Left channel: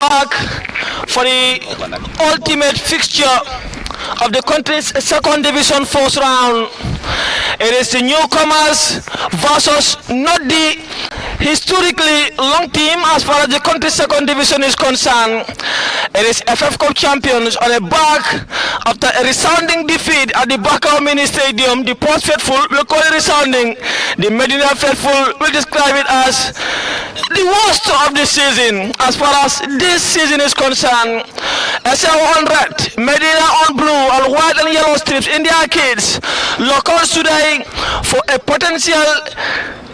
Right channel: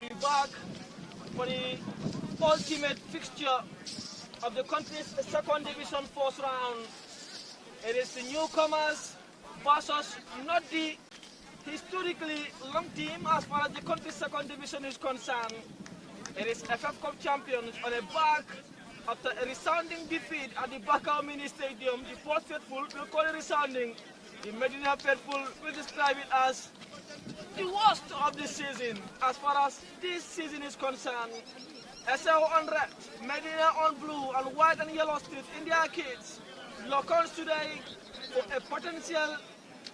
back for the ultimate fixture of the country's second division first round. It is the newcomers versus not the historically long team as far as the country's second division is concerned. It is FF Cup champions on a back after a resounding defeat at the Bakau Mini Stadium. The Port faithful will call it resounding. The Medina faithful will describe it as the worst of the season as far as this season is concerned. Essau on red, Medina on blue, and white and yellow strips in the arcades. Locals today for a potential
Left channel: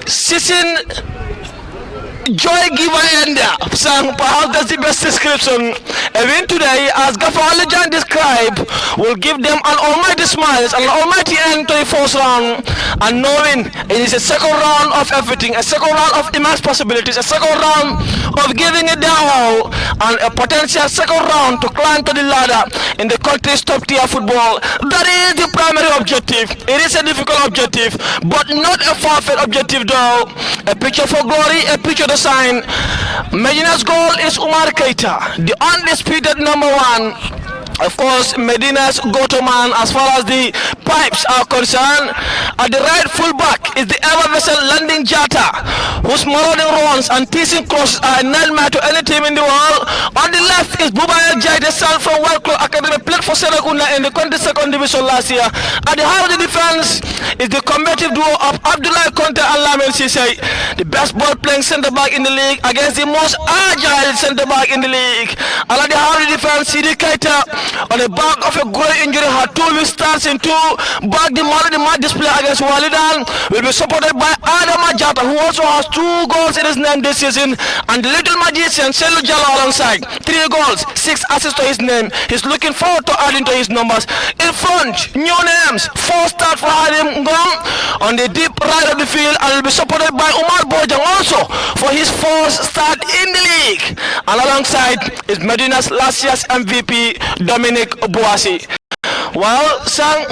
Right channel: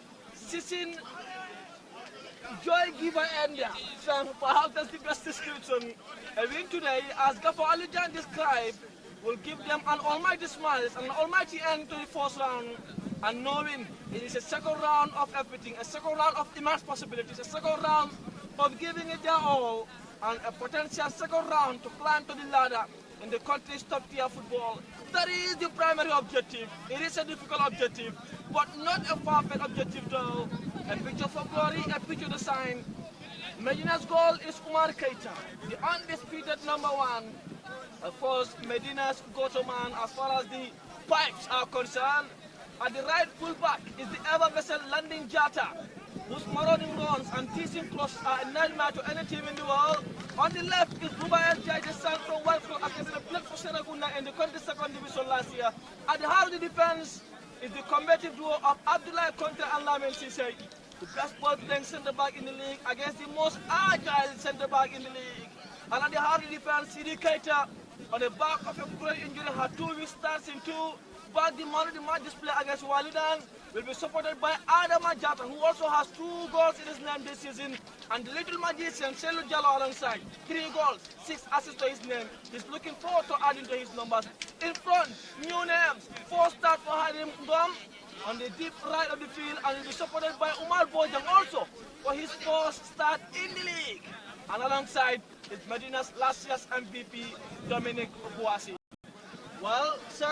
season joy giver in there. Sang perhaps that's the best description. A win today, as Gaffer Alijan described, will give them an almighty smile, an almighty end to the first round. And knowing it is a second round of everything, a second round of immense possibilities, a second round of giving it their all, and a potential second round to climb to the ladder in the country's top tier football. That is the primary objective. It is a difficult objective, but not a far-fetched objective though. A picture for glory, a picture to sign. Medina's goal is Umar Keita, the undisputed number one. Of course, Medina's go-to man as far as the pipes are concerned. At the right full-back is the ever-vessel Landing Jata, whose marauding runs and teasing crosses are a nightmare to any team in the world. On the left is Bubaya Jai, the son from World Club Academy, played for Serekunda in the country's second division last year. At the heart of the defense is the combative duo of Abdullah Conte and Lamin Sisay, the best ball-playing centre-back in the league against the most agile centre-back in the league. And at the heart of the defense, Sidi Keita, on the back of a great injury, had 2 weeks starts in 2 back the man of the match display against Walidan, will be supported by Adam Ajata, who also has 2 goals in his name this season, and the little magician Selu Jalo alongside 3 goals, 6 assists to his name. He's looking forward to adding to his numbers. In front, new names, 4 start for Hadim Ngom on the deep right of the field, and will be supported by Umar Bojang also for his 4th start in the league. And alongside is Medina's last year's MVP, Dominic Boasi. Well, Sang,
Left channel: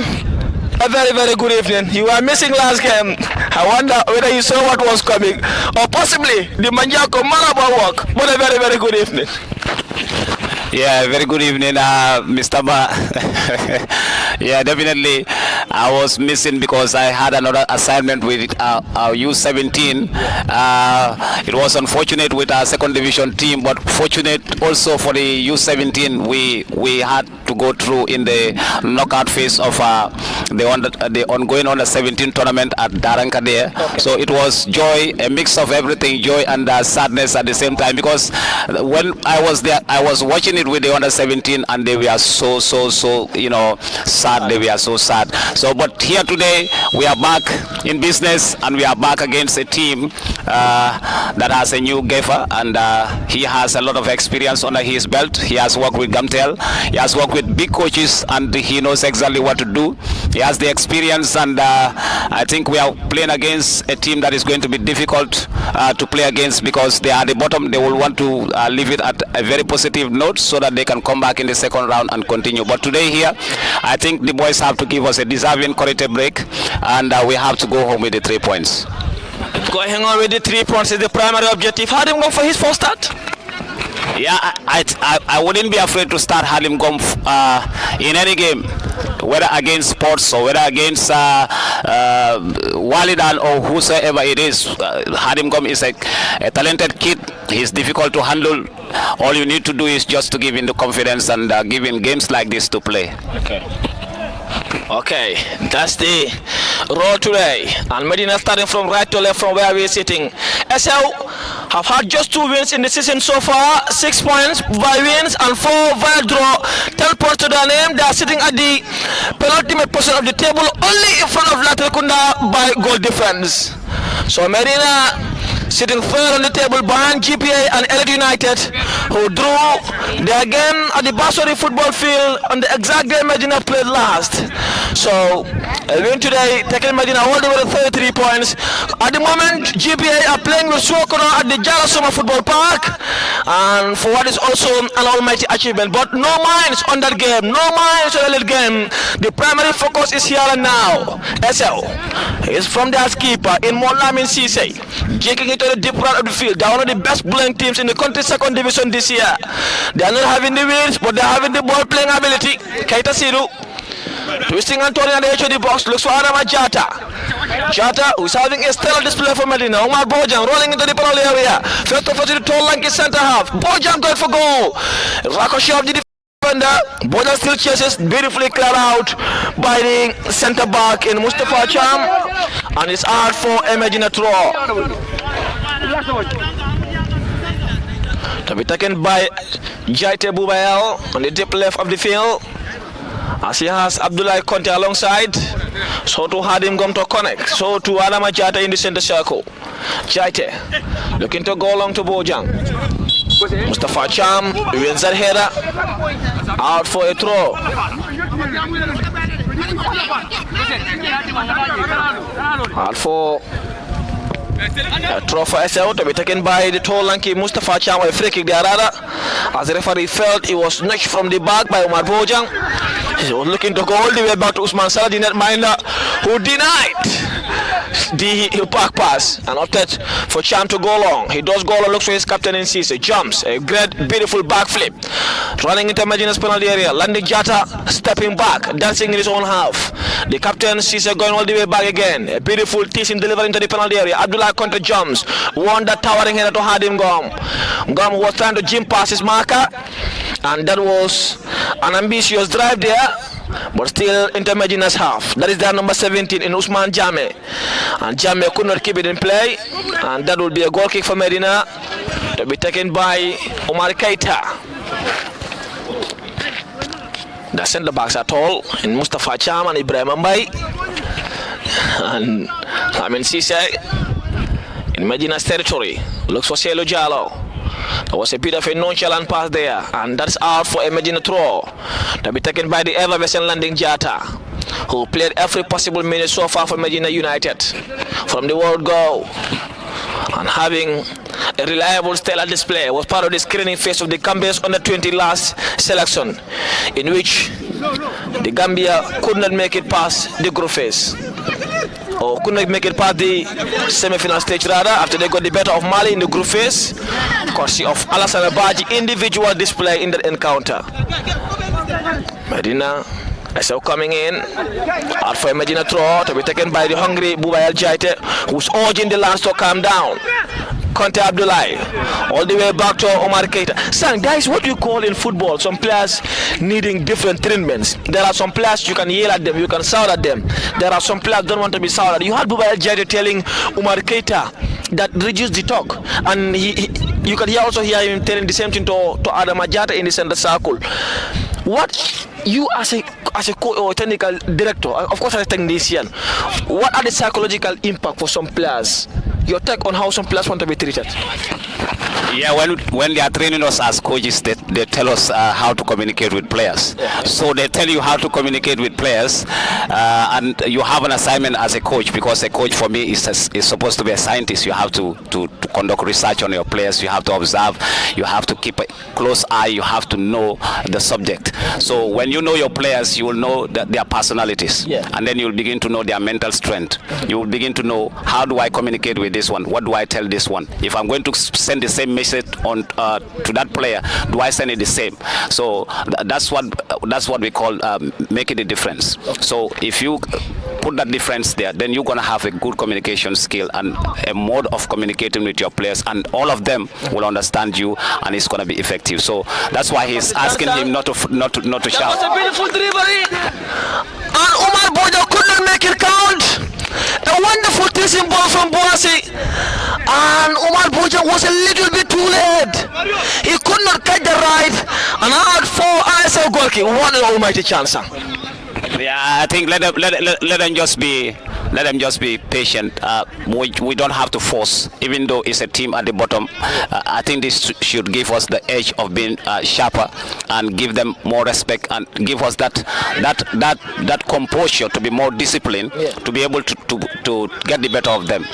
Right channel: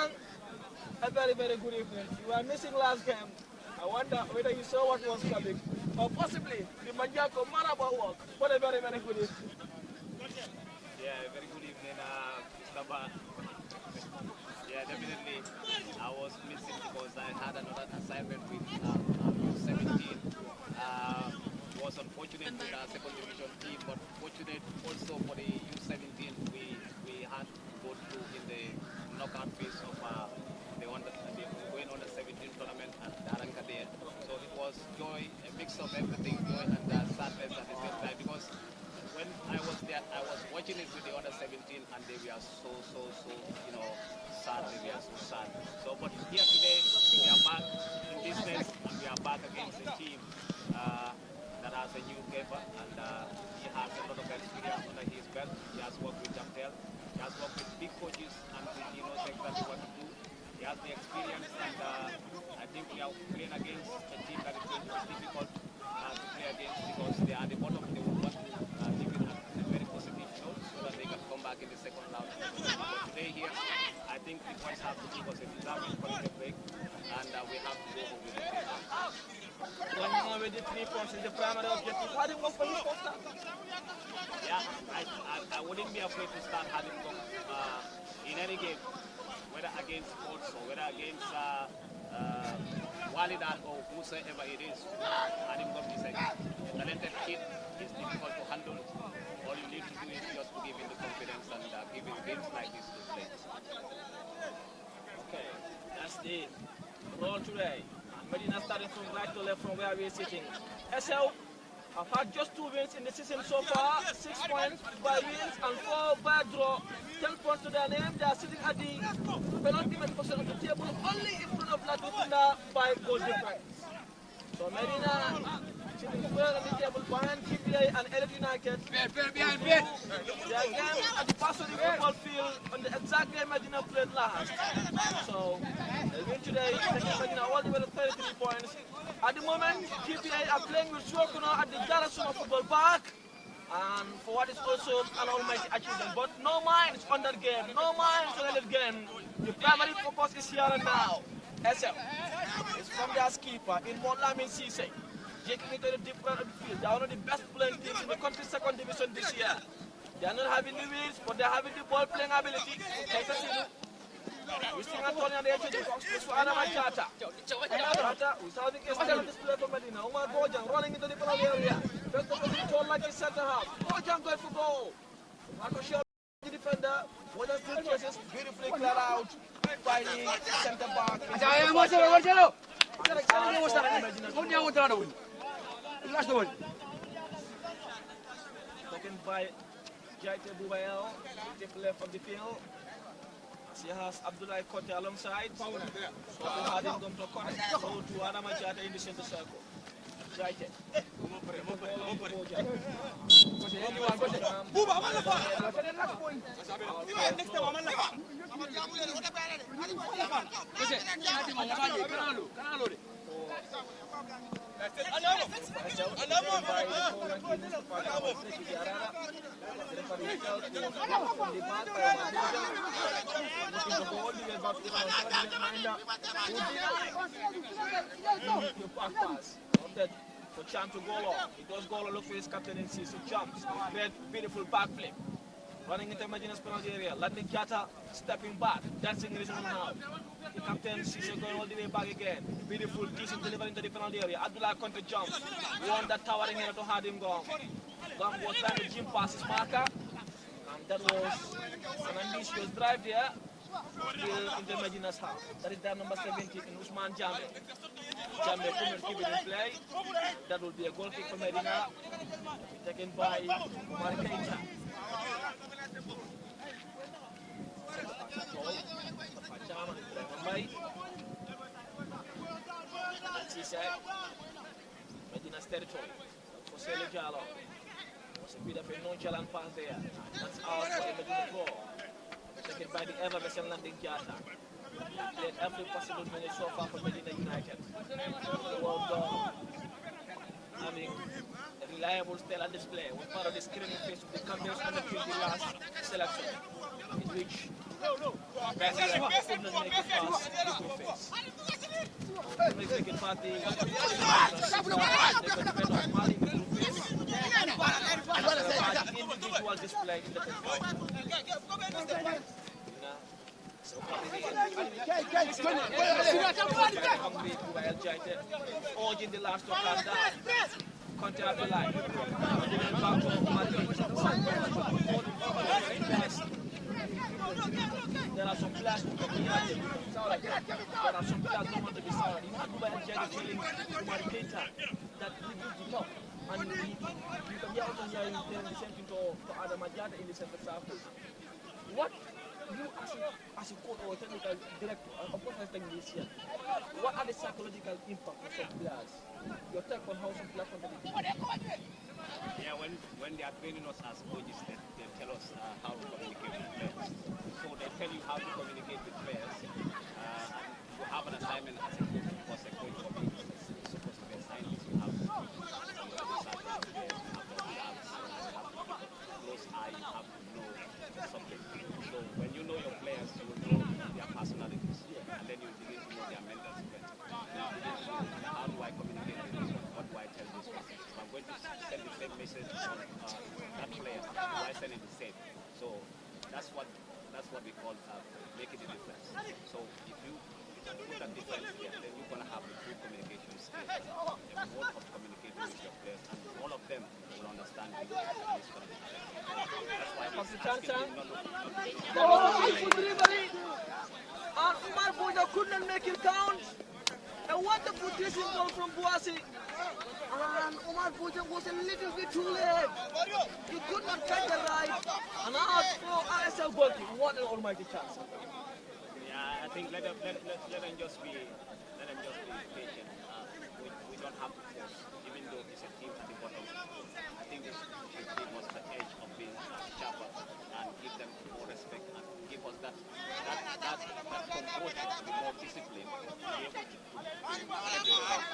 a very, very good evening. You were missing last game. I wonder whether you saw what was coming, or possibly the Manjako Malaba walk. But a very, very good evening. Yeah, very good evening, Mr. Ma. Yeah, definitely. I was missing because I had another assignment with our U17. It was unfortunate with our second division team, but fortunate also for the U17. We had to go through in the knockout phase of the ongoing under 17 tournament at Daranka there. Okay. So it was joy, a mix of everything, joy and sadness at the same time, because when I was there, I was watching it with the under 17 and they were so sad. They were so sad. So but here today we are back in business, and we are back against a team that has a new gaffer, and he has a lot of experience under his belt. He has worked with Gamtel, he has worked with big coaches, and he knows exactly what to do. He has the experience, and I think we are playing against a team that is going to be difficult to play against, because they are at the bottom. They will want to leave it at a very positive note so that they can come back in the second round and continue. But today here, I think the boys have to give us a deserving corrected break, and we have to go home with the 3 points. Going on with the 3 points is the primary objective. How did him go for his first start? Yeah, I wouldn't be afraid to start Halim Gom in any game, whether against Sports or whether against Walidan or whosoever it is. Halim Gom is a talented kid. He's difficult to handle. All you need to do is just to give him the confidence and give him games like this to play. Okay, that's the roll today. And Medina starting from right to left from where we're sitting. Essau have had just 2 wins in the season so far, 6 points by wins and 4 via draw, 10 points to their name. They are sitting at the penultimate position of the table, only in front of Latrikunda by goal difference. So Medina sitting third on the table behind GPA and Elite United, who drew their game at the Basori football field on the exact day Medina played last. So A win today, taking Medina all the way to 33 points. At the moment, GPA are playing with Sokoro at the Jala Summer Football Park, and for what is also an almighty achievement. But no minds on that game, no minds on that game. The primary focus is here and now. Essau is from their keeper in Molamin Cisse, taking it to the deep part of the field. They are one of the best bowling teams in the country's second division this year. They are not having the wins, but they are having the ball playing ability. Keita Siru twisting and turning at the edge of the box, looks for Adama Jata. Jata, who's having a stellar display for Medina. Omar Bojang rolling into the penalty area. First of all to the tall lanky centre half. Bojang going for goal. Ricochet of the defender. Bojang still chases, beautifully cleared out by the centre back in Mustafa Cham. And it's hard for a Medina throw. To be taken by Jaite Bubael on the deep left of the field. As he has Abdullah Conte alongside, so to Hadim Gom to connect, so to Adama Jata in the center circle. Jaite looking to go along to Bojang. Mustafa Cham wins that header, out for a throw. Out for a throw for Essau to be taken by the tall lanky Mustafa Cham, a free kick there rather, as the referee felt he was nudged from the back by Omar Bojang. He was looking to go all the way back to Usman Salah, the netminder, who denied the back pass and opted for Cham to go long. He does go long, looks for his captain in Cisse, jumps, a great beautiful backflip, running into Medina's penalty area, landing Jata, stepping back, dancing in his own half. The captain Cisse going all the way back again, a beautiful teasing delivery into the penalty area. Abdullah Conte jumps, won that towering header to Hadim Gom. Gom was trying to jump past his marker, and that was an ambitious drive there, but still into Medina's half. That is their number 17 in Usman Jame, and Jame could not keep it in play, and that will be a goal kick for Medina to be taken by Omar Keita. The centre backs are tall in Mustafa Cham and Ibrahim Mbai, and Amin Cisse in Medina's territory looks for Selo Jallo. There was a bit of a nonchalant pass there, and that's out for a Medina throw to be taken by the ever-vessel landing Jata, who played every possible minute so far for Medina United from the word go, and having a reliable stellar display was part of the screening phase of the Gambia's under-20 last selection, in which the Gambia could not make it past the group phase, or could not make it past the semi-final stage rather, after they got the better of Mali in the group phase, courtesy of Alassane Badji individual display in that encounter. Medina Essau coming in, out for a Medina throw to be taken by the hungry Bubael Jaite, who's urging the lads to calm down. Conte Abdullah, all the way back to Omar Keita. Son, guys, what do you call in football? Some players needing different treatments. There are some players you can yell at them, you can shout at them. There are some players don't want to be shouted at. You had Bubael Jaite telling Omar Keita that reduce the talk, and you can also hear him telling the same thing to Adama Jata in the center circle. What you as a or technical director, of course as a technician, what are the psychological impact for some players? Your take on how some players want to be treated? Yeah, when they are training us as coaches, they tell us how to communicate with players. So they tell you how to communicate with players, and you have an assignment as a coach, because a coach for me is supposed to be a scientist. You have to conduct research on your players. You have to observe. You have to keep a close eye. You have to know the subject. So when you know your players, you will know their personalities, and then you'll begin to know their mental strength. You will begin to know, how do I communicate with this one? What do I tell this one? If I'm going to send the same message on to that player, do I send it the same? So that's what we call making a difference. So if you put that difference there, then you're going to have a good communication skill and a mode of communicating with your players, and all of them will understand you, and it's going to be effective. So that's why he's asking him not to shout. That was a beautiful delivery, and Omar Boja could not make it count. A wonderful teasing ball from Boasi, and Omar Boja was a little bit too late. He could not catch the right, and out for Essau goalkeeper. What an almighty chance, sir. Yeah, I think let them just be let them just be patient. We don't have to force, even though it's a team at the bottom. I think this should give us the edge of being sharper and give them more respect and give us that composure to be more disciplined, to be able to get the better of them.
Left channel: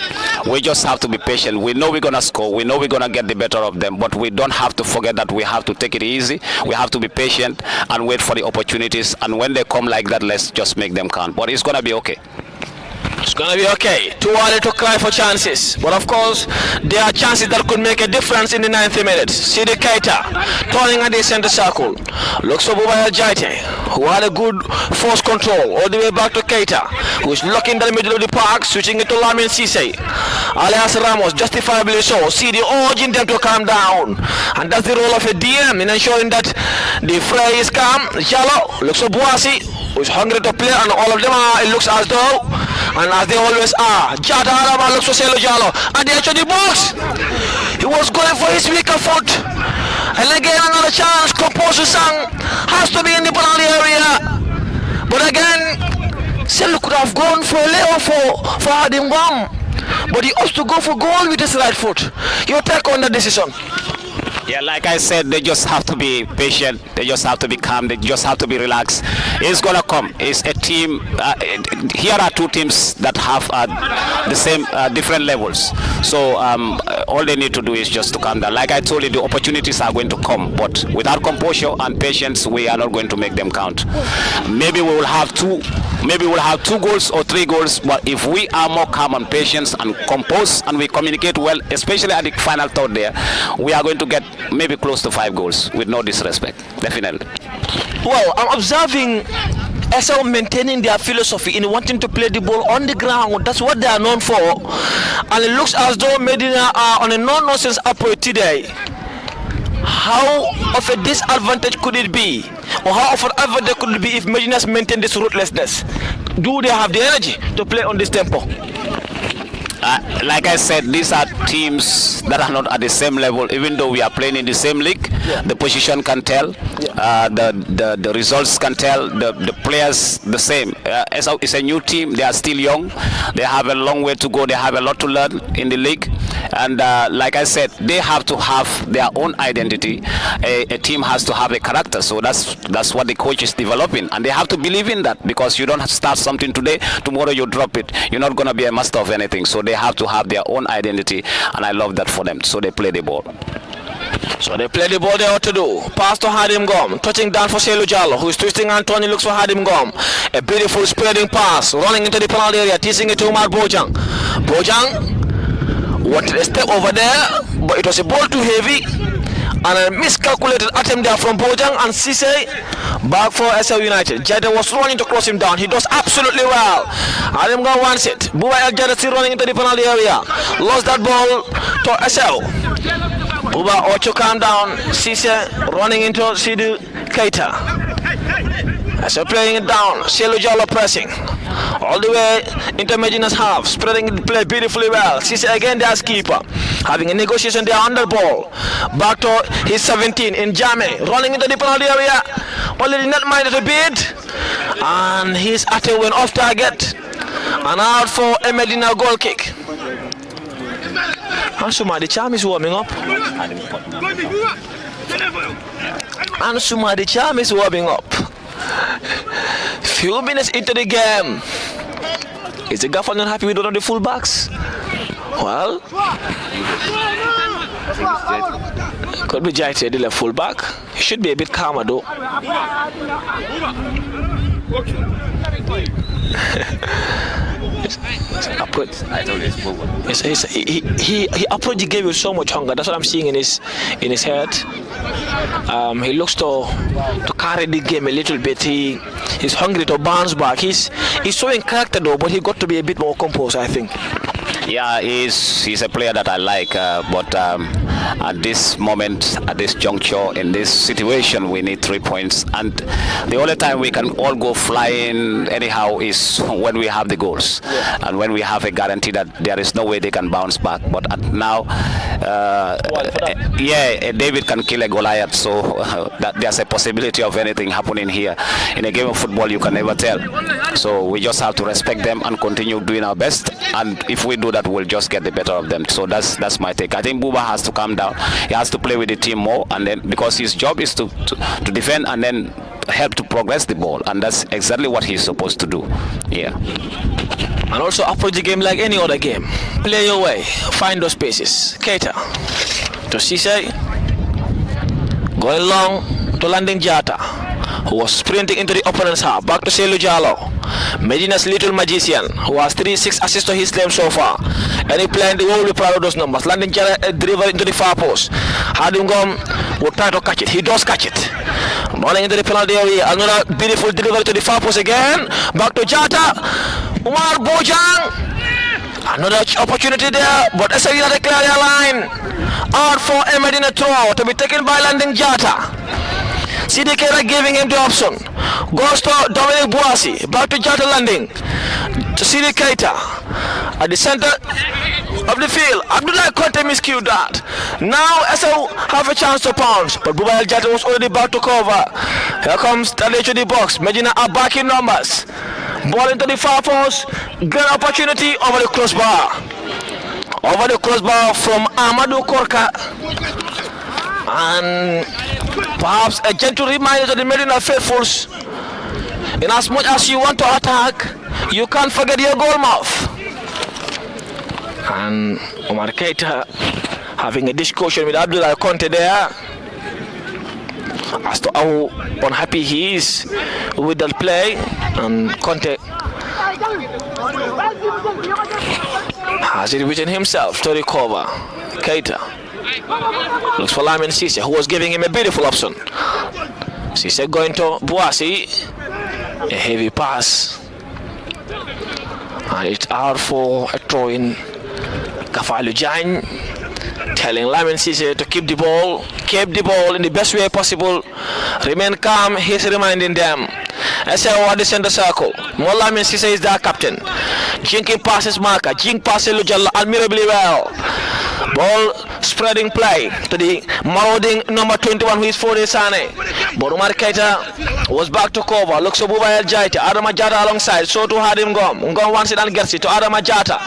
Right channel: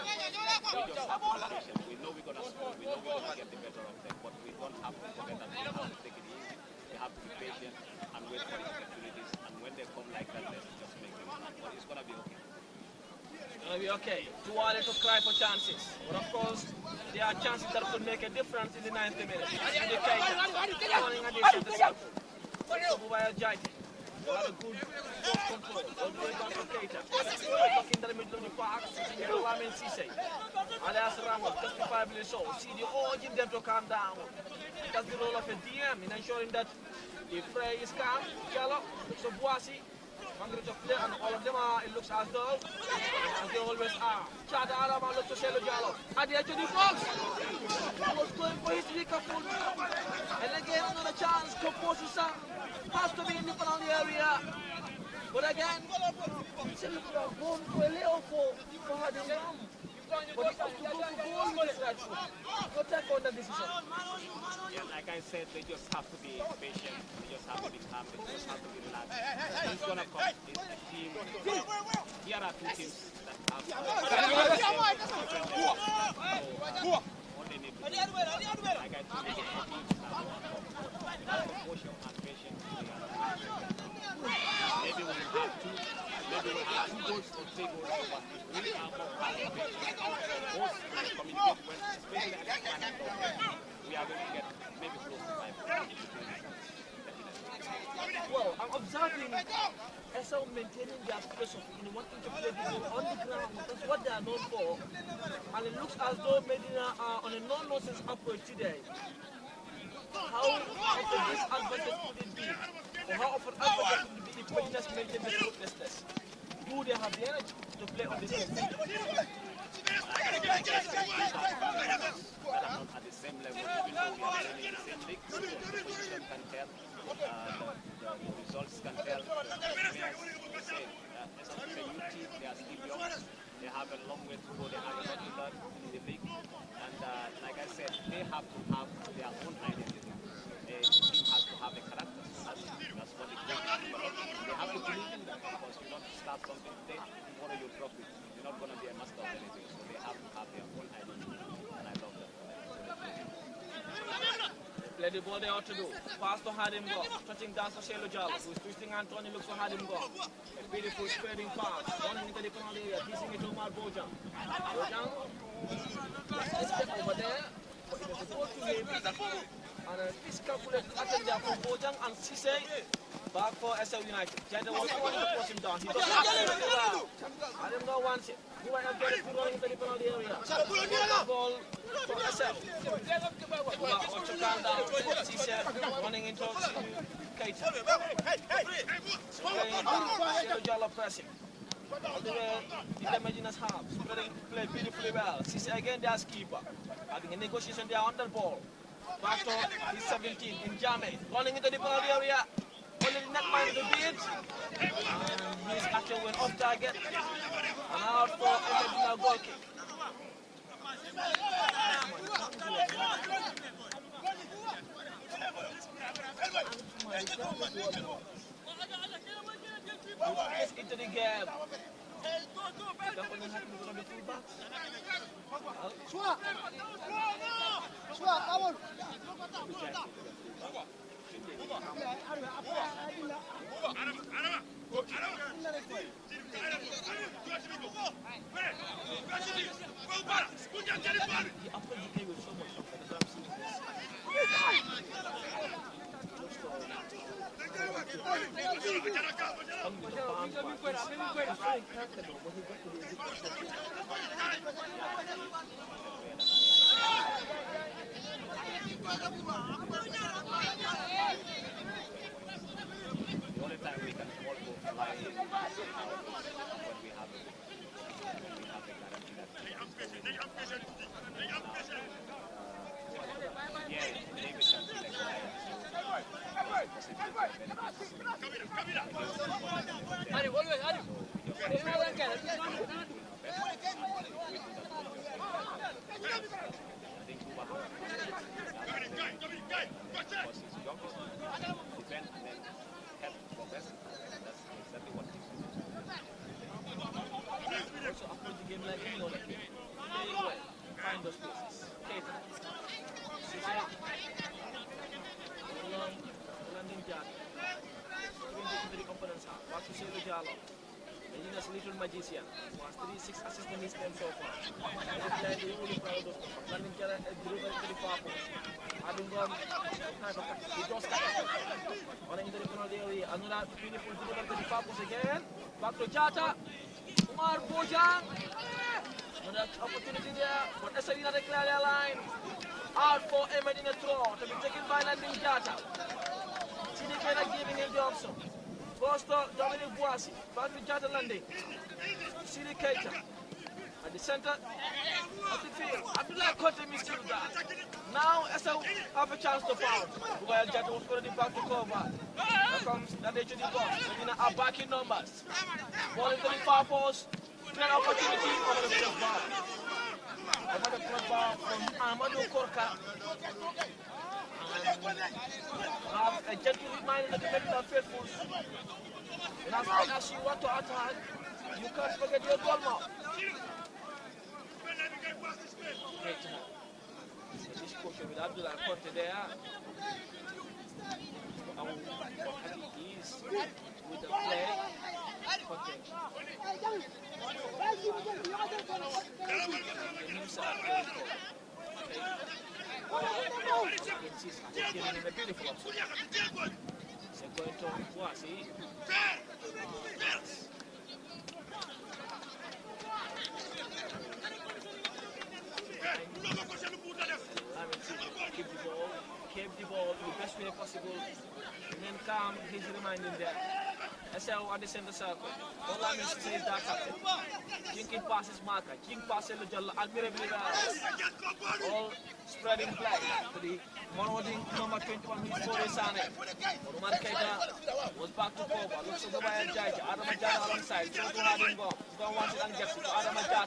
We just have to be patient. We know we're gonna score. We know we're gonna get the better of them, but we don't have to forget that we have to take it easy. We have to be patient and wait for the opportunities. And when they come like that, let's just make them count. But it's gonna be okay. It's gonna be okay. Too early to cry for chances, but of course there are chances that could make a difference in the 90 minutes. See the Keita turning at the center circle. Looks for Bubaya Jaite, who had a good force control all the way back to Keita, who's looking in the middle of the park, switching it to Lamin Cisse. Alias Ramos, justifiably so, see the urging them to calm down, and that's the role of a DM in ensuring that the fray is calm. Jalo looks for Boasi, who's hungry to play, and all of them are, it looks as though, and as they always are, Jata Araba looks for Selo Jalo, and they enter the box. He was going for his weaker foot, and again another chance. Composer Sang has to be in the penalty area, but again Selo could have gone for a layoff for Adim Gom, but he opts to go for goal with his right foot. Your take on the decision? Yeah, like I said, they just have to be patient. They just have to be calm. They just have to be relaxed. It's gonna come. It's a team. Here are two teams that have the same different levels. So all they need to do is just to calm down. Like I told you, the opportunities are going to come, but without composure and patience, we are not going to make them count. Maybe we will have two. Maybe we'll have 2 goals or 3 goals. But if we are more calm and patient and composed and we communicate well, especially at the final third there, we are going to get maybe close to 5 goals with no disrespect, definitely. Well, I'm observing Essau maintaining their philosophy in wanting to play the ball on the ground. That's what they are known for. And it looks as though Medina are on a no-nonsense approach today. How of a disadvantage could it be? Or how of an advantage could it be if Medina's maintain this ruthlessness? Do they have the energy to play on this tempo? Like I said, these are teams that are not at the same level. Even though we are playing in the same league, the position can tell, the results can tell, the players the same. Essau is a new team. They are still young. They have a long way to go. They have a lot to learn in the league. And like I said, they have to have their own identity. A team has to have a character. So that's what the coach is developing. And they have to believe in that, because you don't start something today, tomorrow you drop it. You're not going to be a master of anything. So they have to have their own identity, and I love that for them. So they play the ball. So they play the ball they ought to do. Pass to Hadim Gom, touching down for Selu Jallo, who is twisting Anthony, looks for Hadim Gom. A beautiful spreading pass, running into the penalty area, teasing it to Umar Bojang. Bojang wanted a step over there, but it was a ball too heavy, and a miscalculated attempt there from Bojang, and Cisse back for Essau United. Jada was running to cross him down. He does absolutely well. Hadim Gom wants it. Buba El Jada still running into the penalty area. Lost that ball to Essau. Buba Ocho calm down. Cisse running into Sidu Keita. Essau playing it down. Selu Jallo pressing all the way into Medina's half, spreading the play beautifully well. Cisse again, their keeper, having a negotiation there on the ball. Back to his 17 in Jame, running into the penalty area. Only did not mind it a bit, and his attack went off target, and out for a Medina goal kick. Ansuma, the charm is warming up. Ansuma, the charm is warming up. Few minutes into the game. Is the gaffer not happy with one of the fullbacks? Well, could be Jaite, the left fullback. He should be a bit calmer though. He approached the game with so much hunger. That's what I'm seeing in his head. He looks to carry the game a little bit. He's hungry to bounce back. He's showing character though, but he got to be a bit more composed, I think. Yeah, he's a player that I like, but at this moment, at this juncture, in this situation, we need 3 points. And the only time we can all go flying anyhow is when we have the goals, and when we have a guarantee that there is no way they can bounce back. But now, David can kill a Goliath, so that there's a possibility of anything happening here. In a game of football, you can never tell. So we just have to respect them and continue doing our best. And if we do that, we'll just get the better of them. So that's my take. I think Buba has to calm down. He has to play with the team more, and then because his job is to defend and then help to progress the ball, and that's exactly what he's supposed to do. Yeah. And also approach the game like any other game. Play your way, find those spaces. Keita to Cisse, going long to landing Jata, who was sprinting into the opponent's half. Back to Selu Jallo, Medina's little magician, who has 3-6 assists to his name so far. And he playing the world will be proud of those numbers. Landing Jata delivery into the far post. Hadim Gom will try to catch it. He does catch it. Running into the penalty area. Another beautiful delivery to the far post again. Back to Jata. Umar Bojang. Another opportunity there, but Essau United clear their line. Out for a Medina throw to be taken by landing Jata. CDK giving him the option. Goes to Dominic Boasi. Back to Jata landing. To CD Keita. At the center of the field. Abdullah Conte miscued that. Now Essau have a chance to pounce, but Buba Jata was already back to cover. Here comes Tadej to the box. Medina are back in numbers. Ball into the far post. Great opportunity over the crossbar. Over the crossbar from Amadou Korka. And perhaps a gentle reminder to the Medina faithfuls. In as much as you want to attack, you can't forget your goal mouth. And Omar Keita having a discussion with Abdullah Conte there as to how unhappy he is with that play. And Conte has it within himself to recover. Keita looks for Lamin Cisse, who was giving him a beautiful option. Cisse going to Boasi. A heavy pass. And it's out for a throw in. Kafalu Jain telling Lamin Cisse to keep the ball in the best way possible. Remain calm, he's reminding them. Essau at the center circle. More Lamin Cisse is their captain. Jinking passes Marker. Jink passes Lujalla admirably well. Ball spreading play to the marauding number 21, who is Fode Sane. But Umar Keita was back to cover. Looks to Buba El Jaita. Adama Jata alongside. So to Hadim Gom. Ngom wants it and gets it to Adama Jata,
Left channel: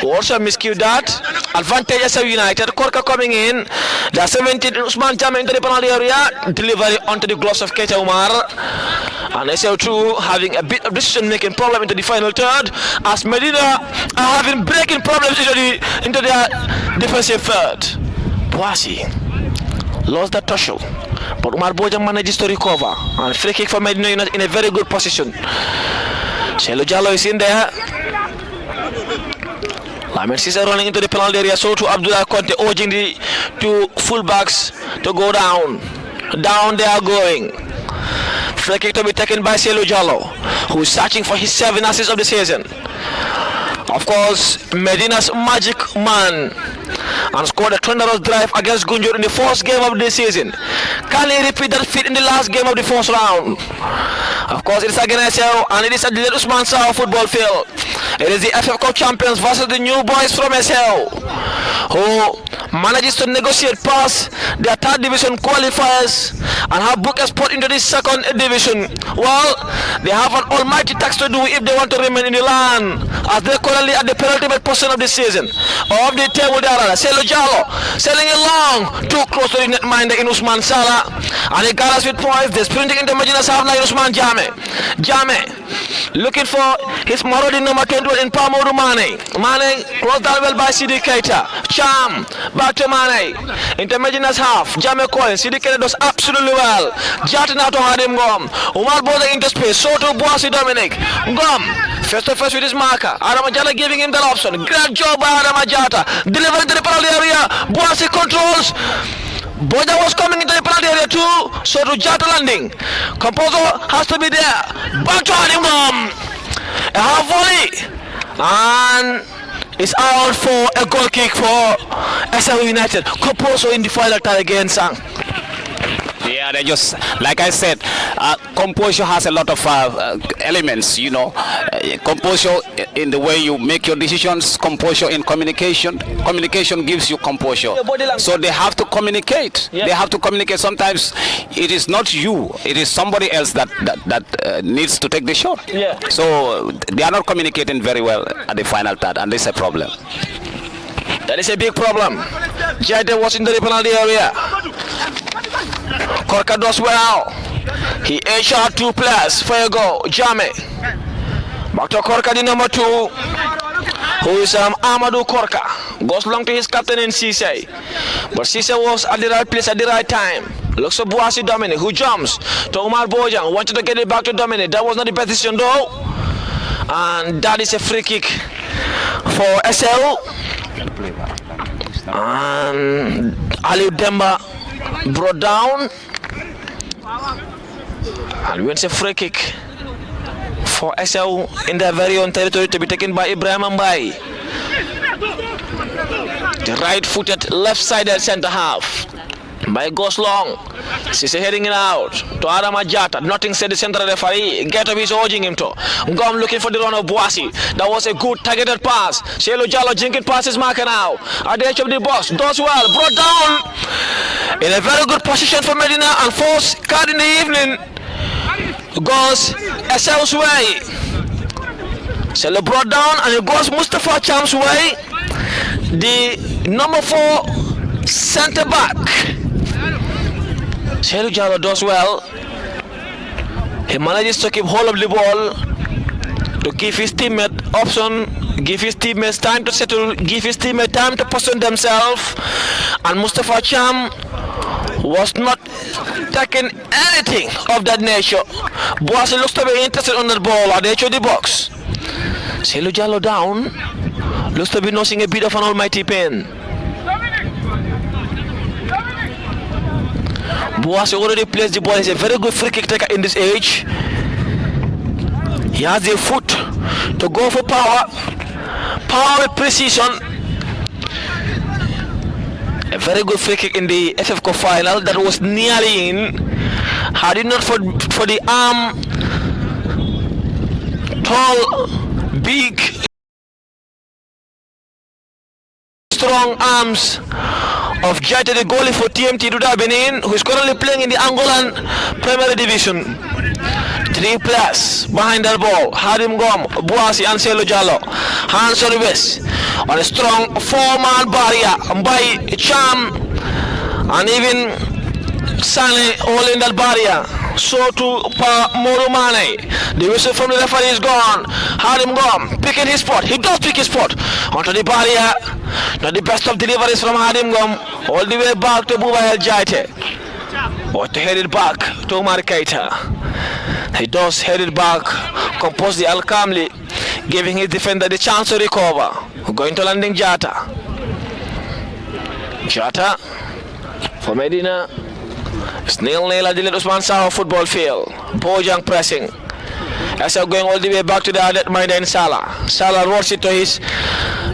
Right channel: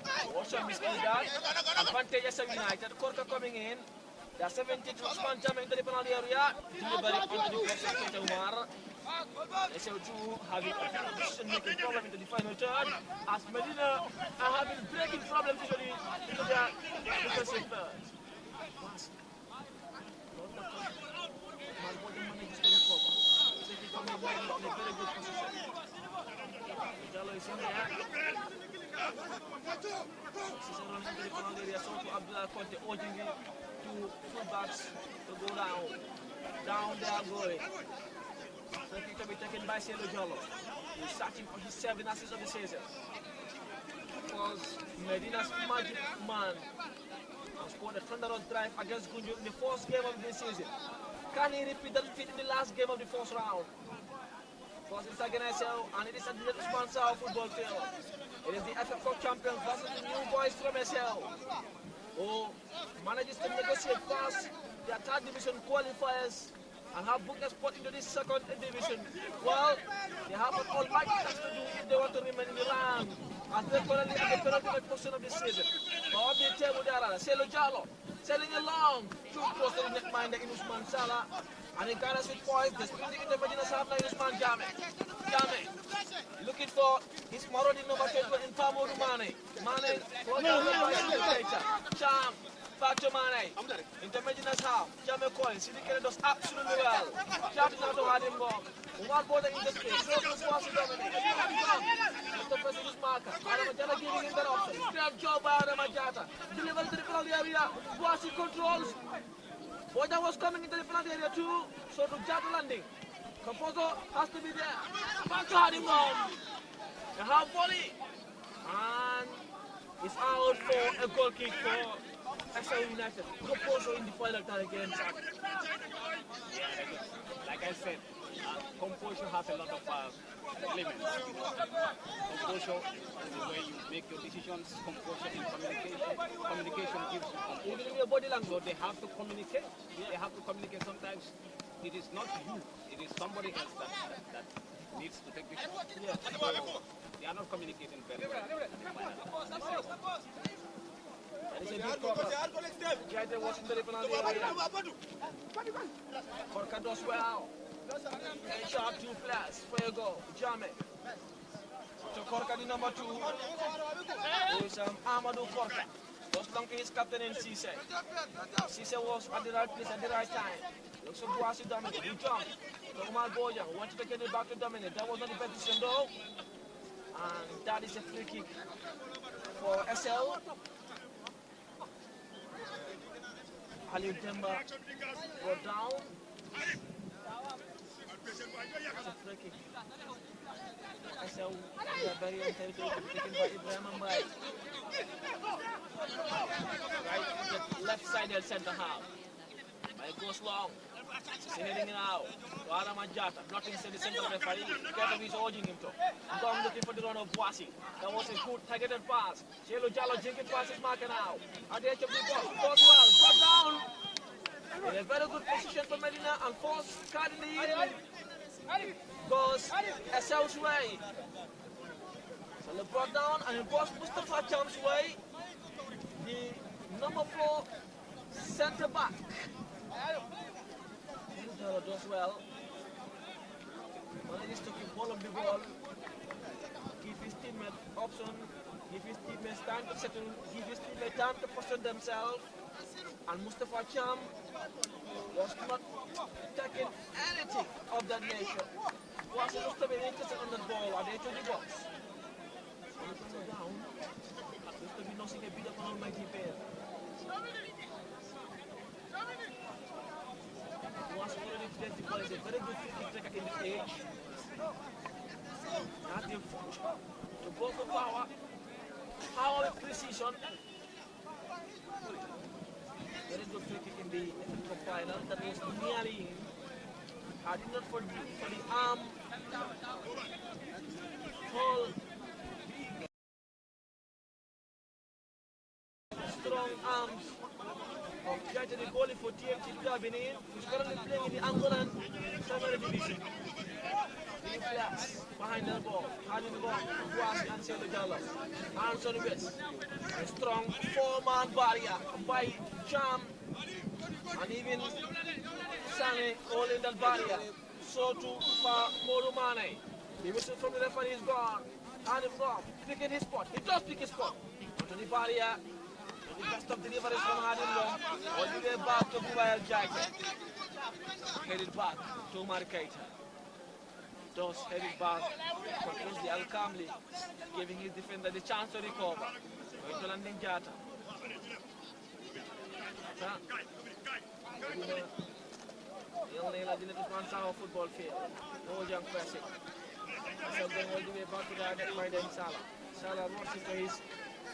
who also miscued that. Advantage Essau United. Korka coming in. The 17th Usman Jame into the penalty area. Delivery onto the gloves of Keita Umar. And Essau too having a bit of decision-making problem into the final third, as Medina are having breaking problems into their defensive third. Boasi lost the tussle, but Umar Bojang manages to recover. And free kick for Medina United in a very good position. Selu Jallo is in there. Lamin Cisse running into the penalty area. So to Abdullah Conte urging the two fullbacks to go down. Down they are going. Free kick to be taken by Selu Jallo, who is searching for his 7 assists of the season. Of course, Medina's magic man, and scored a tremendous drive against Gunjur in the first game of the season. Can he repeat that feat in the last game of the first round? Of course, it is against Essau, and it is at the Usman Sao football field. It is the FF Cup champions versus the new boys from Essau, who manages to negotiate past their third division qualifiers and have booked a spot into the second division. Well, they have an almighty task to do if they want to remain in the land, as they're currently at the penultimate portion of the season, or of the table there. Selu Jallo selling it long, too close to the netminder in Usman Sala, and he got us with points. They're sprinting into Medina's half line. Usman Jame looking for his marauding number 21 in Pamodu Mane. Mane crossed that well by CD Keita. Cham back to Mane into Medina's half. Jame Cohen. CD Keita does absolutely well. Jata now to Hadim Gom. Umar Boda into space. So to Boasi Dominic. Gom face to face with his marker. Adama Jata giving him that option. Great job by Adama Jata. Delivering to the penalty area. Boasi controls. Boja was coming into the penalty area too. So to Jata landing. Composer has to be there. Back to Hadim Gom. A half volley. And is out for a goal kick for Essau United. Composo in the final third again, Sang. Yeah, they just, like I said, composure has a lot of elements, you know. Composure in the way you make your decisions, composure in communication. Communication gives you composure. So they have to communicate. Yeah. They have to communicate. Sometimes it is not you, it is somebody else that needs to take the shot. Yeah. So they are not communicating very well at the final third, and this is a problem. That is a big problem. Jade was in the penalty area. Korka does well. He edged out 2 players for a goal. Jame. Back to Korka, the number 2. Who is Amadou Korka. Goes long to his captain in Cisse. But Cisse was at the right place at the right time. Looks for Boasi Dominic, who jumps to Omar Bojang. Wanted to get it back to Dominic. That was not the best decision though. And that is a free kick for Essau. And Ali Demba brought down, and wins a free kick for Essau in their very own territory to be taken by Ibrahim Mbai. The right-footed, left-sided centre half. Mbai goes long. She's heading it out to Adama Jata. Nothing said the central referee. Get up, he's urging him to. Ngom looking for the run of Boasi. That was a good targeted pass. Shelo Jallo jinking past his marker now. At the edge of the box. Does well. Brought down in a very good position for Medina, and first card in the evening goes Essau's way. Shelo brought down, and it goes Mustafa Cham's way. The number 4 centre back. Shelu Jallo does well. He manages to keep hold of the ball, to give his teammate option, give his teammates time to settle, give his teammate time to position themselves. And Mustafa Cham was not taking anything of that nature. Boasi looks to be interested on that ball at the edge of the box. Shelu Jallo down, looks to be nursing a bit of an almighty pain. Boasi already plays the ball. He's a very good free kick taker in this age. He has the foot to go for power with precision. A very good free kick in the FF Cup final that was nearly in. Had it not for the arm, tall, big, strong arms of Jate, the goalie for TMT Duda Benin, who is currently playing in the Angolan Premier Division. 3 players behind that ball. Hadim Gom, Boasi, and Shelu Jallo. Hands on the wrist on a strong 4-man barrier by Cham, and even Sane holding that barrier. So to Morumane. The whistle from the referee is gone. Hadim Gom picking his spot. He does pick his spot onto the barrier. Not the best of deliveries from Hadim Gom. All the way back to Buba El Jaite. But to head it back to Omar Keita. He does head it back, compose the Al calmly, giving his defender the chance to recover. Going to landing Jata. Jata for Medina. It's 0-0 at the Little Usman Saho football field. Bojang pressing. Essau going all the way back to the Adet Maida in Salah. Salah rolls it to his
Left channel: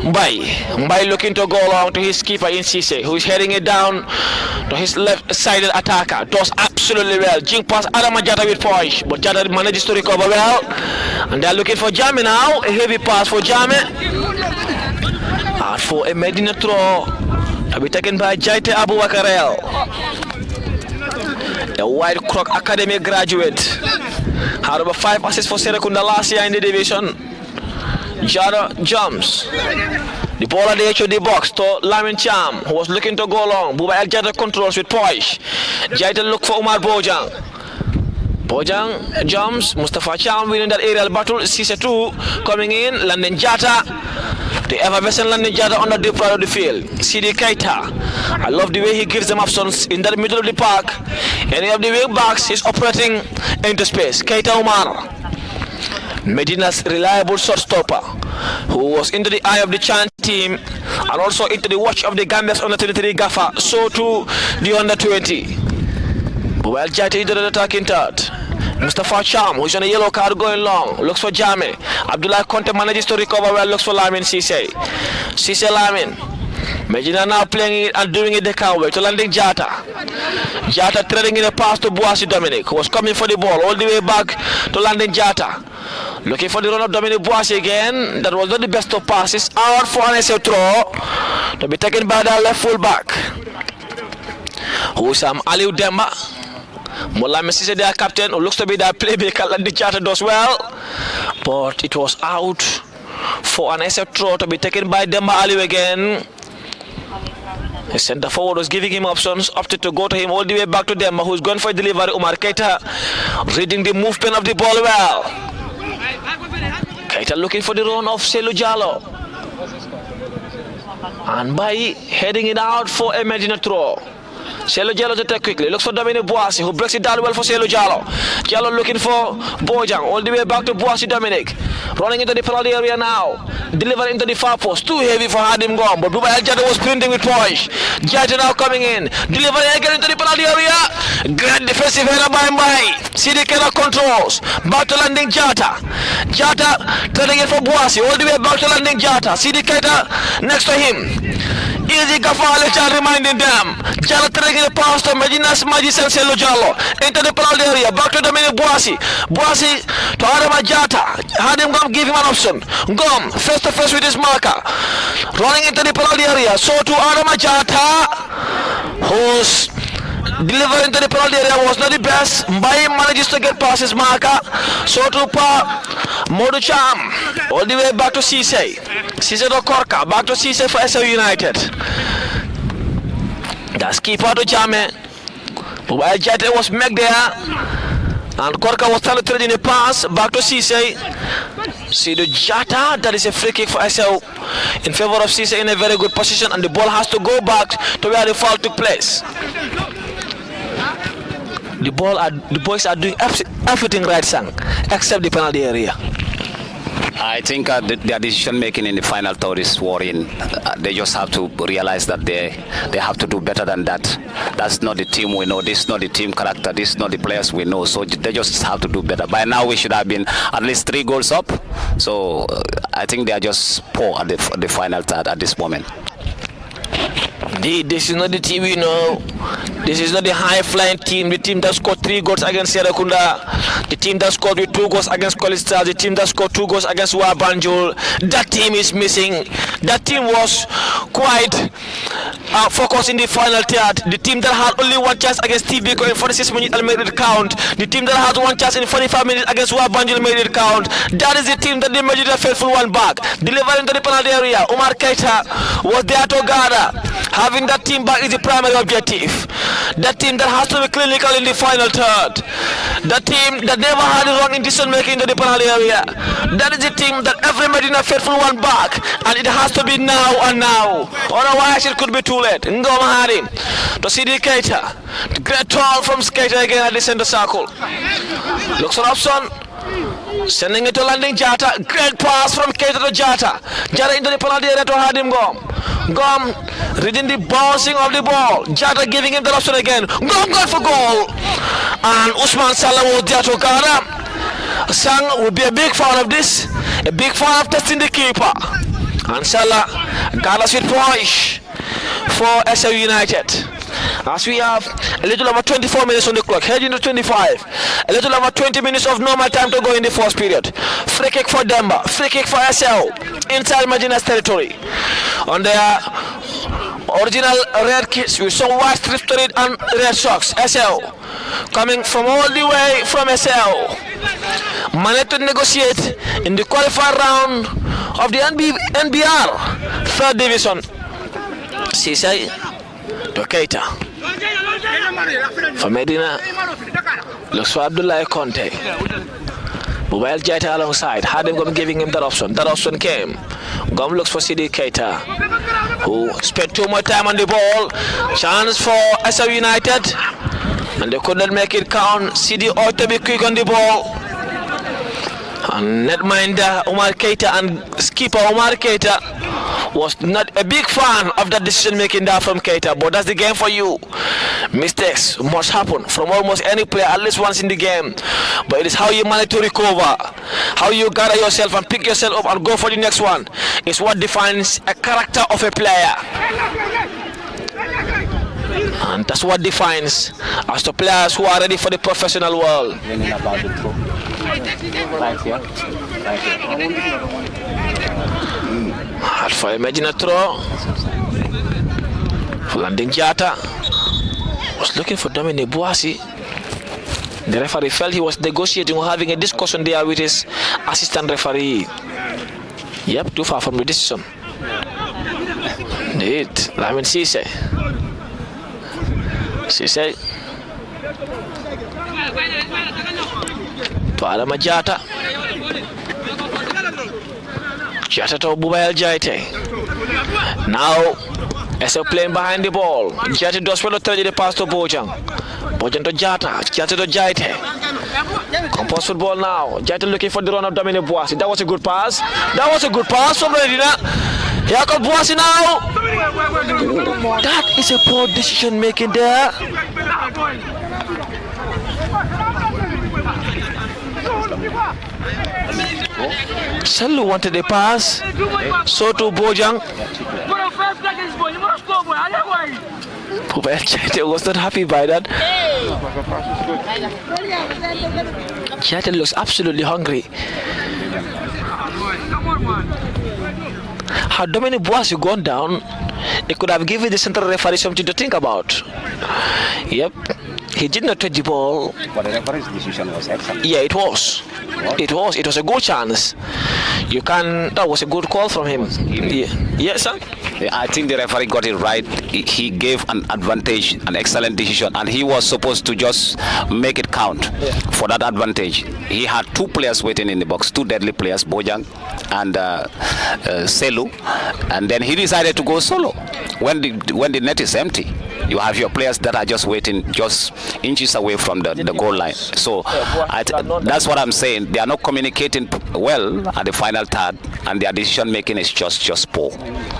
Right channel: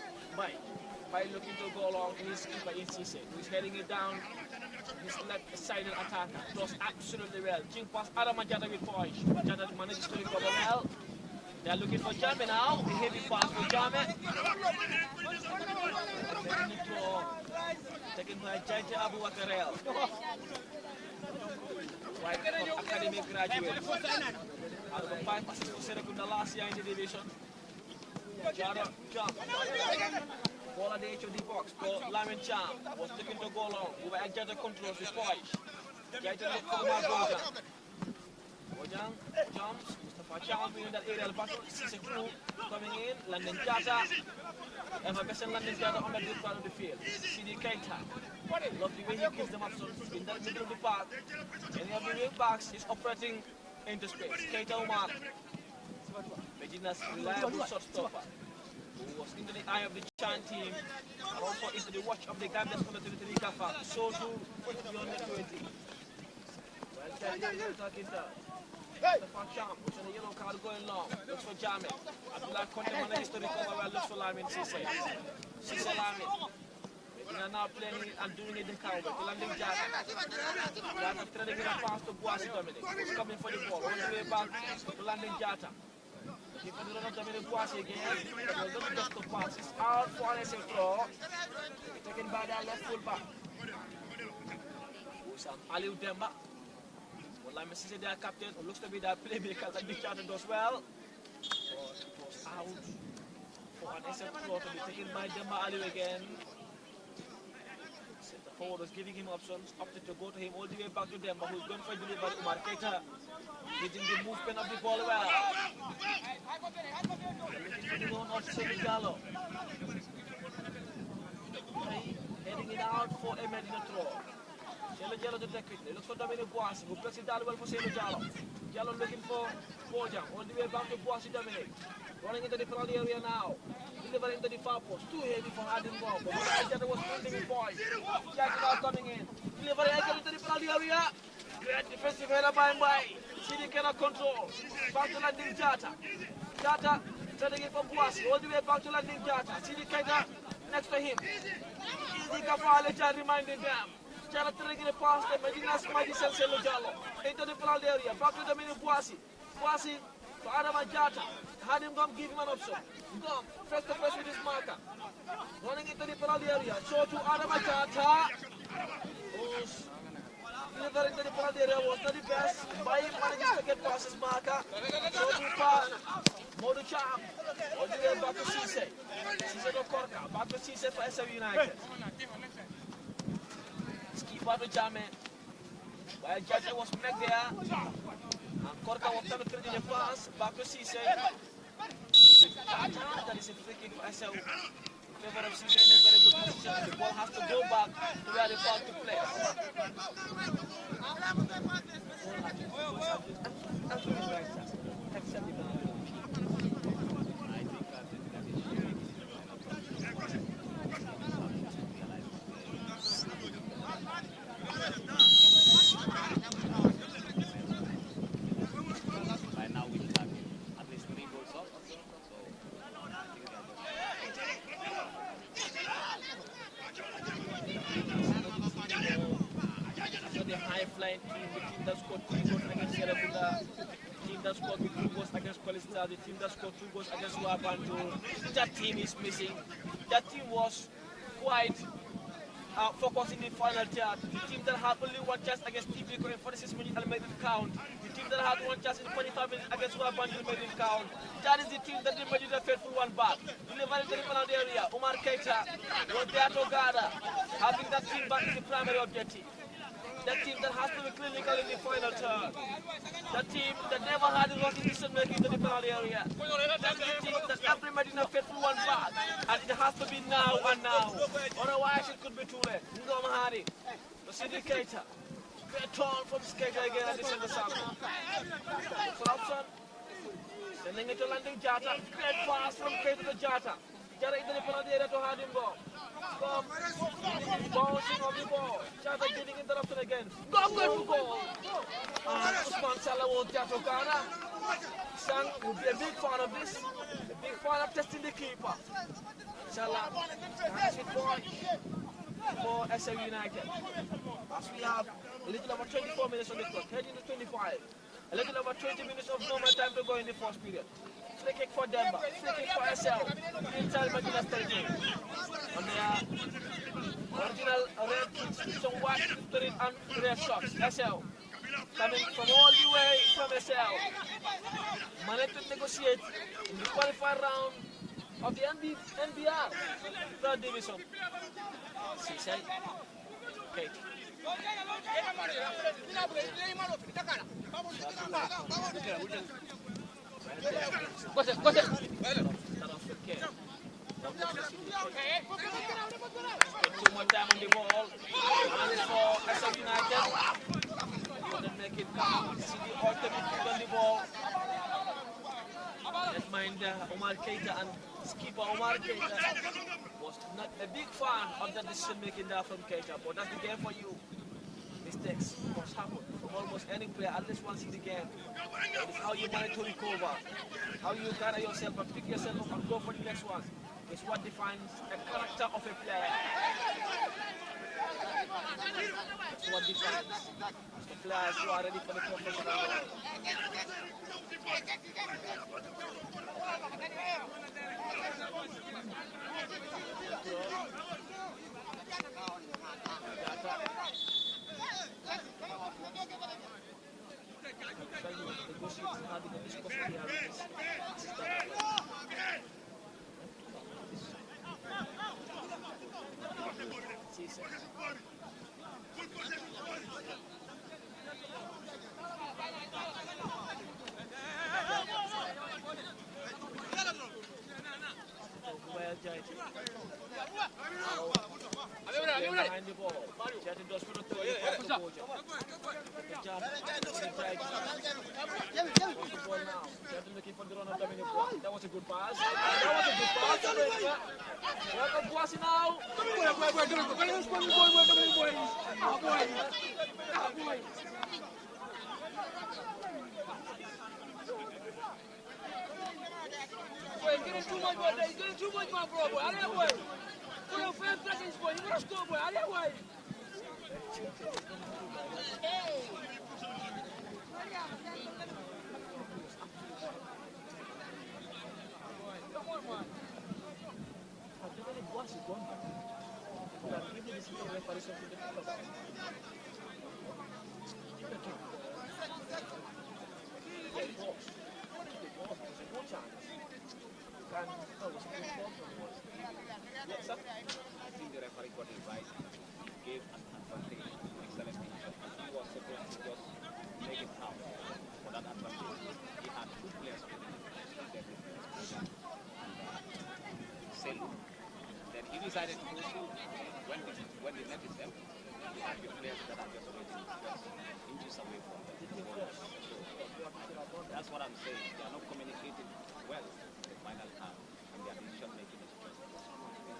Mbai. Mbai looking to go along to his keeper in Cisse, who is heading it down to his left-sided attacker. Does absolutely well. Jing pass Adama Jata with poise, but Jata manages to recover well. And they're looking for Jame now. A heavy pass for Jame. And for a Medina throw to be taken by Jaite Abu Wakarel. A White Croc Academy graduate. Had over 5 assists for Serekunda last year in the division. Jada jumps. The ball at the edge of the box to Lamin Cham, who was looking to go long. Buba El Jada controls with poise. Jaita look for Umar Bojang. Bojang jumps. Mustafa Cham winning that aerial battle. Cisse 2 coming in. Landing Jata. The effervescent landing Jata on the deep part of the field. CD Keita. I love the way he gives them options in the middle of the park. Any of the wing backs is operating into space. Keita Umar, Medina's reliable shot stopper, who was into the eye of the Chan team and also into the watch of the Gambia's under 23 Gaffer, so to the under 20. Well, Jati into the attacking third. Mustafa Cham, who's on a yellow card going long, looks for Jame. Abdullah Conte manages to recover well, looks for Lamin Cisse. Cisse Lamin. Medina now playing it and doing it the can't wait to landing Jata. Jata trading in a pass to Boasi Dominic, who was coming for the ball all the way back to landing Jata. Looking for the run of Dominic Boasi again. That was not the best of passes. Out for an Essau throw to be taken by the left full back. Husam Aliu Demba. Mola Messi, their captain, who looks to be their playmaker, landing Jata does well. But it was out for an Essau throw to be taken by Demba Aliu again. The centre forward was giving him options, opted to go to him all the way back to Demba, who's gone for delivery. Umar Keita reading the movement of the ball well. Keita looking for the run of Selu Jallo. And by heading it out for a Medina throw. Selu Jallo to take quickly, looks for Dominic Boasi, who breaks it down well for Selu Jallo. Jallo looking for Bojang, all the way back to Boasi Dominic. Running into the penalty area now. Delivering into the far post. Too heavy for Hadim Gom, but Dubai Jata was sprinting with poise. Jata now coming in. Delivering again into the penalty area. Great defensive header by Mbai. CD cannot controls. Back to landing Jata. Jata turning it for Boasi, all the way back to landing Jata. CD Keita next to him. Easy Gafale Jal reminding them. Jala taking the pass to Medina's Magician Selu Jallo. Into the penalty area. Back to Dominic Boasi. Boasi to Adama Jata. Hadim Gom give him an option. Gom face to face with his marker. Running into the penalty area. So to Adama Jata, who's delivering to the penalty area was not the best. Mbai manages to get past his marker. So to Modu Cham. All the way back to Cisse. Cisse to Korka. Back to Cisse for Essau United. That's keeper to Jame. While Jata was met there. And Korka was trying to trade in a pass. Back to Cisse. See the Jata. That is a free kick for Essau in favor of Cisse in a very good position. And the ball has to go back to where the foul took place. The boys are doing everything right, Sang, except the penalty area. I think their decision making in the final third is worrying. They just have to realize that they have to do better than that. That's not the team we know. This is not the team character. This is not the players we know. So they just have to do better. By now we should have been at least 3 goals up. So I think they are just poor at the final third at this moment. This is not the team we know. This is not the high-flying team. The team that scored 3 goals against Serekunda. The team that scored with 2 goals against College Stars. The team that scored 2 goals against Wabanjul. That team is missing. That team was quite focused in the final third. The team that had only 1 chance against TBK in 46 minutes and made it count. The team that had 1 chance in 45 minutes against Wabanjul made it count. That is the team that they made it a faithful one back. Delivering to the penalty area. Umar Keita was there to gather. Having that team back is the primary objective. That team that has to be clinical in the final third. That team that never had a wrong in decision making into the penalty area. That is the team that every Medina faithful one back. And it has to be now and now. Otherwise it could be too late. Ngoma Hari to CD Keita. Great turn from Keita again at the center circle. Looks for option. Sending it to landing Jata. Great pass from Keita to Jata. Jata into the penalty area to Hadim Gom. Gom reading the bouncing of the ball. Jata giving him the option again. Gom got for goal. And Usman Salah was there to Ghana. Sang will be a big fan of this. A big fan of testing the keeper. And Salah gathers with poise for Essau United. As we have a little over 24 minutes on the clock, heading to 25. A little over 20 minutes of normal time to go in the first period. Free kick for Demba, free kick for Essau, inside Medina's territory. On their original red kits with some white strips to it and red socks. Essau coming from all the way from Essau. Managed to negotiate in the qualifier round of the NBR 3rd division. Cisse to Keita. For Medina, looks for Abdullah Conte. Mobile Jata alongside. Hadim Gom giving him that option. That option came. Gom looks for CD Keita, who spent too much time on the ball. Chance for Essau United. And they could not make it count. CD ought to be quick on the ball. And netminder Omar Keita and skipper Omar Keita was not a big fan of that decision making there from Keita, but that's the game for you. Mistakes must happen from almost any player at least once in the game, but it is how you manage to recover, how you gather yourself and pick yourself up and go for the next one is what defines a character of a player. And that's what defines as the players who are ready for the professional world. Hard for a Medina throw. Landing Jata was looking for Dominic Boissy. The referee felt he was negotiating or having a discussion there with his assistant referee. Yep, too far from the decision. Indeed, Lamin Cisse. Cisse. To Adama Jata. Jata to Bubael Jaite. Now, Essau playing behind the ball. Jata does well to trade the pass to Bojang. Bojang to Jata. Jata to Jaite. Compose football now. Jata looking for the run of Dominic Boissy. That was a good pass. That was a good pass from Medina. Here comes Boissy now. That is a poor decision making there. Salu wanted a pass. So to Bojang. Chate was not happy by that. Chate looks absolutely hungry. Had Dominic Boissy gone down, it could have given the central referee something to think about. Yep. He did not touch the ball. But the referee's decision was excellent. Yeah, it was. What? It was a good chance. That was a good call from him. Yeah. Yes, sir? I think the referee got it right. He gave an advantage, an excellent decision, and he was supposed to just make it count for that advantage. He had two players waiting in the box, two deadly players, Bojang and Selu, and then he decided to go solo. When the net is empty, you have your players that are just waiting just inches away from the goal line. So that's what I'm saying. They are not communicating well at the final third, and their decision making is just poor.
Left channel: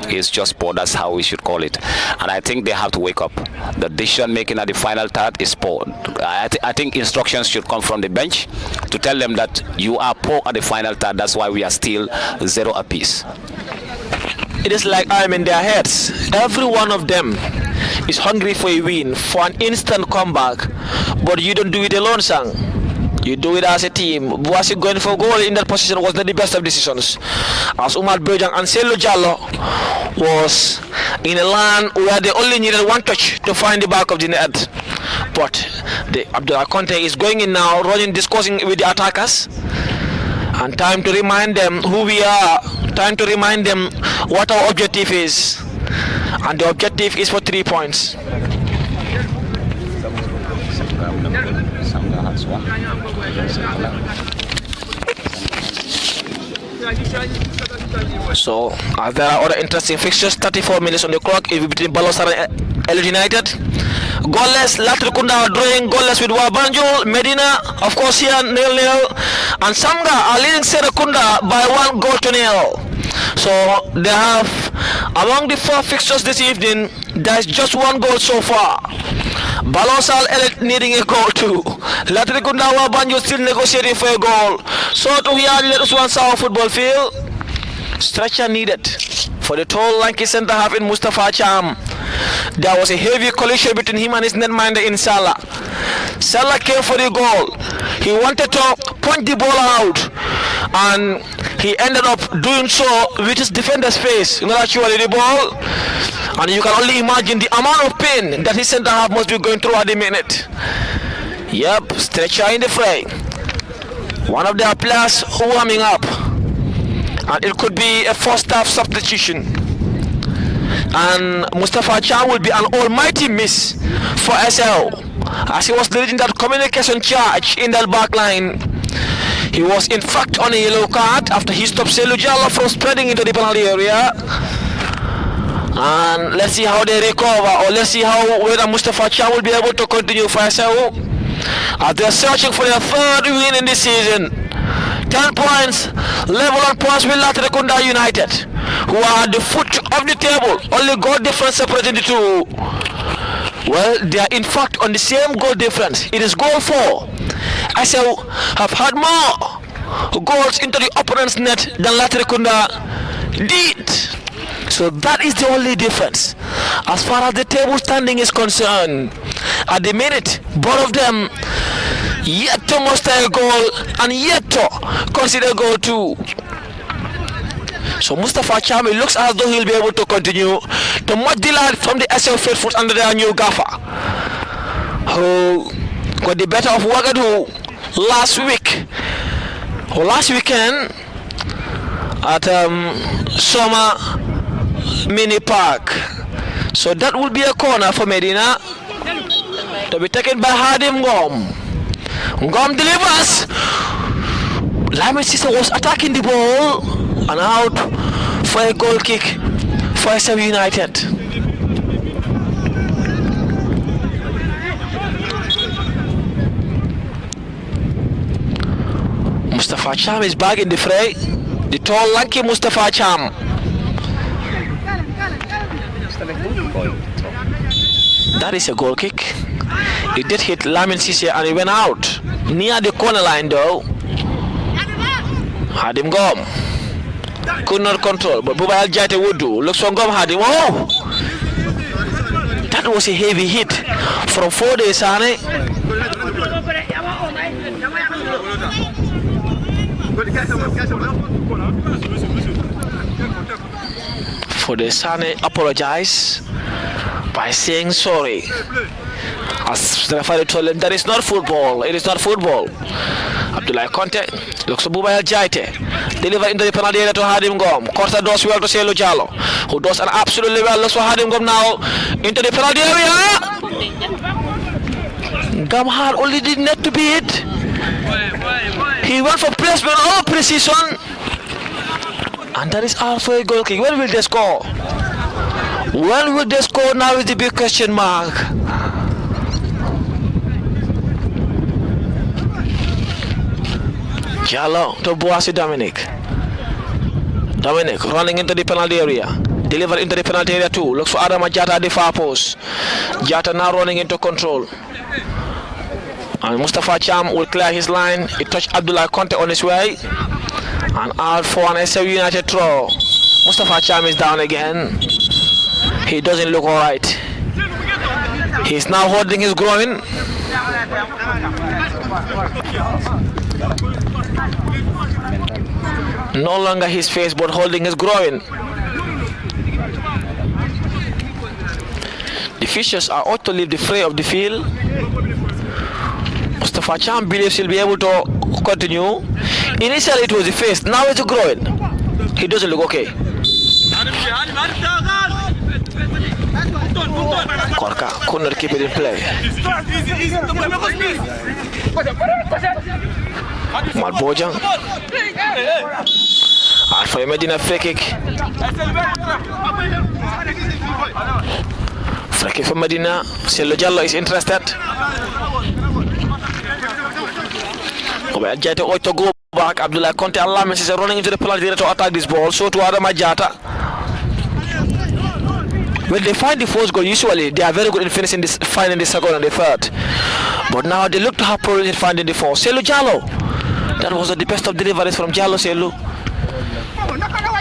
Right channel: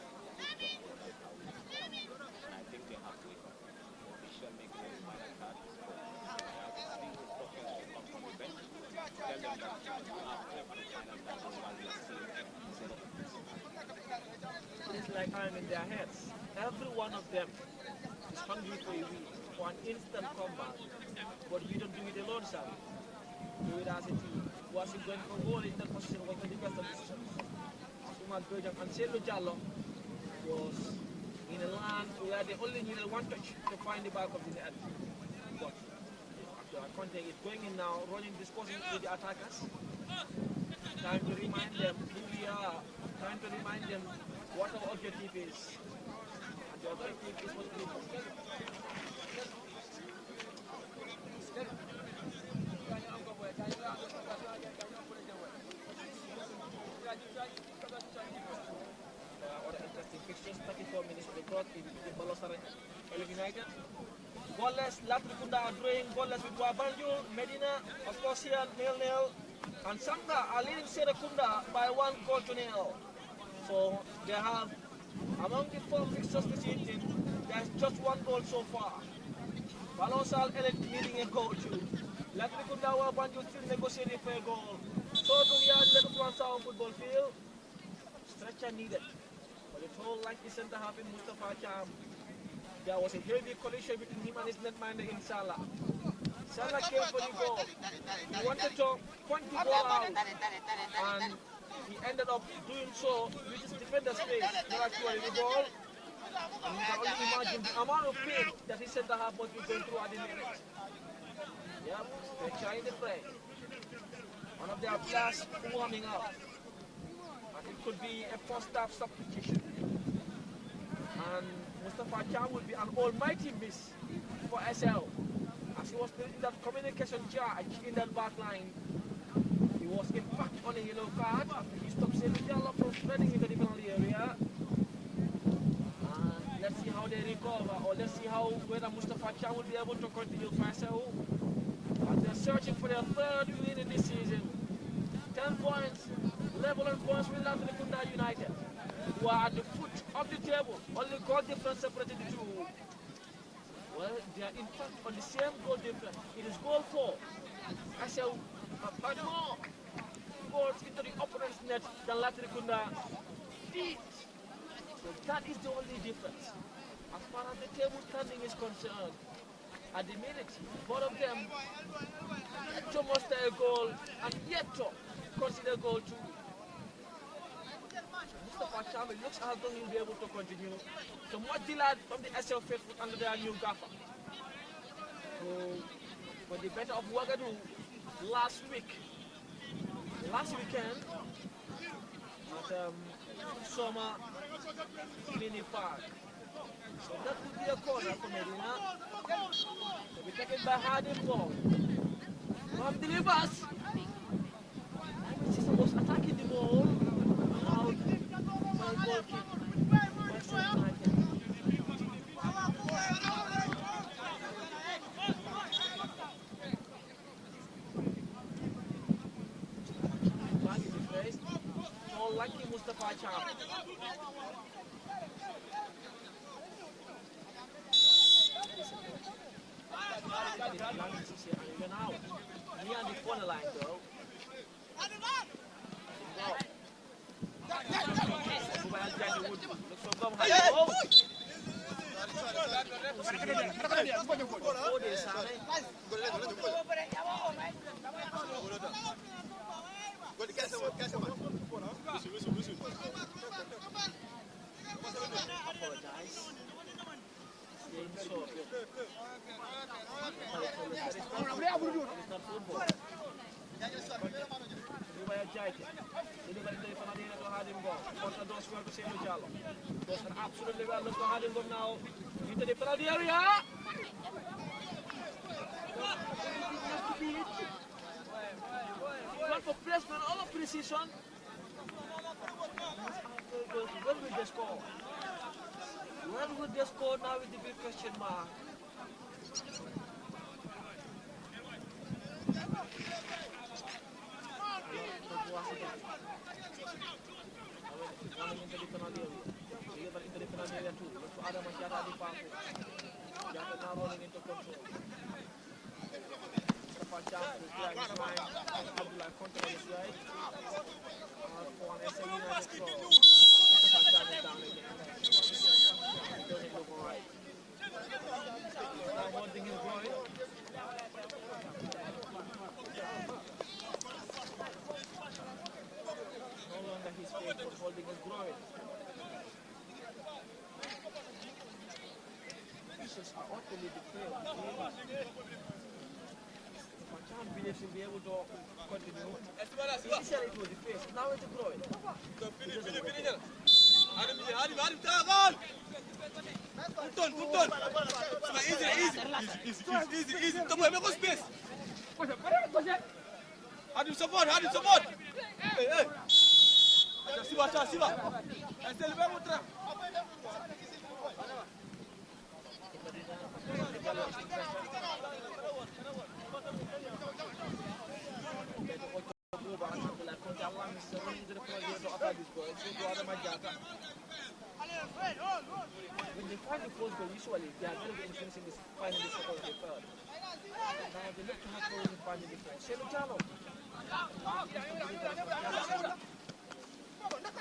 It's just poor. That's how we should call it. And I think they have to wake up. The decision making at the final third is poor. I think instructions should come from the bench to tell them that you are poor at the final third. That's why we are still 0 apiece. It is like I'm in their heads. Every one of them is hungry for a win, for an instant comeback. But you don't do it alone, Sang. You do it as a team. Boissy going for goal in that position was not the best of decisions, as Umar Bojang and Selu Jallo was in a land where they only needed one touch to find the back of the net. But Abdullah Conte is going in now, running, discussing with the attackers, and time to remind them who we are, time to remind them what our objective is, and the objective is for 3 points. So, there are other interesting fixtures. 34 minutes on the clock. It will be between Balosar and Elud United. Goalless, Latrikunda drawing goalless with Wabanjul. Medina, of course, here 0-0. And Samga are leading Serekunda by 1-0. So they have, among the 4 fixtures this evening, there is just 1 goal so far. Balosal Elite needing a goal too. Latrikunda Wabanjul still negotiating for a goal. So to here, let us one Essau football field. Stretcher needed for the tall, lanky centre half in Mustafa Cham. There was a heavy collision between him and his netminder in Salah. Salah came for the goal. He wanted to punch the ball out, and he ended up doing so with his defender's face, not actually the ball. And you can only imagine the amount of pain that his centre half must be going through at the minute. Yep, Stretcher in the fray. One of their players warming up, and it could be a first half substitution. And Mustafa Chan will be an almighty miss for Essau, as he was leading that communication charge in that back line. He was in fact on a yellow card after he stopped Selu Jallo from spreading into the penalty area. And let's see how they recover, or let's see whether Mustafa Chan will be able to continue for Essau, as they're searching for their 3rd win in this season. 10 points, level on points with Latrikunda United. who are at the foot of the table. Only goal difference separating the two. Well, they are in fact on the same goal difference. It is goal 4. Essau have had more goals into the opponent's net than Latrikunda did. So that is the only difference. As far as the table standing is concerned, at the minute, both of them yet to muster a goal and yet to consider goal 2. So Mustafa Chami looks as though he'll be able to continue to match the lad from the Essau faithfuls under their new gaffer, who got the better of Ouagadougou last weekend at Summer Mini Park. So that will be a corner for Medina to be taken by Hadim Ngom. Ngom delivers. Lamin Sisa was attacking the ball and out for a goal kick for Essau United. Mustafa Cham is back in the fray. The tall, lanky Mustafa Cham. That is a goal kick. It did hit Lamin Sise and it went out near the corner line though. Hadim Ngom could not control, but Bubayal Jaite would do. Looks for Ngom Hadim. Oh! That was a heavy hit from 4 days, Sane. For the Sane apologize by saying sorry. As the referee told him, that is not football. It is not football. Abdullah Conte looks for Bubayal Jaite. Deliver into the penalty area to Hadim Ngom. Costa does well to Selu Jallo, who does an absolutely well. Looks for Hadim Ngom now into the penalty area. Ngom had only the net to beat. He went for placement or precision. And that is all for a goal kick. When will they score? When will they score now is the big question mark. Jallo to Boasi Dominic. Dominic running into the penalty area. Deliver into the penalty area too. Looks for Adama Jata at the far post. Jata now running into control. And Mustafa Cham will clear his line. He touched Abdullah Conte on his way. And out for an Essau United throw. Mustafa Cham is down again. He doesn't look alright. He's now holding his groin. No longer his face, but holding his groin. The Fishers are out to leave the fray of the field. Mustafa Cham believes he'll be able to continue. Initially it was the face, now it's the groin. He doesn't look okay. Korka could not keep it in play. Mal Bojang. And for a Medina free kick. Free kick for Medina. Selu Jallo is interested. Jata to go back. Abdullah Conte and Lamin is running into the penalty area to attack this ball. So to Adama Jata. When they find the first goal, usually they are very good in finishing this, finding the second and the third. But now they look to have problems in finding the fourth. Selu Jallo. That was the best of deliveries from Jallo Selu.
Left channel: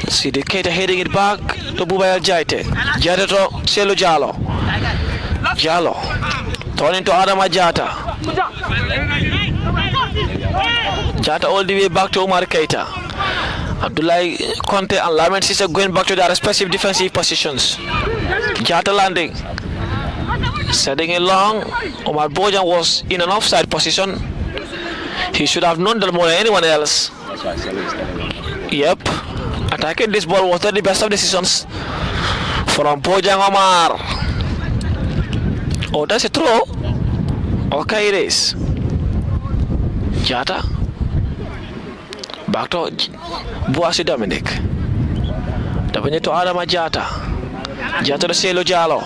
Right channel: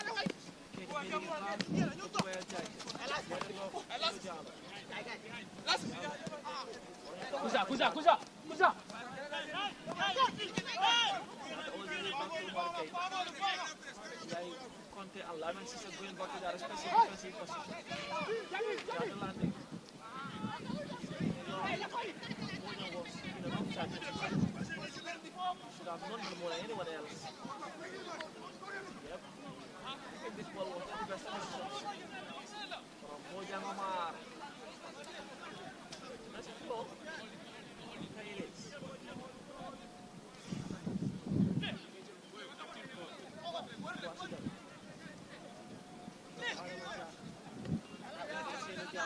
See the Keita heading it back to Bubayal Jaite. Jaite to Selu Jallo. Jallo. Turning to Adama Jata. Jata all the way back to Omar Keita. Abdullah Conte and Lamin Sise going back to their respective defensive positions. Jata landing. Setting it long. Omar Bojan was in an offside position. He should have known that more than anyone else. Yep. Attacking this ball was not the best of decisions from Bojan Omar. Oh, that's a throw. Okay, it is. Jata. Back to Boasi Dominic. Dabanya to Adama Jata. Jata to Selu Jallo.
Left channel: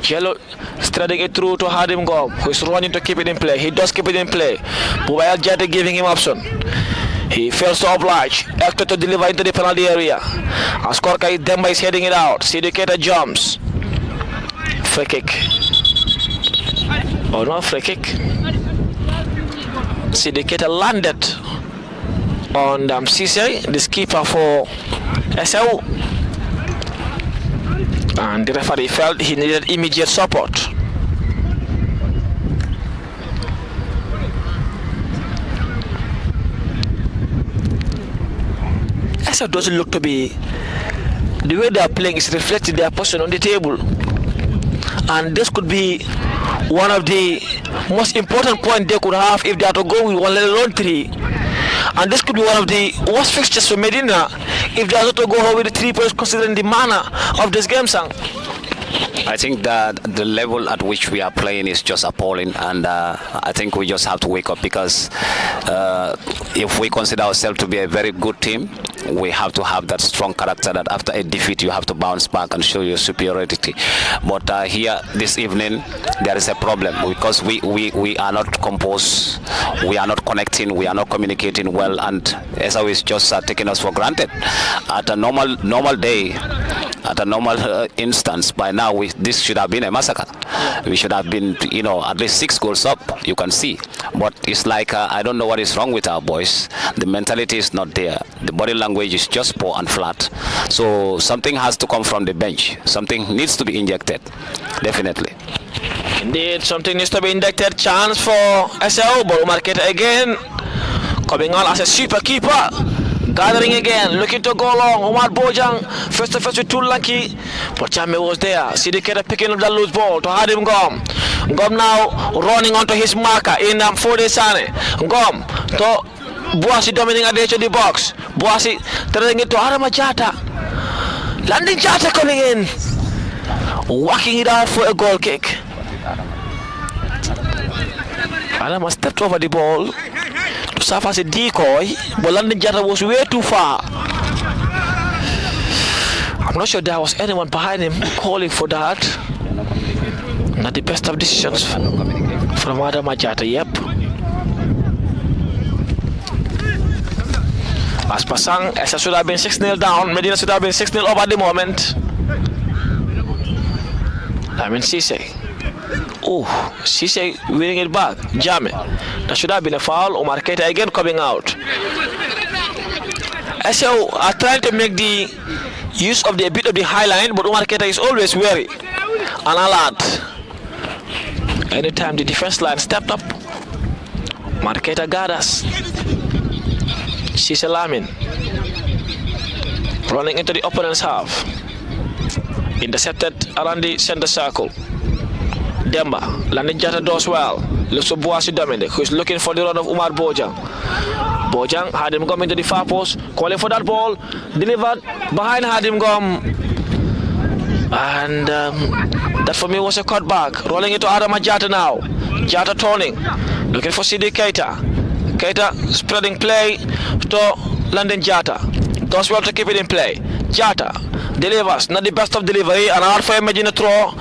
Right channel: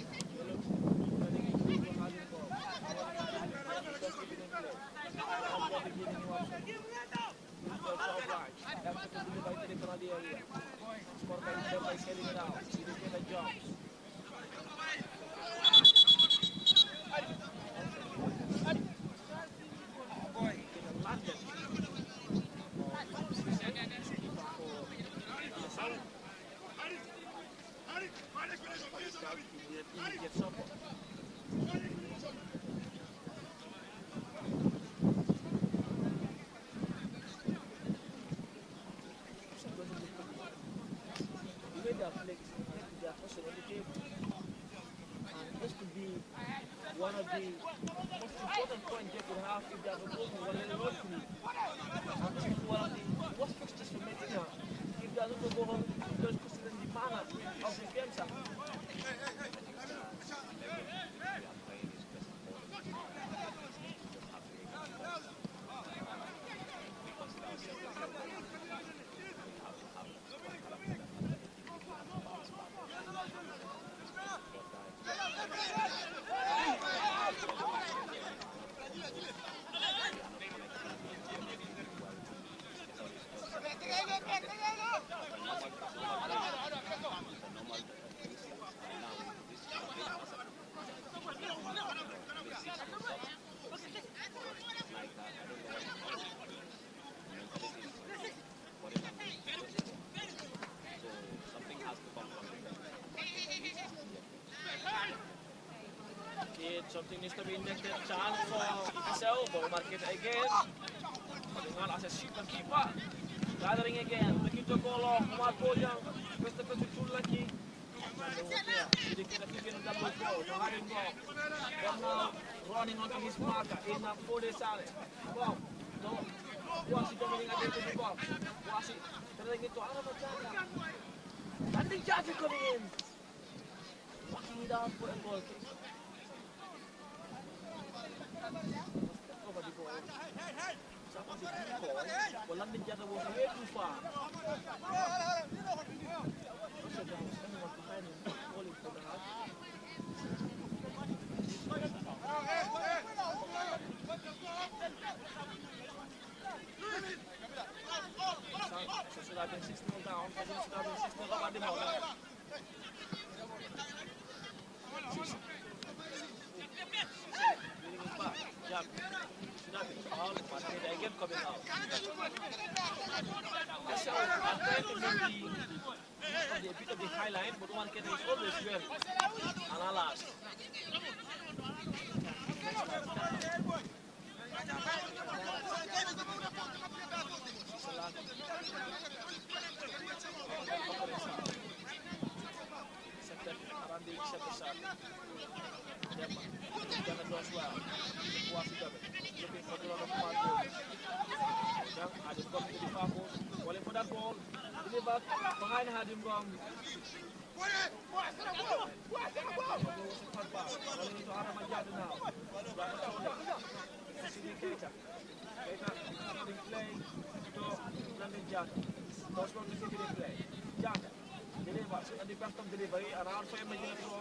Jallo threading it through to Hadim Ngom, who is running to keep it in play. He does keep it in play. Bubayal Jata giving him option. He fails to oblige. Hector to deliver into the penalty area. As Korkai Demba is heading it out. Sidiketa jumps. Free kick. Oh no, free kick. Sidiketa landed on Cisse, the skipper for Essau. And the referee felt he needed immediate support. Essau doesn't look to be, the way they are playing is reflecting their position on the table. And this could be one of the most important points they could have if they are to go with one, let alone three. And this could be one of the worst fixtures for Medina if they are to go home with the 3 points, considering the manner of this game, Sang. I think that the level at which we are playing is just appalling, and I think we just have to wake up, because if we consider ourselves to be a very good team, we have to have that strong character that after a defeat you have to bounce back and show your superiority. But here this evening there is a problem, because we are not composed, we are not connecting, we are not communicating well, and Essau is just taking us for granted. At a normal day, at a normal instance, by now this should have been a massacre. We should have been, at least 6 goals up, you can see. But it's like, I don't know what is wrong with our boys. The mentality is not there. The body language is just poor and flat. So something has to come from the bench. Something needs to be injected, definitely. Indeed, something needs to be injected. Chance for Essau, but Marqueta again, coming on as a super keeper. Gathering again, looking to go long. Omar Bojang, first to first with Tulaki. But Chame was there. Sidiketa picking up the loose ball to Hadim Gom. Gom now running onto his marker in Fode Sane. Gom to Boasi dominating at the edge of the box. Boasi throwing it to Adama Jata. Landing Jata coming in. Whacking it out for a goal kick. Adama stepped over the ball to serve as a decoy, but Landing Jata was way too far. I'm not sure there was anyone behind him calling for that. Not the best of decisions from Adama Jata, yep. As per Sang, Essau should have been 6-0 down. Medina should have been 6-0 up at the moment. Cisse. Oh, Cisse winning it back. Jame. That should have been a foul. Omar Keita again coming out. Essau are trying to make the use of the bit of the high line, but Omar Keita is always wary and alert. Anytime the defense line stepped up, Omar Keita gathers. Cisse Lamin running into the opponent's half. Intercepted around the center circle. Demba, Landing Jata does well. Looks for Boasi Dominic, who is looking for the run of Umar Bojang. Bojang had him come into the far post, calling for that ball, delivered behind Hadim Gom. And that for me was a cutback. Rolling into Adama Jata now. Jata turning, looking for CD Keita. Keita spreading play to Landing Jata. Does well to keep it in play. Jata delivers, not the best of delivery, and hard for Medina throw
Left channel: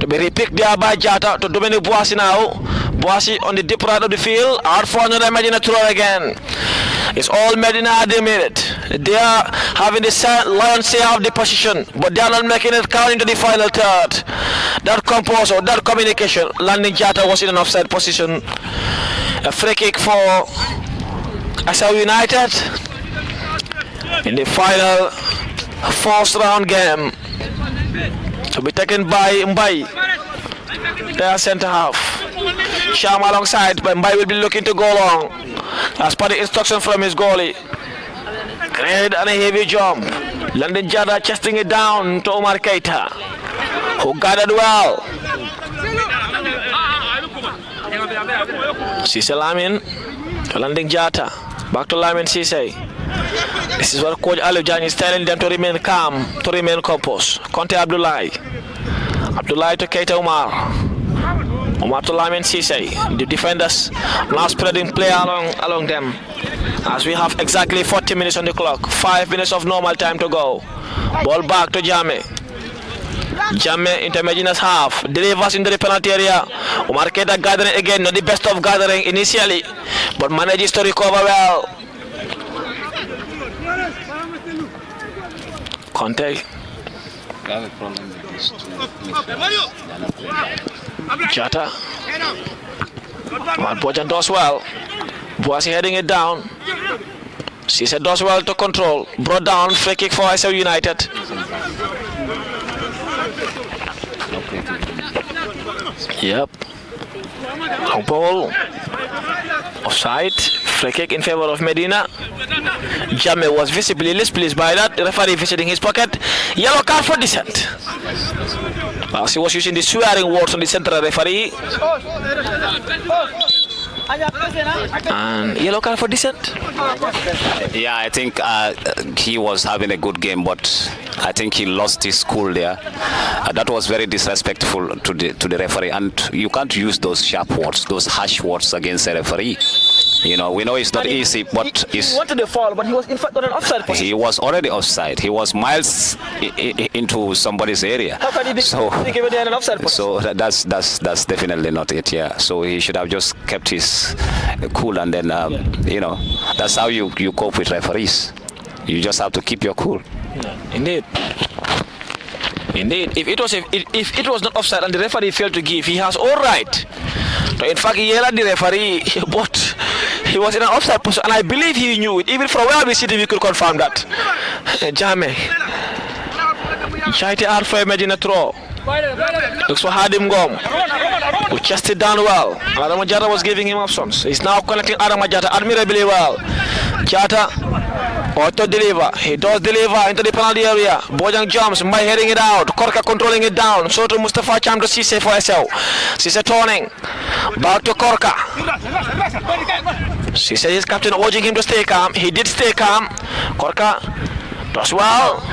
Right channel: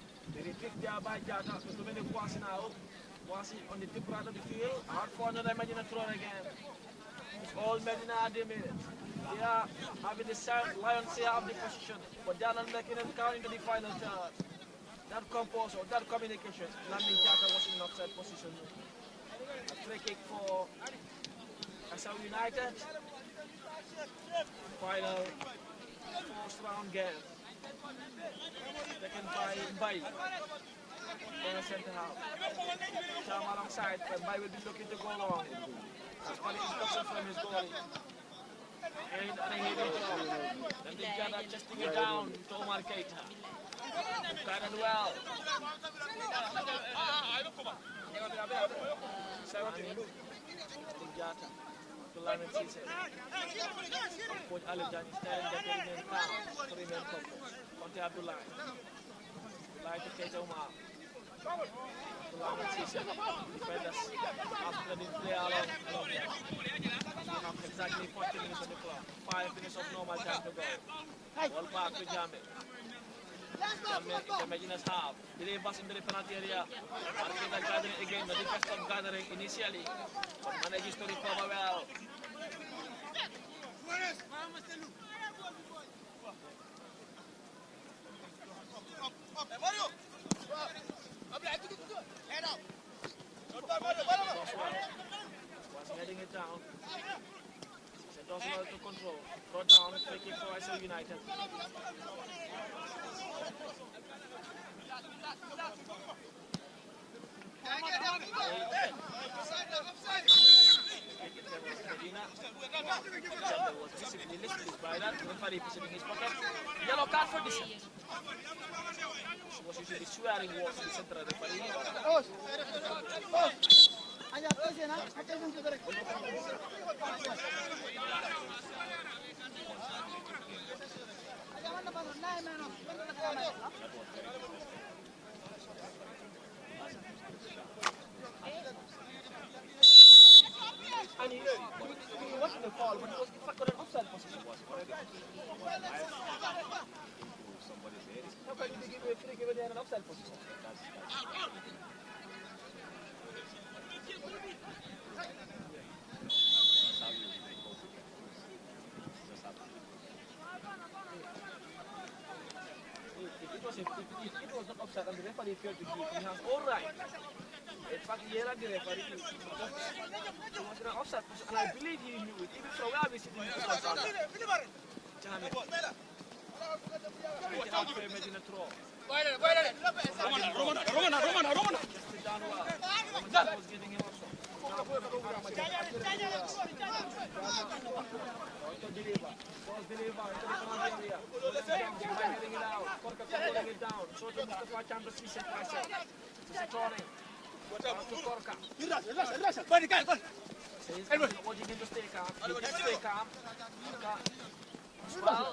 to be repicked there by Jata to Dominic Boasi now. Boasi on the deep right of the field, hard for another Medina throw again. It's all Medina at the minute. They are having the lion's share of the position, but they are not making it count into the final third. That composure, that communication. Landing Jata was in an offside position. A free kick for Essau United in the final first round game, to be taken by Mbai, their center half. Sham alongside, but Mbai will be looking to go long as per the instruction from his goalie. Great and a heavy jump. Landing Jata chesting it down to Omar Keita, who guarded well. Cisse Lamin to Landing Jata, back to Lamin Cisse. This is what Coach Alif Jan is telling them, to remain calm, to remain composed. Conte Abdullahi to Keita Umar. Umar to Lamin Cisse. The defenders now spreading play along them. As we have exactly 40 minutes on the clock. 5 minutes of normal time to go. Ball back to Jame. Jame into Medina's half. Delivers into the penalty area. Umar Keita gathering again. Not the best of gathering initially, but manages to recover well. Conte. I have a problem with this too. Jata. Well, Bojan does well. Boasi heading it down. Cisse does well to control. Brought down, free kick for Essau United. Yep. No ball. Offside. Free kick in favor of Medina. Jammeh was visibly displeased by that. The referee visiting his pocket. Yellow card for dissent. Well, he was using the swearing words on the central referee. And yellow card for dissent. Yeah, I think he was having a good game, but I think he lost his cool there. That was very disrespectful to the referee, and you can't use those sharp words, those harsh words against a referee. You know, we know it's not easy, but he wanted the foul, but he was in fact on an offside position. He was already offside. He was miles into somebody's area. How can he be given an offside position? So that's definitely not it. Yeah. So he should have just kept his cool, and then you know, that's how you cope with referees. You just have to keep your cool. Yeah, indeed. Indeed, if it was not offside and the referee failed to give, he has all right to in fact yell at the referee, but he was in an offside position, and I believe he knew it. Even from where we sit, we could confirm that. Jammeh. Jaite out for Medina throw. Looks for Hadim Gom, who chested down well. Adam Jata was giving him options. He's now connecting Adam Jata admirably well. Jata auto deliver. He does deliver into the penalty area. Bojang jumps by heading it out. Korka controlling it down. So to Mustafa Cham to Cisse for Essau. Cisse turning. Back to Korka. Cisse is captain urging him to stay calm. He did stay calm. Korka does well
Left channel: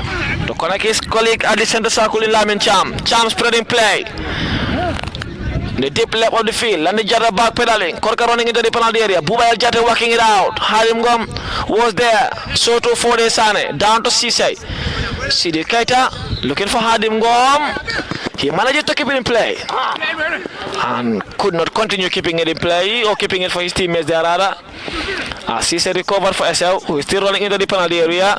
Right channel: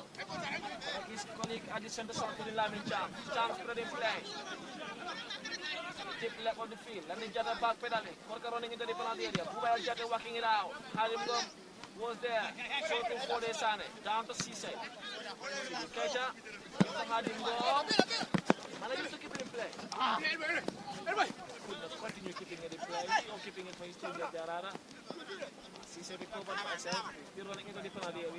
to connect his colleague at the center circle in Lamin Cham. Cham spreading play. The deep left of the field, and the Jata back pedaling. Korka running into the penalty area. Buba El Jata working it out. Harim Gom was there. Soto for the Sane. Down to Cisse. Sidi Keita looking for Hadim Gom. He managed to keep it in play. And could not continue keeping it in play, or keeping it for his teammates there rather. Cisse recovered for Essau, who is still running into the penalty area.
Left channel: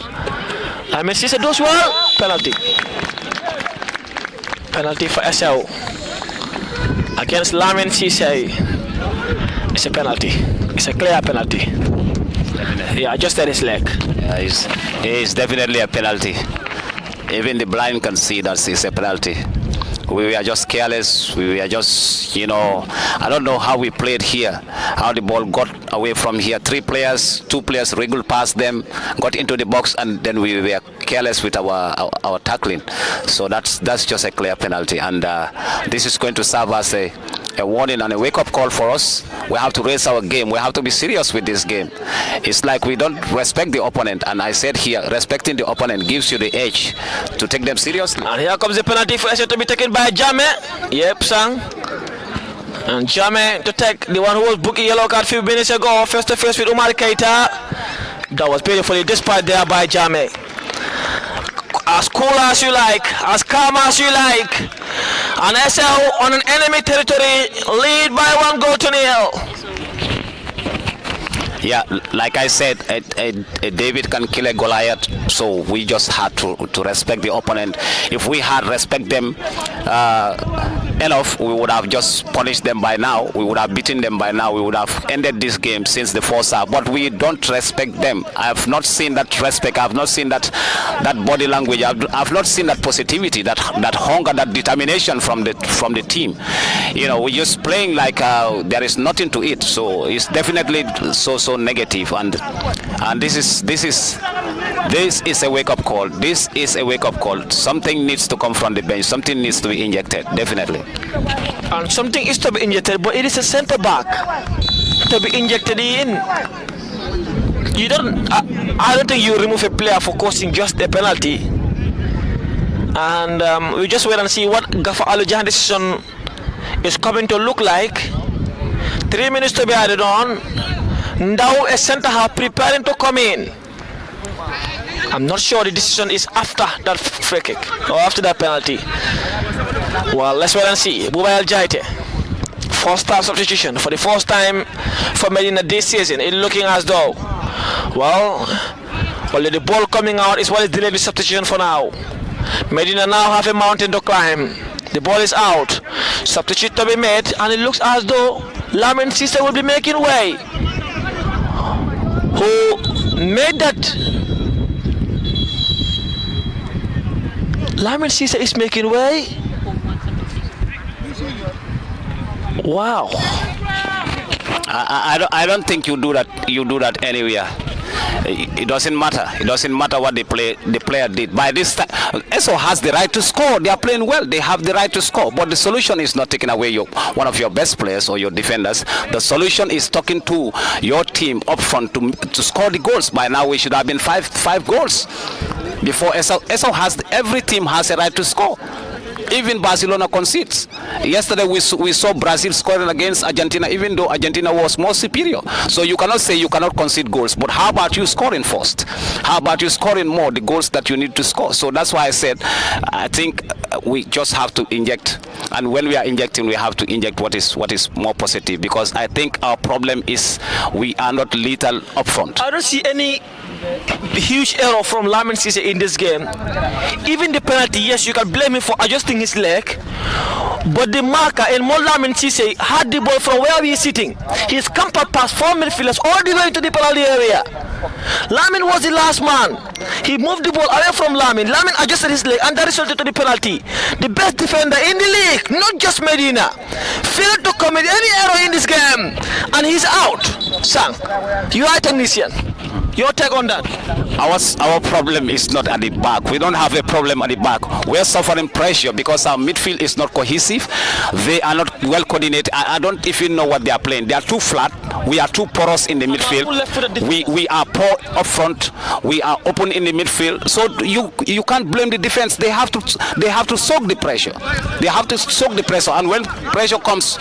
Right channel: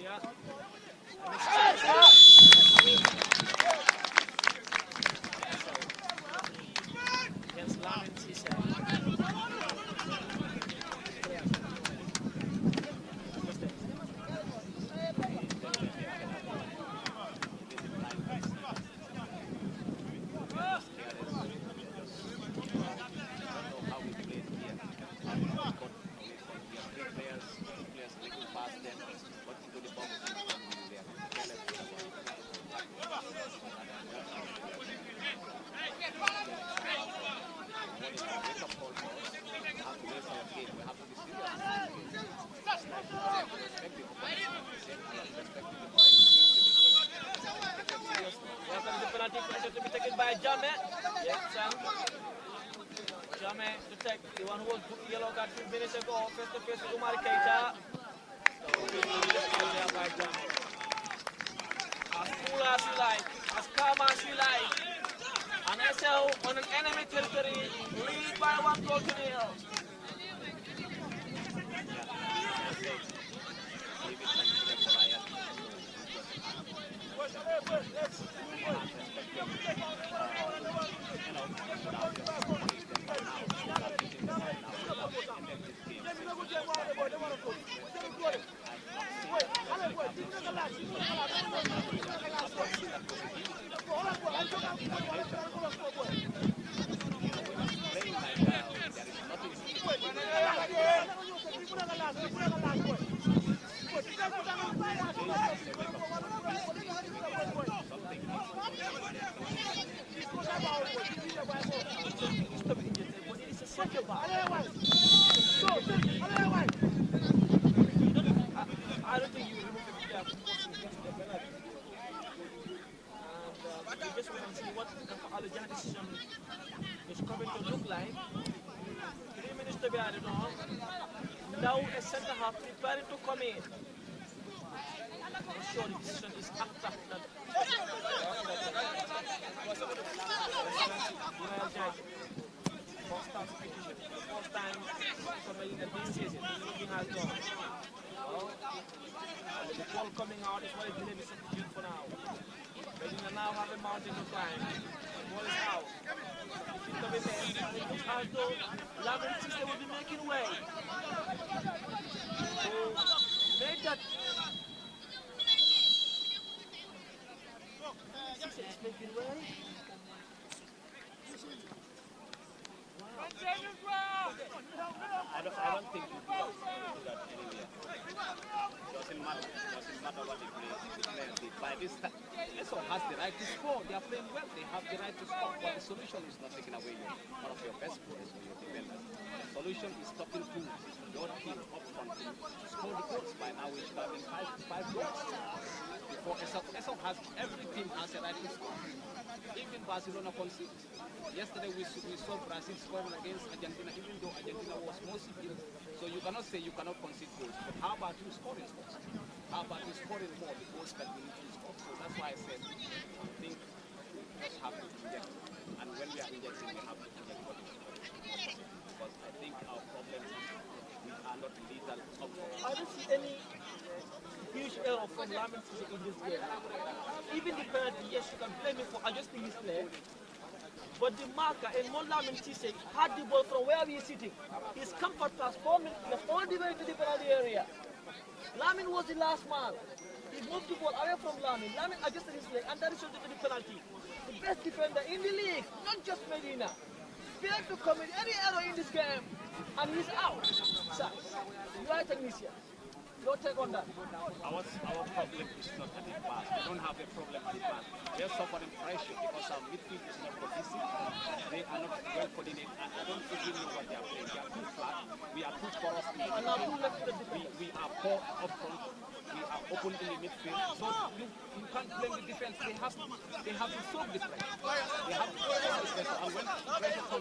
I mean, Cisse does well. Penalty. Penalty for Essau against Lamin Cisse. It's a penalty. It's a clear penalty. Yeah, just at his leg. Yeah, it's definitely a penalty. Even the blind can see that it's a penalty. We were just careless. We were just, you know, I don't know how we played here, how the ball got away from here. 2 players wriggled past them, got into the box, and then we were careless with our tackling. So that's just a clear penalty, and this is going to serve as a warning and a wake-up call for us. We have to raise our game. We have to be serious with this game. It's like we don't respect the opponent, and I said here, respecting the opponent gives you the edge to take them seriously. And here comes the penalty for Essau to be taken by Jammeh. Yep, Sang. And Jammeh to take the one who was booking yellow card a few minutes ago, face to face with Umar Keita. That was beautifully dispatched there by Jammeh. As cool as you like, as calm as you like. And Essau on an enemy territory, lead by 1-0. Yeah, like I said, a David can kill a Goliath, so we just had to respect the opponent. If we had respect them enough, we would have just punished them by now. We would have beaten them by now. We would have ended this game since the first half. But we don't respect them. I have not seen that respect. I have not seen that body language. I've not seen that positivity, that hunger, that determination from the team. You know, we're just playing like there is nothing to it. So it's definitely so negative, and this is a wake-up call. This is a wake-up call. Something needs to come from the bench. Something needs to be injected, definitely. And something is to be injected, but it is a centre back to be injected in. You don't. I don't think you remove a player for causing just a penalty. And we just wait and see what Gaffer Alujahan decision is coming to look like. 3 minutes to be added on. Now a centre half preparing to come in. I'm not sure the decision is after that free kick or after that penalty. Well, let's wait and see. Buba El Jaite, first half substitution for the first time for Medina this season. It's looking as though, well, Only the ball coming out is what is delaying the substitution for now. Medina now have a mountain to climb. The ball is out. Substitute to be made, and it looks as though Lamin Cisse will be making way. Who made that? Lamin Cisse is making way. Wow. I don't think you do that. You do that anywhere. It doesn't matter. It doesn't matter what the player did. By this time, Essau has the right to score. They are playing well. They have the right to score. But the solution is not taking away one of your best players or your defenders. The solution is talking to your team up front to score the goals. By now, we should have been five goals before Essau. Every team has a right to score. Even Barcelona concedes. Yesterday we saw Brazil scoring against Argentina, even though Argentina was more superior. So you cannot say you cannot concede goals. But how about you scoring first? How about you scoring more, the goals that you need to score? So that's why I said, I think we just have to inject. And when we are injecting, we have to inject what is more positive. Because I think our problem is we are not lethal up front. I don't see any huge error from Lamin Cisse in this game. Even the penalty, yes, you can blame him for adjusting his leg, but the marker and more Lamin Cisse had the ball from where he is sitting. He's camped past 4 midfielders all the way to the penalty area. Lamin was the last man. He moved the ball away from Lamin. Lamin adjusted his leg, and that resulted to the penalty. The best defender in the league, not just Medina, failed to commit any error in this game, and he's out. Sang, you are a technician. Your take on that? Our problem is not at the back. We don't have a problem at the back. We're suffering pressure because our midfield is not cohesive. They are not well coordinated. I don't even know what they are playing. They are too flat. We are too porous in the midfield. We are poor up front. We are open in the midfield. So you can't blame the defense. They have to soak the pressure. They have to soak the pressure. And when pressure comes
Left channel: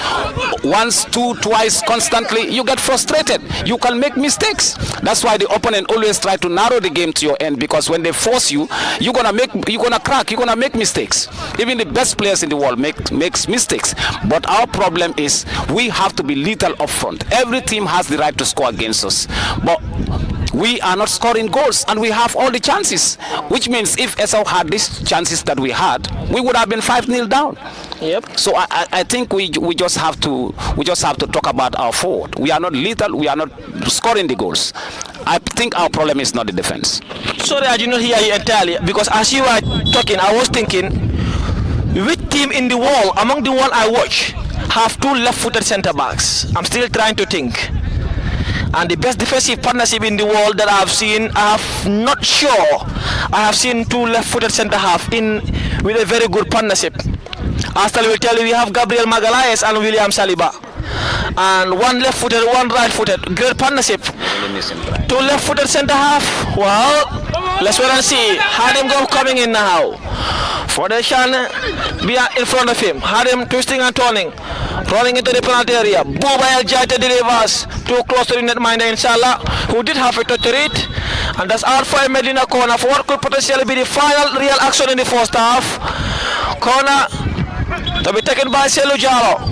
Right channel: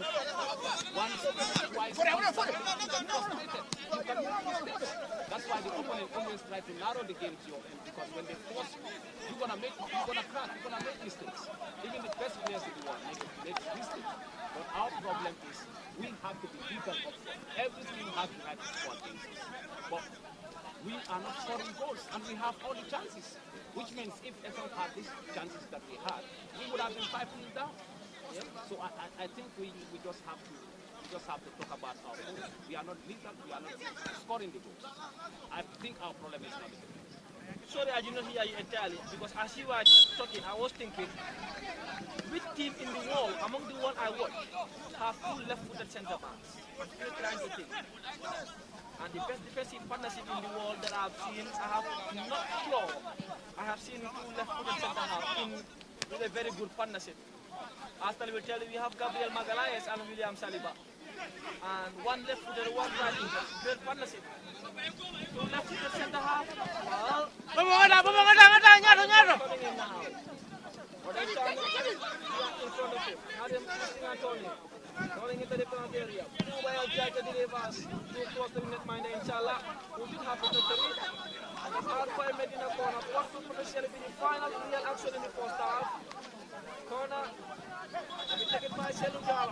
once, twice, constantly, you get frustrated. You can make mistakes. That's why the opponent always try to narrow the game to your end, because when they force you, you're gonna crack, you're gonna make mistakes. Even the best players in the world makes mistakes. But our problem is we have to be lethal up front. Every team has the right to score against us, but we are not scoring goals, and we have all the chances. Which means if Essau had these chances that we had, we would have been 5-0 down. Yep. So I think we just have to talk about our forward. We are not lethal. We are not scoring the goals. I think our problem is not the defense. Sorry, I did not hear you entirely, because as you were talking, I was thinking, which team in the world among the one I watch have 2 left-footed centre backs? I'm still trying to think. And the best defensive partnership in the world that I've seen, I'm not sure I have seen 2 left-footed centre half with a very good partnership. Arsenal will tell you we have Gabriel Magalhaes and William Saliba. And 1 left-footed, 1 right-footed. Great partnership. 2 left-footed centre half. Well, let's wait and see. Hadim go coming in now. Foundation be in front of him. Hadim twisting and turning. Rolling into the penalty area. Boba El Jaita delivers. Too close to the netminder, inshallah, who did have a touch to it. And that's out for a Medina corner for what could potentially be the final real action in the first half. Corner to be taken by Selu Jaro.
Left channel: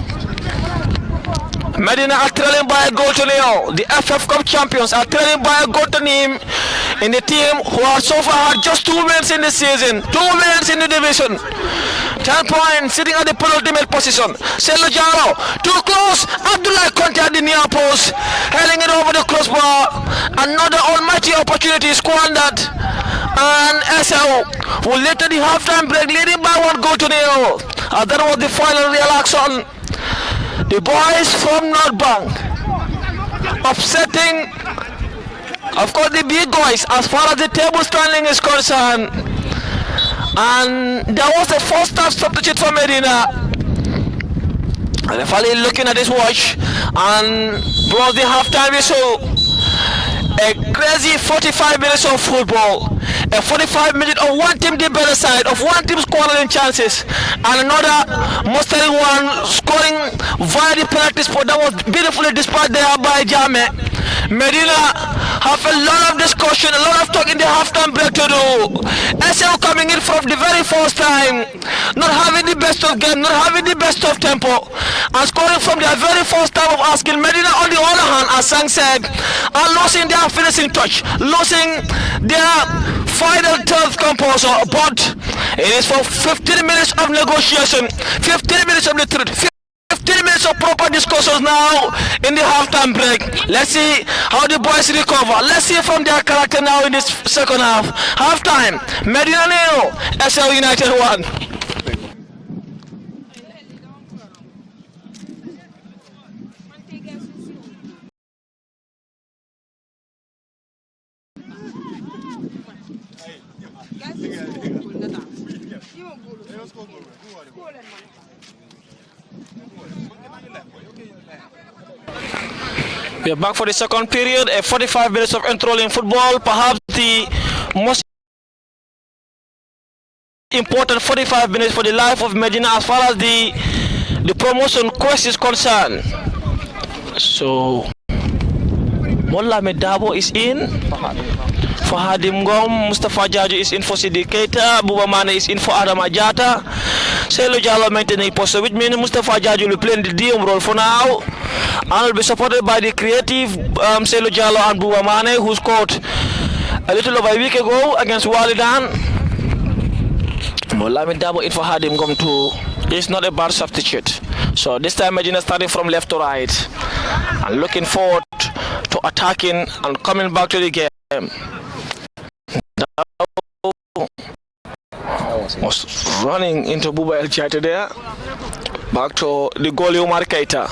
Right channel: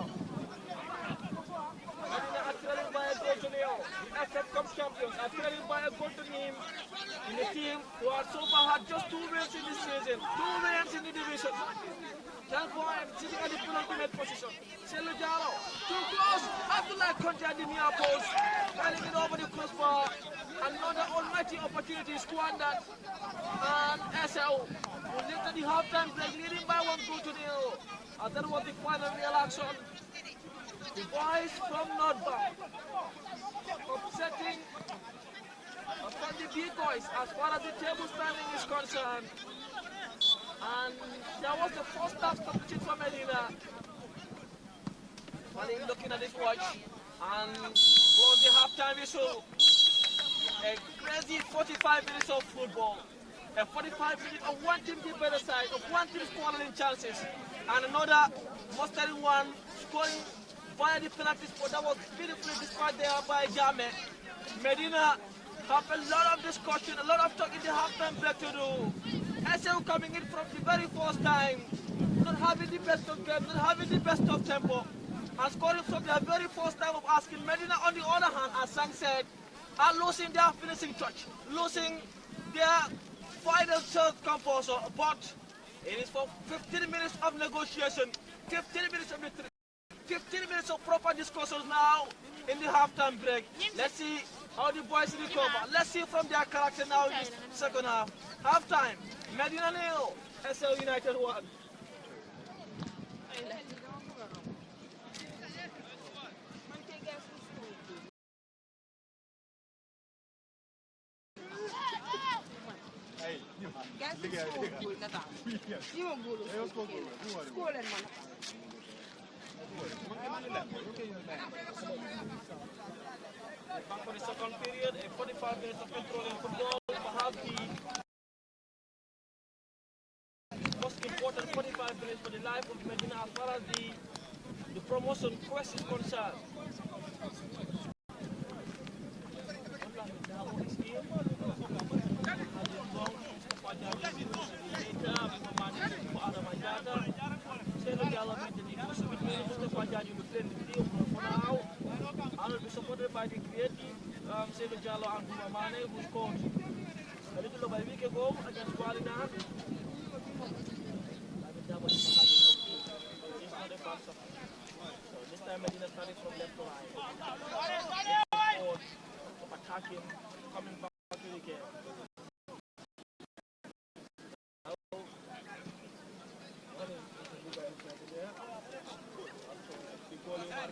Medina are trailing by a goal to nil. The FF Cup champions are trailing by a goal to nil in the team who are so far had just 2 wins in the season, 2 wins in the division. 10 points sitting at the penultimate position. Selu Jaro, too close. Abdullah Conte at the near post, heading it over the crossbar. Another almighty opportunity squandered. And Essau will later the halftime break, leading by 1 goal to nil. That was the final real action. The boys from North Bank upsetting, of course, the big boys as far as the table standing is concerned. And there was a first half substitute for Medina. And the referee looking at his watch and blows the halftime whistle. A crazy 45 minutes of football. A 45 minutes of one team the better side, of one team scoring chances, and another mustering one scoring via the penalty spot that was beautifully dispatched there by Jame. Medina have a lot of discussion, a lot of talk in the halftime break to do. Essau coming in for the very first time, not having the best of game, not having the best of tempo, and scoring from their very first time of asking. Medina on the other hand as Sang said, are losing their finishing touch, losing their final third composer. But it is for 15 minutes of negotiation, 15 minutes of the truth. 15 minutes of proper discussions now in the halftime break. Let's see how the boys recover. Let's see from their character now in this second half. Halftime, Medina 0, Essau United 1. We are back for the second period, a 45 minutes of enthralling football, perhaps the most important 45 minutes for the life of Medina as far as the promotion quest is concerned. So, Molla Medabo is in. Fahadim Ngom, Mustafa Jaju is in for Sidi Keita, Buba Mane is in for Adam Ajata. Selo Jallo maintaining post, which means Mustafa Jaju will play the DM role for now. And will be supported by the creative Selo Jallo and Buba Mane, who scored a little over a week ago against Walidan. Mola Medabo in for Hadim Ngom too. It's not a bad substitute. So this time Medina starting from left to right and looking forward to attacking and coming back to the game. Was running into Buba El Chaita there. Back to the goalie Omar Keita.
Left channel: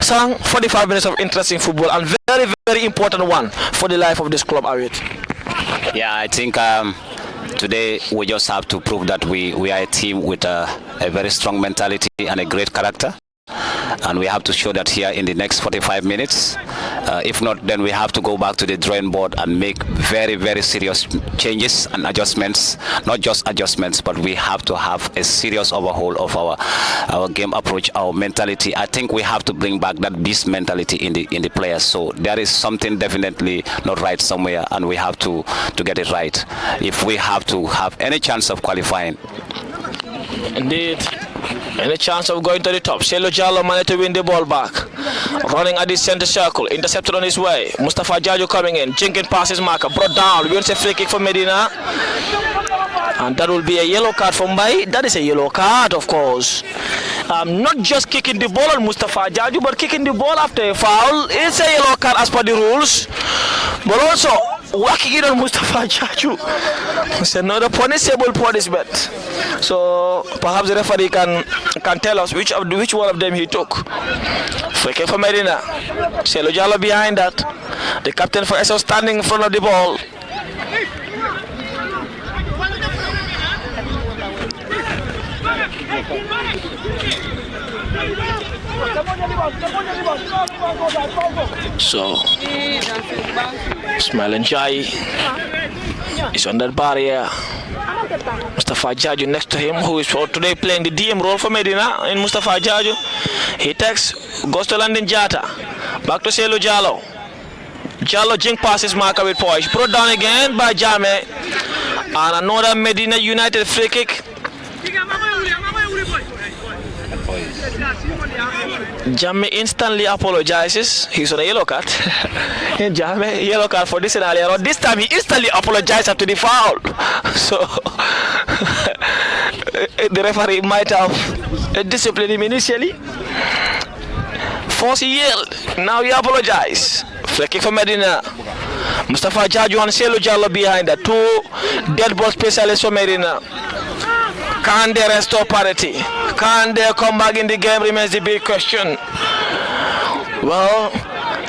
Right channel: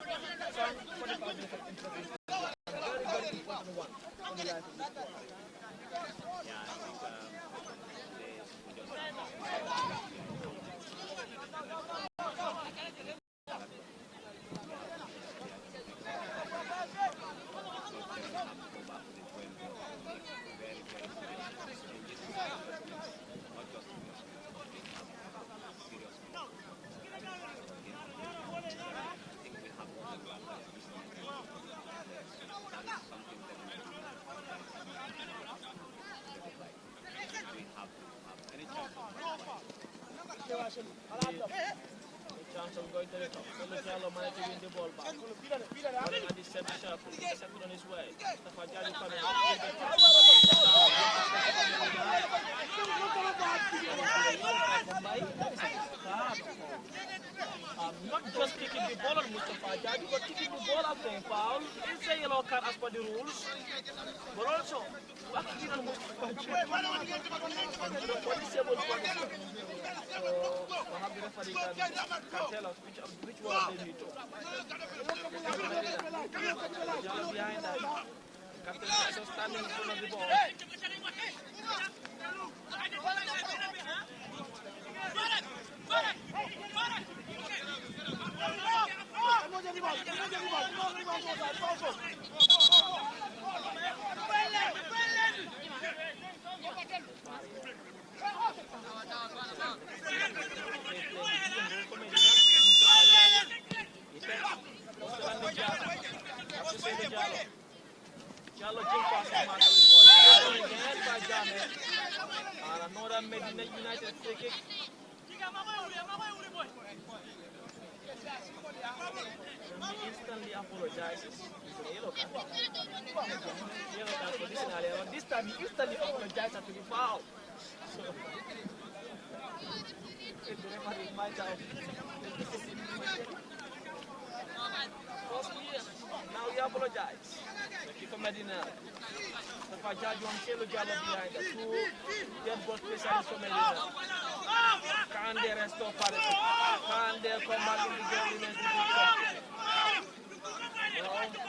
Sang 45 minutes of interesting football and very, very important one for the life of this club, Awit. Yeah, I think today we just have to prove that we are a team with a very strong mentality and a great character. And we have to show that here in the next 45 minutes. If not, then we have to go back to the drawing board and make very, very serious changes and adjustments. Not just adjustments, but we have to have a serious overhaul of our game approach, our mentality. I think we have to bring back that beast mentality in the players. So there is something definitely not right somewhere, and we have to get it right if we have to have any chance of qualifying. Indeed. Any chance of going to the top. Selo Jallo managed to win the ball back. Running at the center circle. Intercepted on his way. Mustafa Jaju coming in. Jenkins passes marker. Brought down. Wins a free kick for Medina. And that will be a yellow card for Mbai. That is a yellow card, of course. Not just kicking the ball on Mustafa Jaju, but kicking the ball after a foul. It's a yellow card as per the rules. But also, whacking it on Mustafa Jaju. It's another punishable punishment. So perhaps the referee can tell us which one of them he took. Free kick for Medina. Selo Jallo behind that. The captain for Essau standing in front of the ball. So Ismail Njai is on that barrier. Mustafa Jaju next to him, who is for today playing the DM role for Medina. In Mustafa Jaju, he takes, goes to Landin Jata, back to Selo Jallo. Jallo jink passes marker with poise, brought down again by Jame, and another Medina United free kick. Jame instantly apologizes. He's on a yellow card. Jame, yellow card for this scenario. This time he instantly apologized after the foul. So the referee might have disciplined him initially. Force he yelled. Now he apologized. Free kick for Medina. Mustafa Jaju and Selo Jallo behind the two dead ball specialists for Medina. Can they restore parity? Can they come back in the game remains the big question. Well,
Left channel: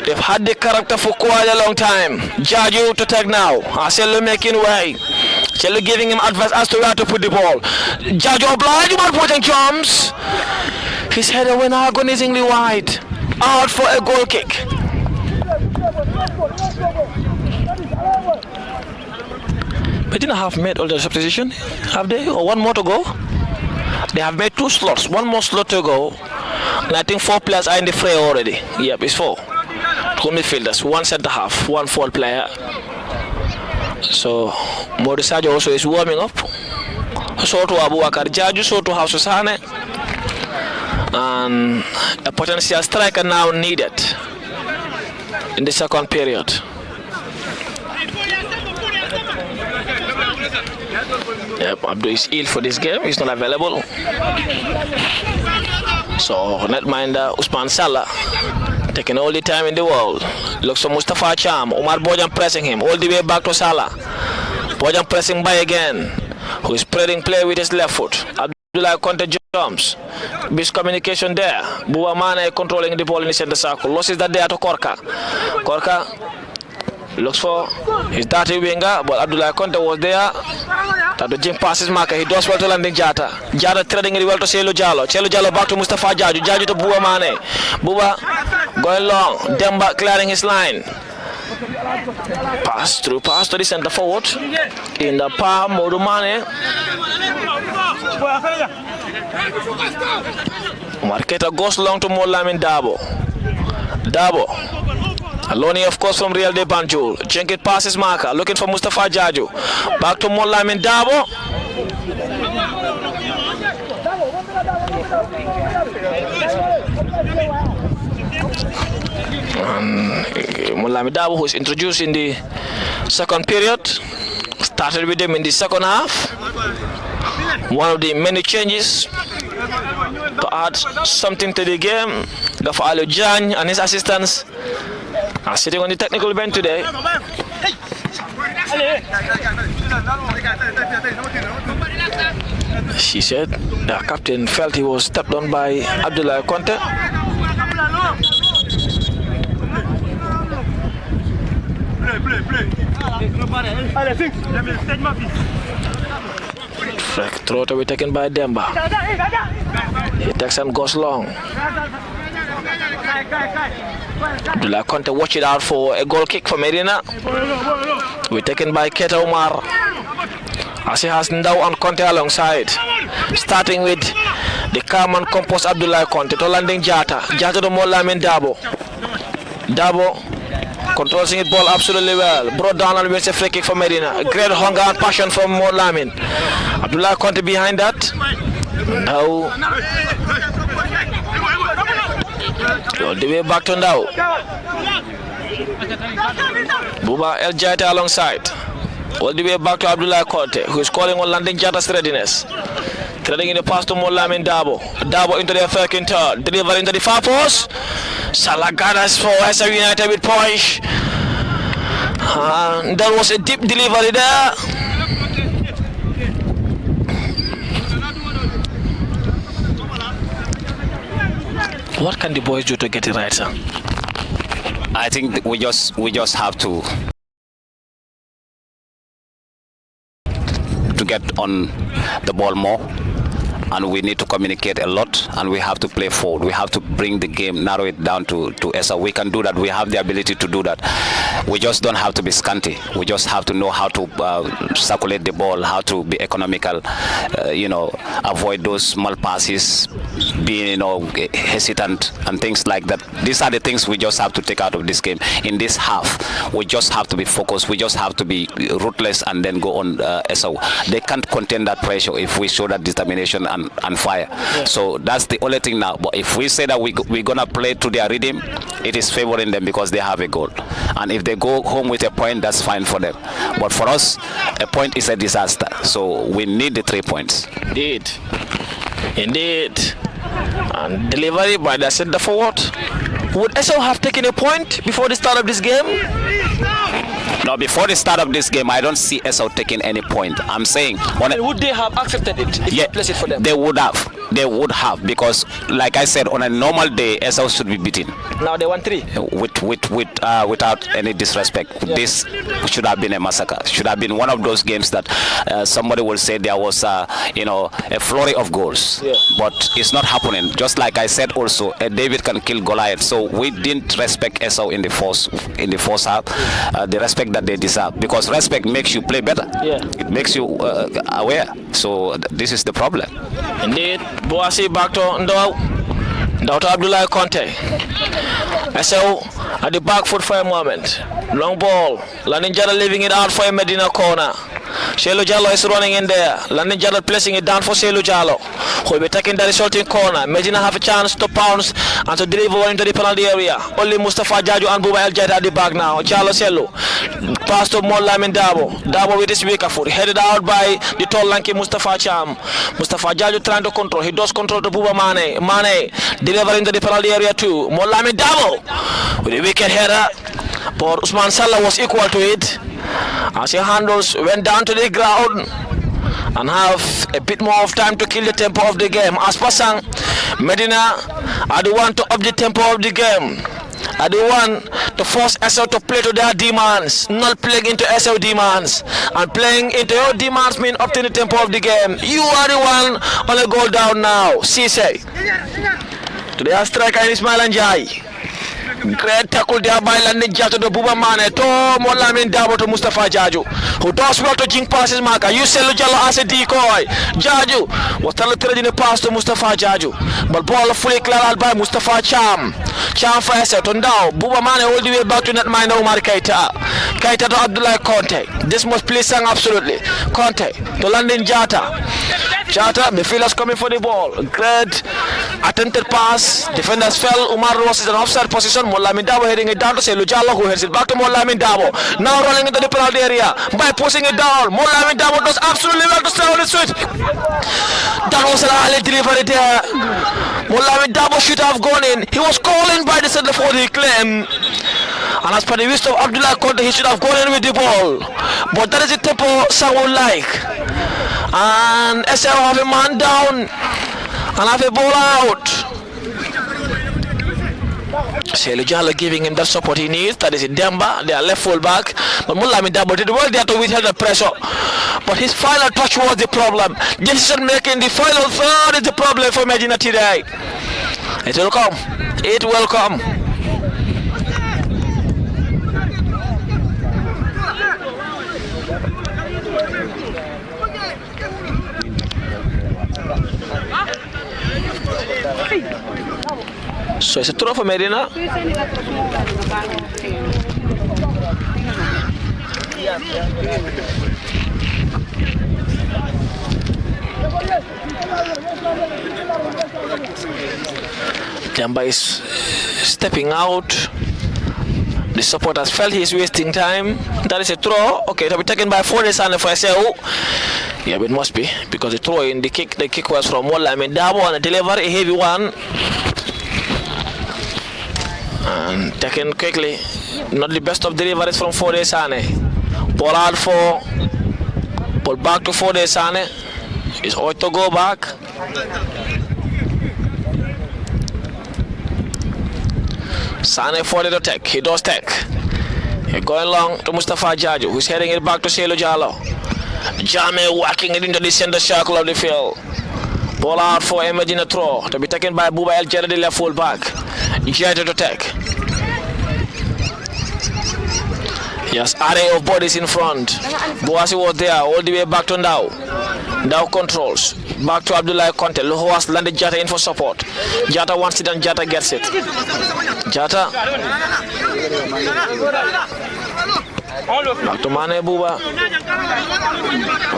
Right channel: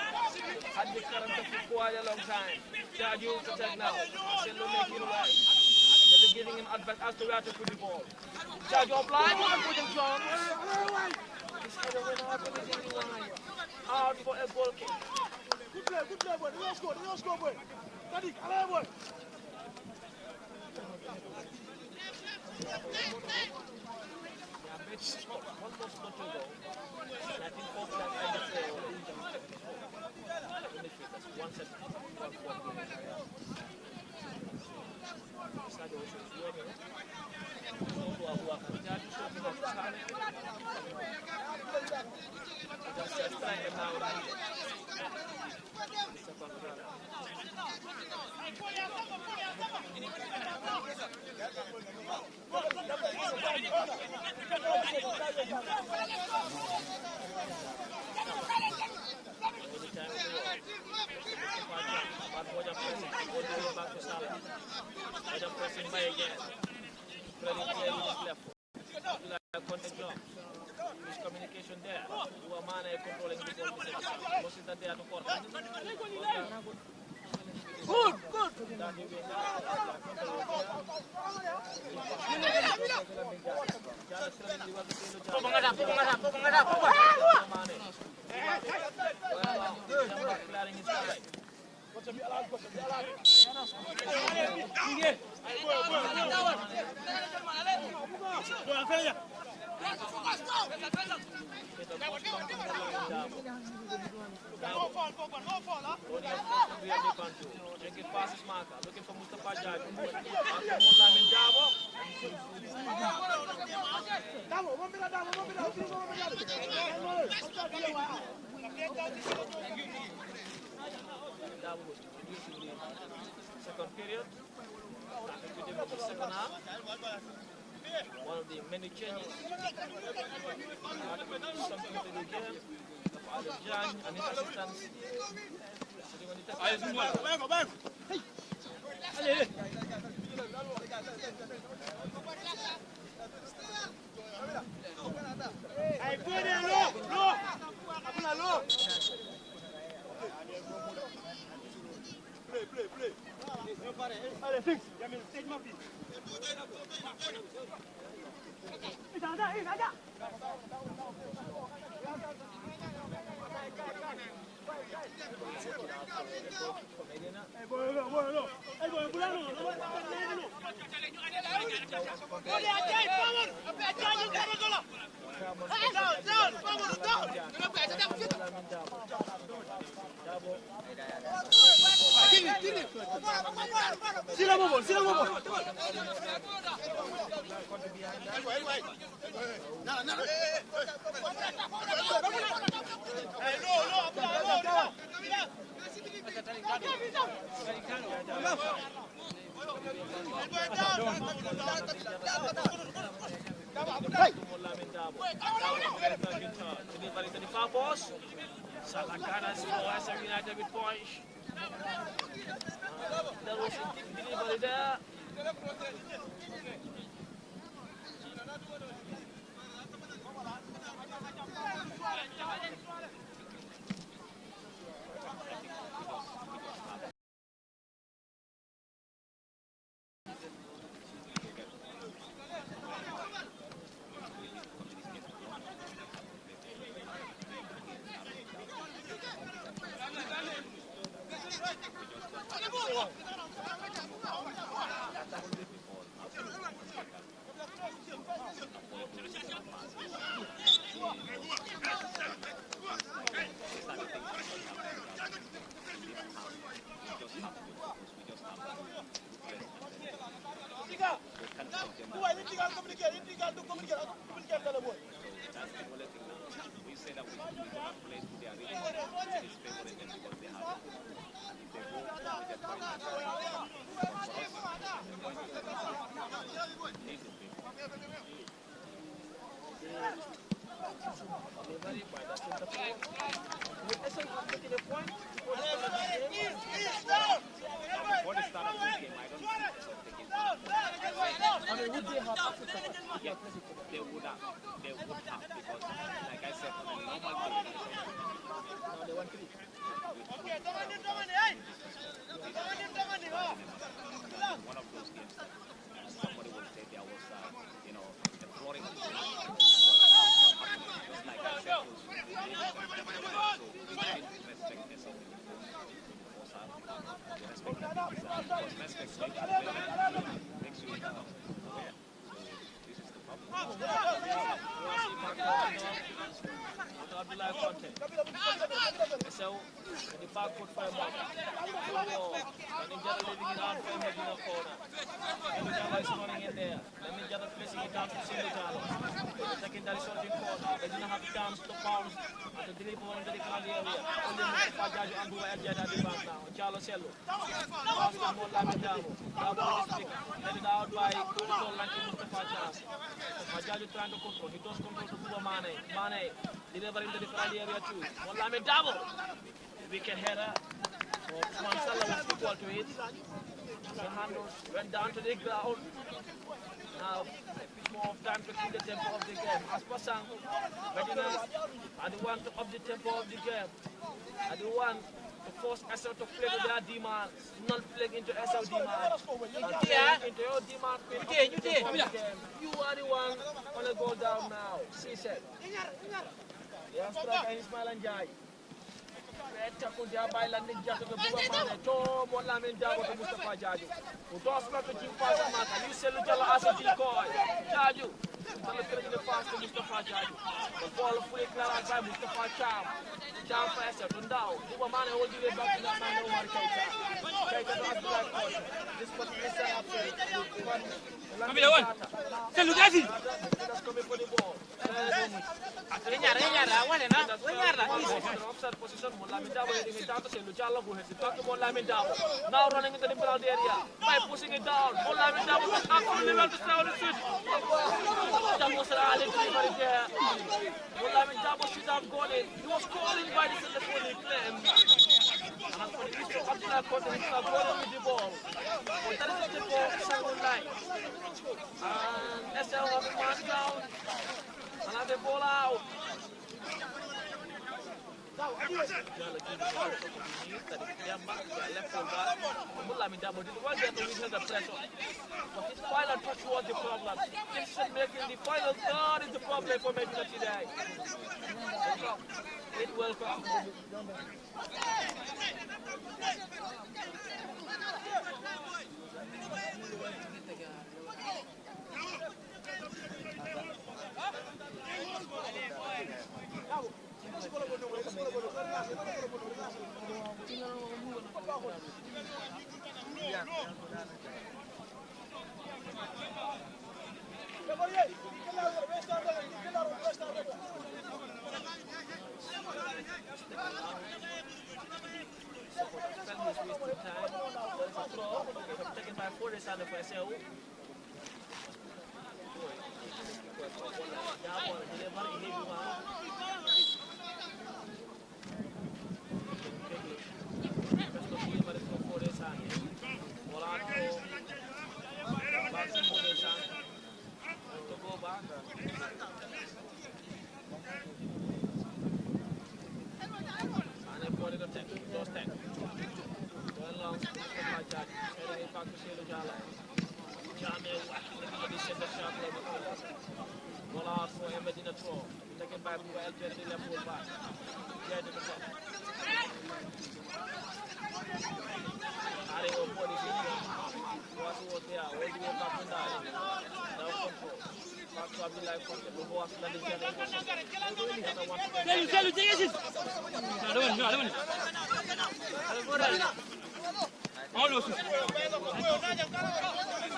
they've had the character for quite a long time. Jaju to take now. Selo making way. Selo giving him advice as to where to put the ball. Jaju obliged but putting jumps. His header went agonizingly wide. Out for a goal kick. Medina have made all the substitution, have they? Or one more to go? They have made 2 slots, one more slot to go. And I think 4 players are in the fray already. Yep, it's 4. 2 midfielders, 1 centre half, 1 forward player. So Morisajo also is warming up. So to Abubakar Jaju, so to Haususane. And a potential striker now needed. in the second period. Yep, Abdul is ill for this game. He's not available. So netminder Usman Salah taking all the time in the world. Looks for Mustafa Cham. Omar Bojan pressing him all the way back to Salah. Bojan pressing by again. Who is spreading play with his left foot. Abdullah Conte jumps. Miscommunication there. Buba Mane controlling the ball in the center circle. Losses that there to Korka. Korka looks for his dirty winger, but Abdullah Conte was there. The jump passes marker. He does well to landing Jata. Jata threading it well to Celo Jallo. Celo Jallo back to Mustafa Jaju. Jaju to Buba Mane. Buba going long. Demba clearing his line. Pass to the center forward. In the palm, Modu Mane. Marketa goes long to Molamin Dabo. Dabo. Aloni, of course, from Real de Banjul. Jenkins passes marker. Looking for Mustafa Jaju. Back to Molamin Dabo. Molamin Dabo, who is introduced in the second period. Started with him in the second half. One of the many changes to add something to the game. Gafalo Jan and his assistants are sitting on the technical bench today. She said the captain felt he was stepped on by Abdullah Conte. Throw to be taken by Demba. He takes and goes long. Abdullah Conte watch it out for a goal kick for Medina. We're taken by Keta Omar. As he has Ndao and Conte alongside. Starting with the calm and composed Abdullah Conte to landing Jata. Jata to Molamin Dabo. Dabo controlling it ball absolutely well. Brought down and wins a free kick for Medina. A great hunger and passion from Molamin. Abdullah Conte behind that. Now all the way back to Ndao. Buba El Jata alongside. All the way back to Abdullah Conte, who is calling on landing Jata's readiness. Threading in the pass to Molamin Dabo. Dabo into the second turn. Deliver into the far post. Salah gathers for Essau United with punch. And there was a deep delivery there. What can the boys do to get it right, sir? I think we just have to get on the ball more, and we need to communicate a lot, and we have to play forward. We have to bring the game, narrow it down to Essau. We can do that. We have the ability to do that. We just don't have to be scanty. We just have to know how to circulate the ball, how to be economical, avoid those small passes, being hesitant and things like that. These are the things we just have to take out of this game. In this half, we just have to be focused. We just have to be ruthless and then go on Essau. They can't contain that pressure if we show that determination and fire. Yeah. So that's the only thing now. But if we say that we're gonna play to their rhythm, it is favoring them because they have a goal. And if they go home with a point, that's fine for them. But for us, a point is a disaster. So we need the 3 points. Indeed. And delivery by the center forward. Would Essau have taken a point before the start of this game? No, before the start of this game, I don't see Essau taking any point. I'm saying, would they have accepted it if you place it for them? They would have. They would have, because, like I said, on a normal day, Essau should be beaten. Now they won 3. Without any disrespect, this should have been a massacre. Should have been one of those games that somebody will say there was, a flurry of goals. Yeah. But it's not happening. Just like I said, also, David can kill Goliath. So we didn't respect Essau in the first half. The respect that they deserve, because respect makes you play better. Yeah. It makes you aware. So this is the problem. Indeed. Boasi back to Ndao to Abdullah Conte. Essau at the back foot for a moment. Long ball. Landing Jada leaving it out for a Medina corner. Selu Jallo is running in there. Landing Jallo placing it down for Selu Jallo, who will be taking the resulting corner. Medina have a chance to pounce and to deliver into the penalty area. Only Mustafa Jaju and Buba El Jait at the back now. Jallo Selu. Pass to Mollamin Dabo. Dabo with his weaker foot. Headed out by the tall lanky Mustafa Cham. Mustafa Jaju trying to control. He does control to Buba Mane. Mane delivering to the penalty area too. Mollamin Dabo with a wicked header. But Usman Salah was equal to it as he handles went down to the ground and have a bit more of time to kill the tempo of the game. As Pasang, Medina are the one to up the tempo of the game, are the one to force Essau to play to their demands, not playing into Essau demands. And playing into your demands mean up to the tempo of the game. You are the one on a goal down now. Cisse to the striker Ismail Njai. Great tackle there by Landing Jato to Buba Mane to Mollamin Dabo to Mustafa Jaju, who does well to jink passes marker. You sell Jallo as a decoy. Jaju was trying to pass to Mustafa Jaju, but ball fully cleared out by Mustafa Cham. Cham for Essau to now. Buba Mane all the way back to net mine Omar Keita. Keita to Abdullah Conte. This must please Sang absolutely. Conte to Landing Jata. Jata, midfielders coming for the ball. Great attempted pass. Defenders fell. Umar was in an offside position. Mollamin Dabo heading it down to Selu Jallo, who heads it back to Mollamin Dabo. Now running into the penalty area by pushing it down. Mollamin Dabo does absolutely well to stay on the switch. That was an early delivery there. Mollamin Dabo should have gone in. He was calling by the center for the claim. And as per the wisdom of Abdullah Conte, he should have gone in with the ball. But that is the tempo Sang would like. And Essau have a man down and have a ball out. Selu Jallo giving him that support he needs. That is Demba, their left full back. But Mollamin Dabo did well there to withhold the pressure. But his final touch was the problem. Decision making, the final third is the problem for Medina today. It will come. It will come. So it's a throw for Medina. Jamba is stepping out. The supporters felt he's wasting time. That is a throw. Okay, it'll be taken by Foresane for Essau. Yeah, but it must be because the throw in the kick was from Mollamin Dabo and the delivery a heavy one. And taken quickly. Not the best of deliveries from Foresane. Ball out for. Ball back to Foresane. Is ought to go back. Sane for the attack. He does take. He going long to Mustafa Jaju, who's heading it back to Selu Jallo. Jame whacking it into the center circle of the field. Ball out for a Medina throw to be taken by Buba El Jait, the left full back. Jait to take. Yes, array of bodies in front. Boasi was there all the way back to Ndao. Ndao controls. Back to Abdullah Conte, who has landed Jata in for support. Jata wants it and Jata gets it. Jata. Back to Mane Buba.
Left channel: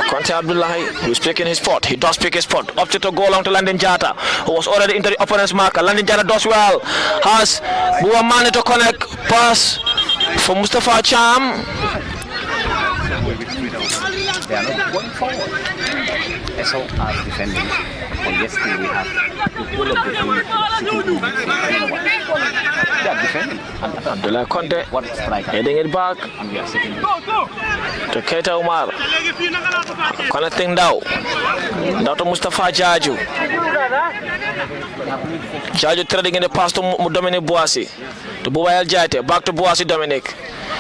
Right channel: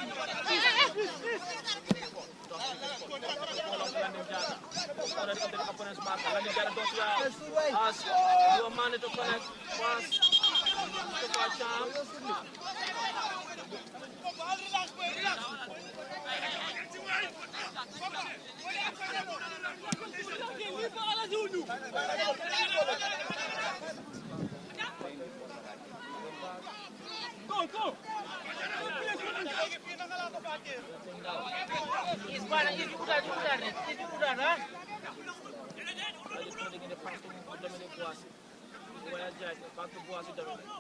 Conte Abdullah, who's picking his spot. He does pick his spot. Up to go along to Landing Jata, who was already into the opponent's marker. Landing Jata does well. Has Buba Mane to connect. Pass for Mustafa Cham. They are not going forward. Essau are defending. Yesterday we have to pull up between they are defending. Abdullah Conte What striker? heading it back And we are sitting. to Keita Umar. Connecting down to Mustafa Jaju. Jaju threading in the pass to Dominic Boasi. To Buba El Jait. Back to Boasi Dominic,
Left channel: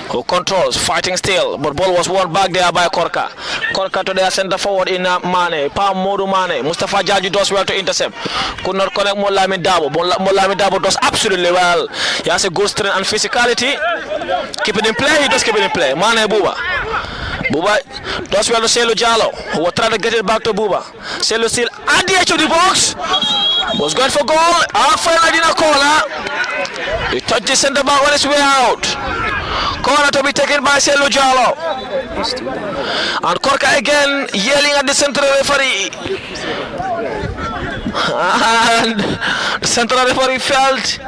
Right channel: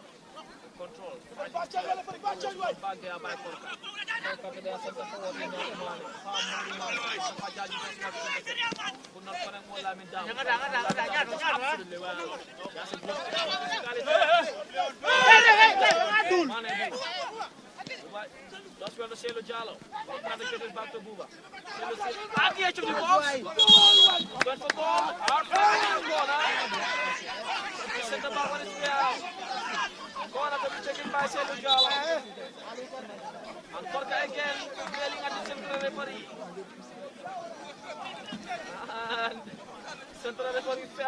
who controls, fighting still, but ball was won back there by Korka. Korka to their center forward in Mane, Pam Modu Mane. Mustafa Jaju does well to intercept. Could not connect Mollamin Dabo. Mollamin Dabo does absolutely well. He has a good strength and physicality. Keep it in play, he does keep it in play. Mane Buba. Buba does well to Selu Jallo, who will try to get it back to Buba. Selu still at the edge of the box. Was going for goal. Out for Medina corner. He touched the center back on his way out. Corner to be taken by Selu Jallo. And Korka again yelling at the central referee. And the central referee felt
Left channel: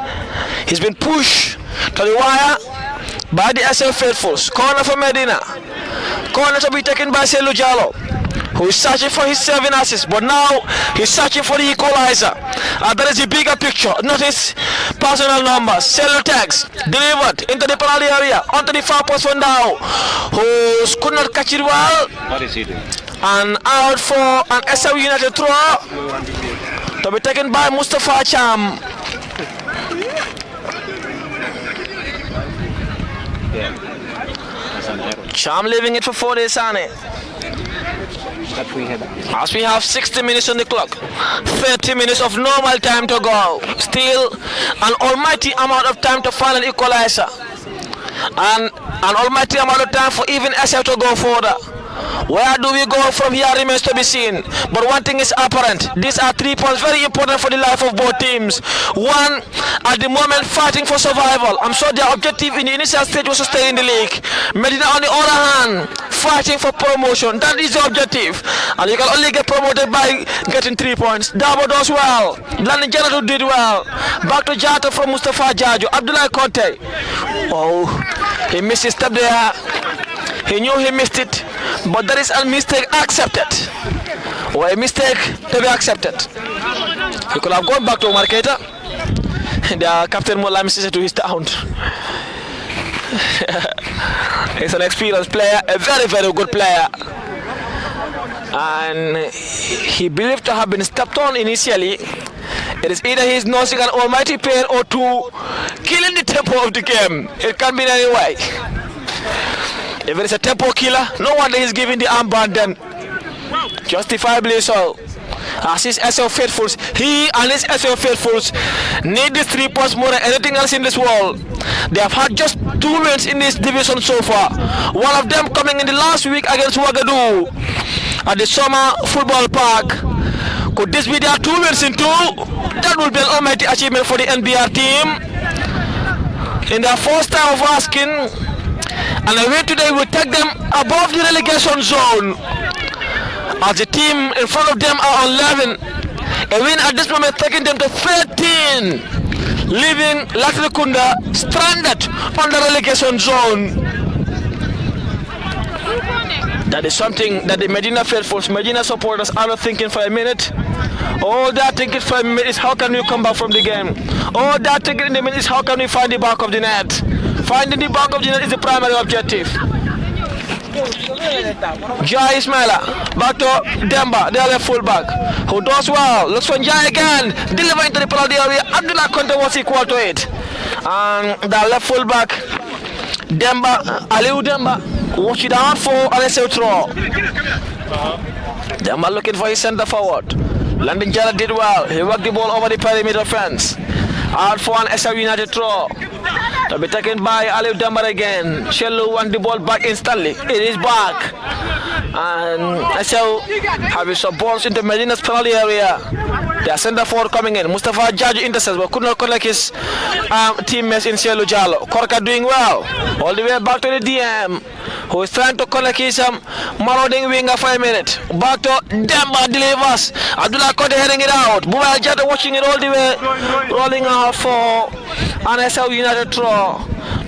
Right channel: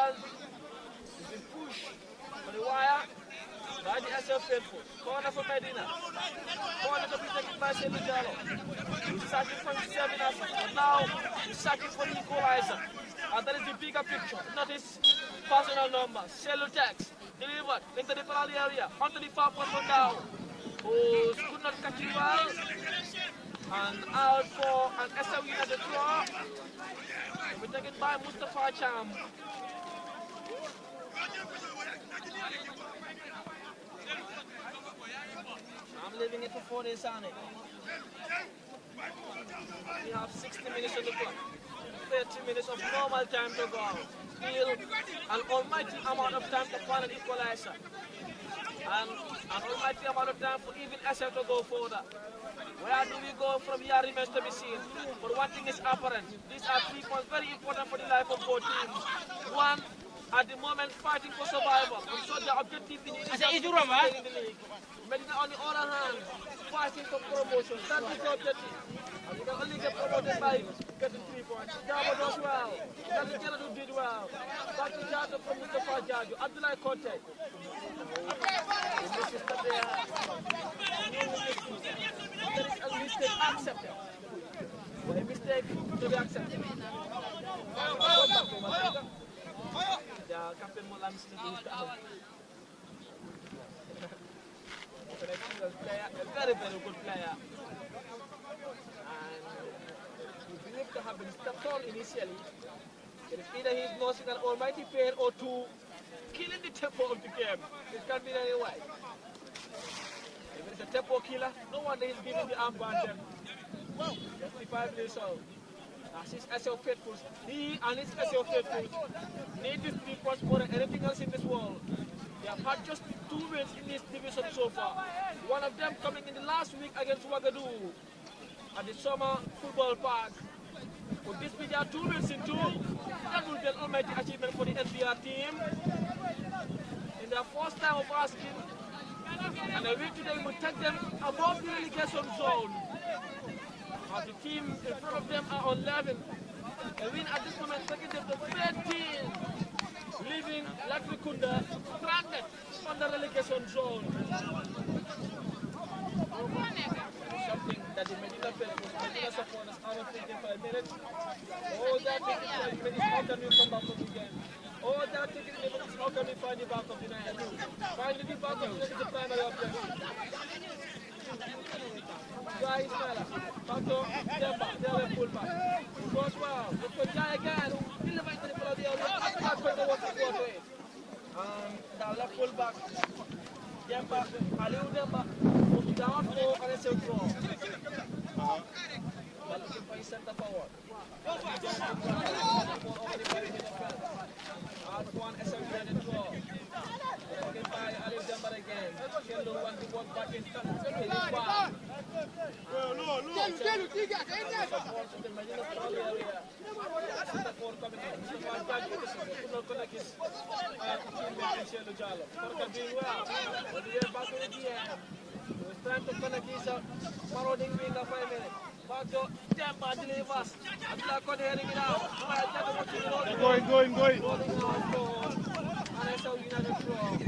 he's been pushed to the wire by the Essau faithfuls. Corner for Medina. Corner to be taken by Selu Jallo, who is searching for his 7 assists, but now he's searching for the equalizer. And that is the bigger picture, not his personal numbers. Selu tags, delivered into the penalty area, onto the far post one now, who could not catch it well. What is he doing? And out for an Essau United throw, to be taken by Mustafa Cham. Cham leaving it for Fode Sane. As we have 60 minutes on the clock, 30 minutes of normal time to go. Still an almighty amount of time to find an equalizer. And an almighty amount of time for even Essau to go further. Where do we go from here remains to be seen. But one thing is apparent. These are 3 points very important for the life of both teams. One, at the moment fighting for survival. I'm sure their objective in the initial stage was to stay in the league. Medina on the other hand, fighting for promotion. That is the objective. And you can only get promoted by getting 3 points. Dabo does well. Landing Janatu did well. Back to Jata from Mustafa Jajo. Abdullah Conte. Oh, he missed his step there. He knew he missed it, but that is a mistake accepted. Or a mistake to be accepted. He could have gone back to Marketa. The captain Mola misses it to his town. He's an experienced player, a very, very good player. And he believed to have been stepped on initially. It is either he's nursing an almighty pain or two, killing the tempo of the game. It can be in any way. If it is a tempo killer, no wonder he's giving the armband then. Justifiably so. As his Essau faithfuls, he and his Essau faithfuls need these 3 points more than anything else in this world. They have had just 2 wins in this division so far. One of them coming in the last week against Ouagadougou at the Summer Football Park. Could this be their 2 wins in 2? That would be an almighty achievement for the NBR team. In their first time of asking, and a win today will take them above the relegation zone. As the team in front of them are on 11. A win at this moment taking them to 13. Leaving Latrikunda stranded on the relegation zone. That is something that the Medina faithfuls, Medina supporters are not thinking for a minute. All they're thinking for a minute is how can we come back from the game. All they're thinking in the minute is how can we find the back of the net. Finding the back of the net is the primary objective. Jai Ismaila, back to Demba, the other fullback, who does well. Looks for Jai again, deliver into the penalty area. Abdullah Conte was equal to it. And the left fullback, Demba, Aliou Demba, watch it out for Essau throw. Demba looking for his centre forward. Landing Jala did well. He worked the ball over the perimeter fence. Out for an Essau United throw. To be taken by Aliou Demba again. Shellu won the ball back instantly. It is back. And Essau having some balls into Medina's penalty area. Their centre forward coming in. Mustafa Jaji intercepts but could not collect his teammates in Shellu Jallo. Korka doing well. All the way back to the DM, who is trying to collect his marauding winger for a minute. Back to Demba delivers. Abdullah Conte heading it out. Buba Jata watching it all the way. Rolling out for an Essau United throw.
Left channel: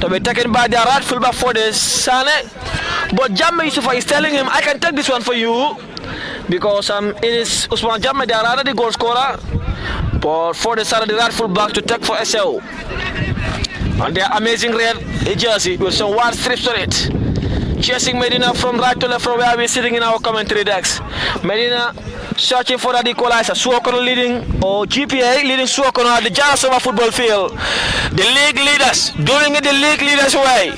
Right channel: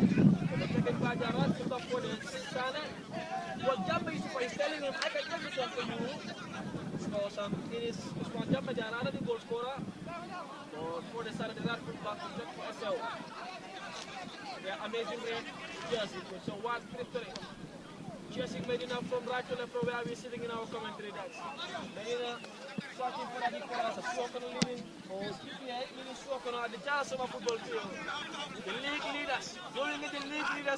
To be taken by the right fullback for the Sane. But Jamme Yusufa is telling him, I can take this one for you. Because it is Usman Jamme, the other the goal scorer. But for the Sane, the right fullback to take for Essau. And their amazing red jersey with some white strips on it. Chasing Medina from right to left from where we're sitting in our commentary decks. Medina searching for that equalizer. Suokono leading, or GPA leading Suokono at the Janasoma football field. The league leaders doing it the league leaders way.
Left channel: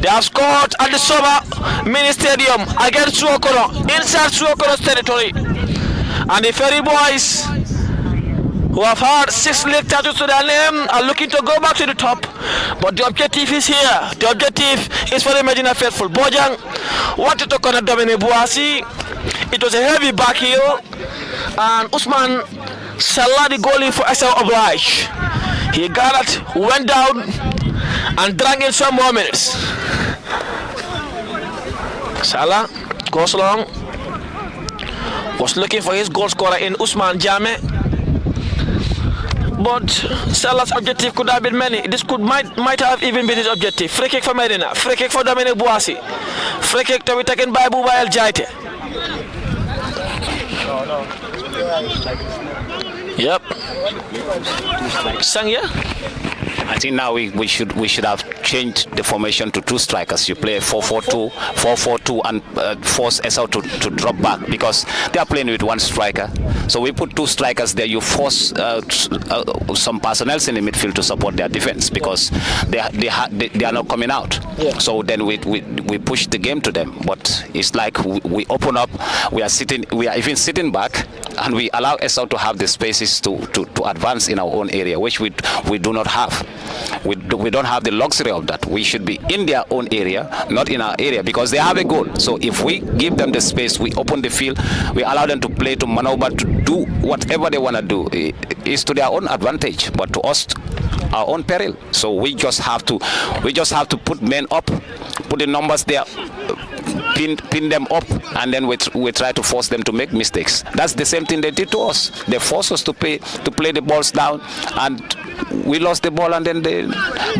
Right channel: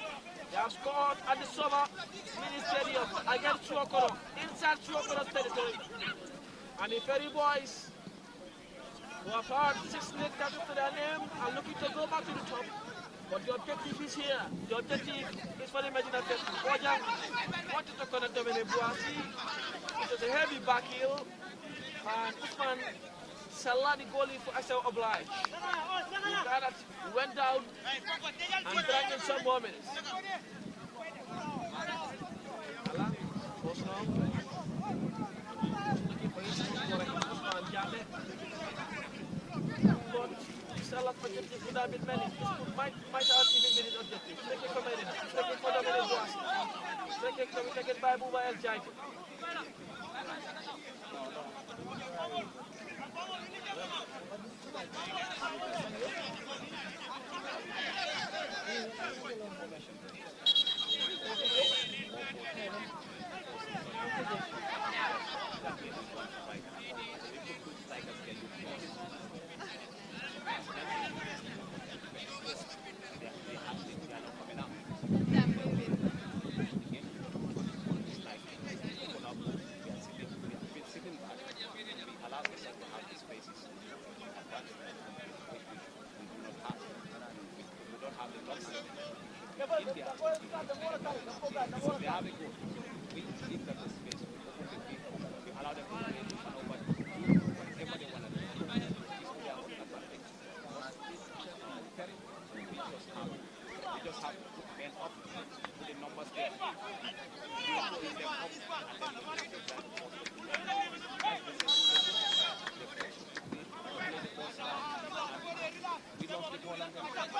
They have scored at the Soma mini stadium against Suokono, inside Suokono's territory. And the Ferry boys, who have had 6 league titles to their name, are looking to go back to the top. But the objective is here. The objective is for the Medina faithful. Bojang wanted to connect Dominic Bouassi. It was a heavy back heel. And Usman Salah, the goalie for Essau obliged. He got it, went down, and drank in some more minutes. Salah goes long. Was looking for his goal scorer in Usman Jame. But Salah's objective could have been many. This might have even been his objective. Free kick for Medina. Free kick for Dominic Bouassi. Free kick to be taken by Bouba El Jaite. Yep. Sangya? I think now we should have changed the formation to 2 strikers. You play 4-4-2, 4-4-2, and force Essau to drop back because they are playing with 1 striker. So we put 2 strikers there. You force some personnel in the midfield to support their defense because they are not coming out. Yeah. So then we push the game to them. But it's like we open up. We are even sitting back, and we allow Essau to have the spaces to advance in our own area, which we do not have. We don't have the luxury of that. We should be in their own area, not in our area, because they have a goal. So if we give them the space, we open the field, we allow them to play, to maneuver, to do whatever they want to do, is to their own advantage, but to us, our own peril. So we just have to put men up, put the numbers there, pin them up, and then we try to force them to make mistakes. That's the same thing they did to us. They forced us to play the balls down, and we lost the ball, and then they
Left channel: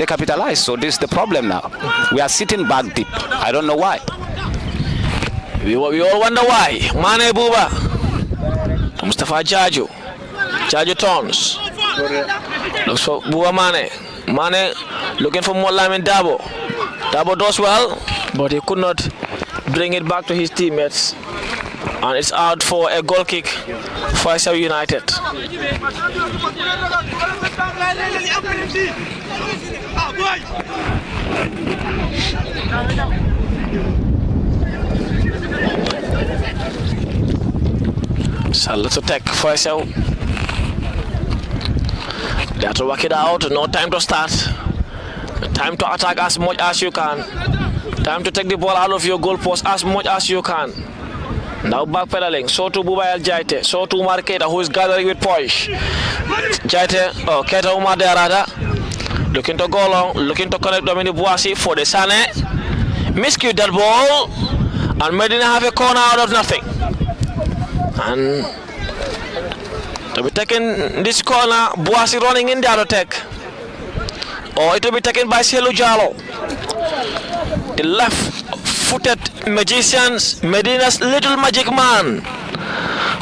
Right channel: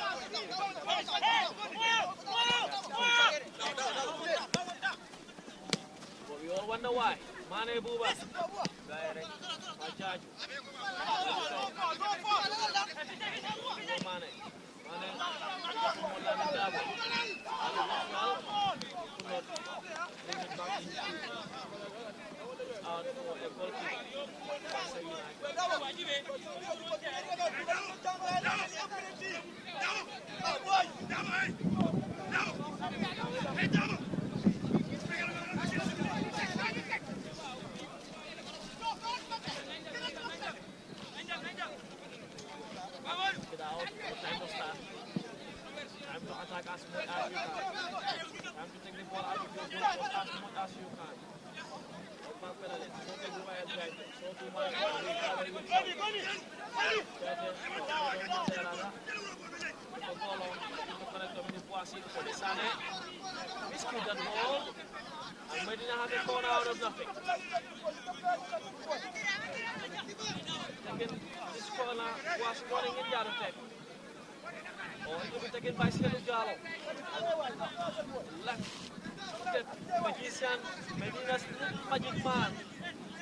capitalized. So this is the problem now. We are sitting back deep. I don't know why. We all wonder why. Mane Bouba. Mustafa Jaju. Jaju turns. Looks for Bouba Mane. Mane looking for more Lamin Dabo. Dabo does well, but he could not bring it back to his teammates. And it's out for a goal kick for Essau United. So let's attack for Essau. They have to work it out. No time to start. Time to attack as much as you can. Time to take the ball out of your goal post as much as you can. Now backpedaling. So to Bouba El Jaite. So to Umar Keita, who is gathering with poise. Jaite, Keita Umar Derada. Looking to go long. Looking to connect Dominic Bouassi for the Sane. Miscue that ball. And Medina have a corner out of nothing. And to be taken this corner, Bouassi running in the other attack. Or it will be taken by Selu Jallo. The left-footed magicians, Medina's little magic man.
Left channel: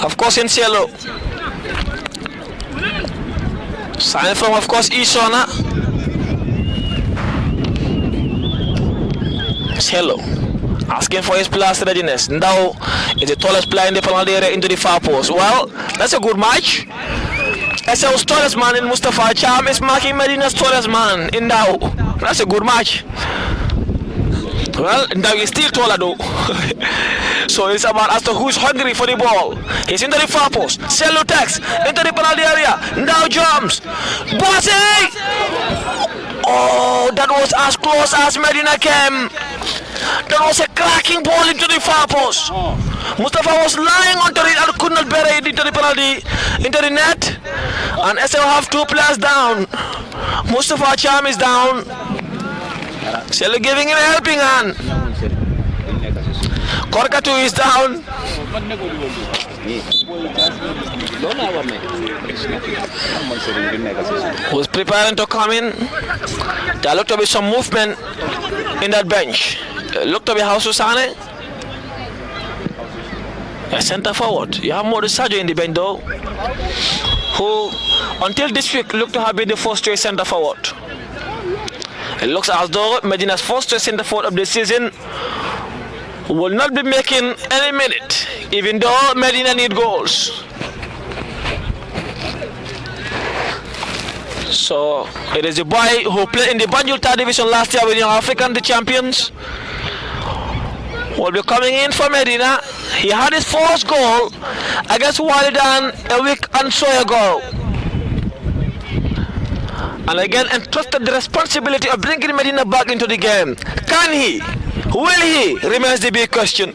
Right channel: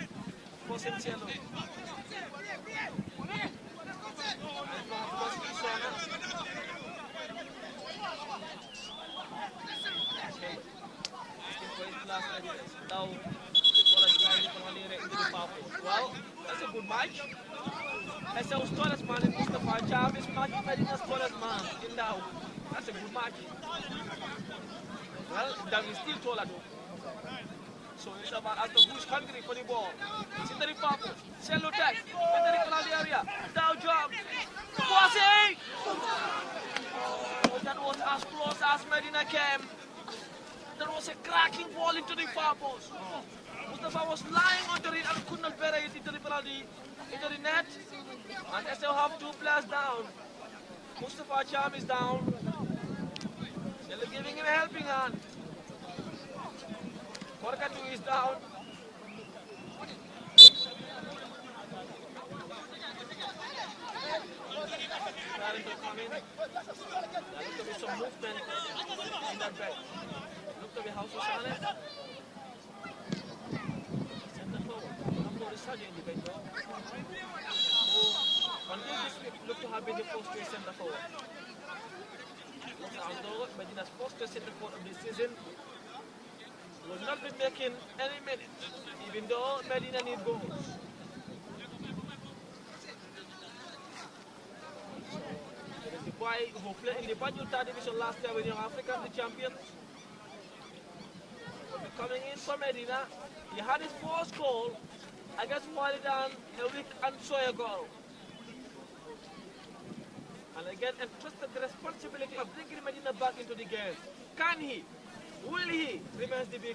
Of course, in Selu. Sign from, of course, Isona. Selu asking for his player's readiness. Now is the tallest player in the penalty area into the far post. Well, that's a good match. Essau's tallest man in Mustafa Cham is marking Medina's tallest man in Dow. That's a good match. Well, Dow is still taller though. So it's about as to who's hungry for the ball. He's into the far post. Selu takes into the penalty area. Dow jumps. Bouassi! Oh, that was as close as Medina came. That was a cracking ball into the far post. Mustafa was lying onto it and could not bury it into the penalty, into the net. And Essau have 2 players down. Mustafa Cham is down. Selu giving him a helping hand. Korkatu is down. Who's preparing to come in? There looked to be some movement in that bench. Looked to be Hausu Sane. A centre forward. You have Modou Sadio in the bench though, who until this week looked to have been the first choice centre forward. It looks as though Medina's first choice centre forward of the season will not be making any minute, even though Medina need goals. So it is the boy who played in the Banjul Third Division last year with Young African, the champions, will be coming in for Medina. He had his first goal against Walidan a week and so ago. And again entrusted the responsibility of bringing Medina back into the game. Can he? Will he? Remains the big question.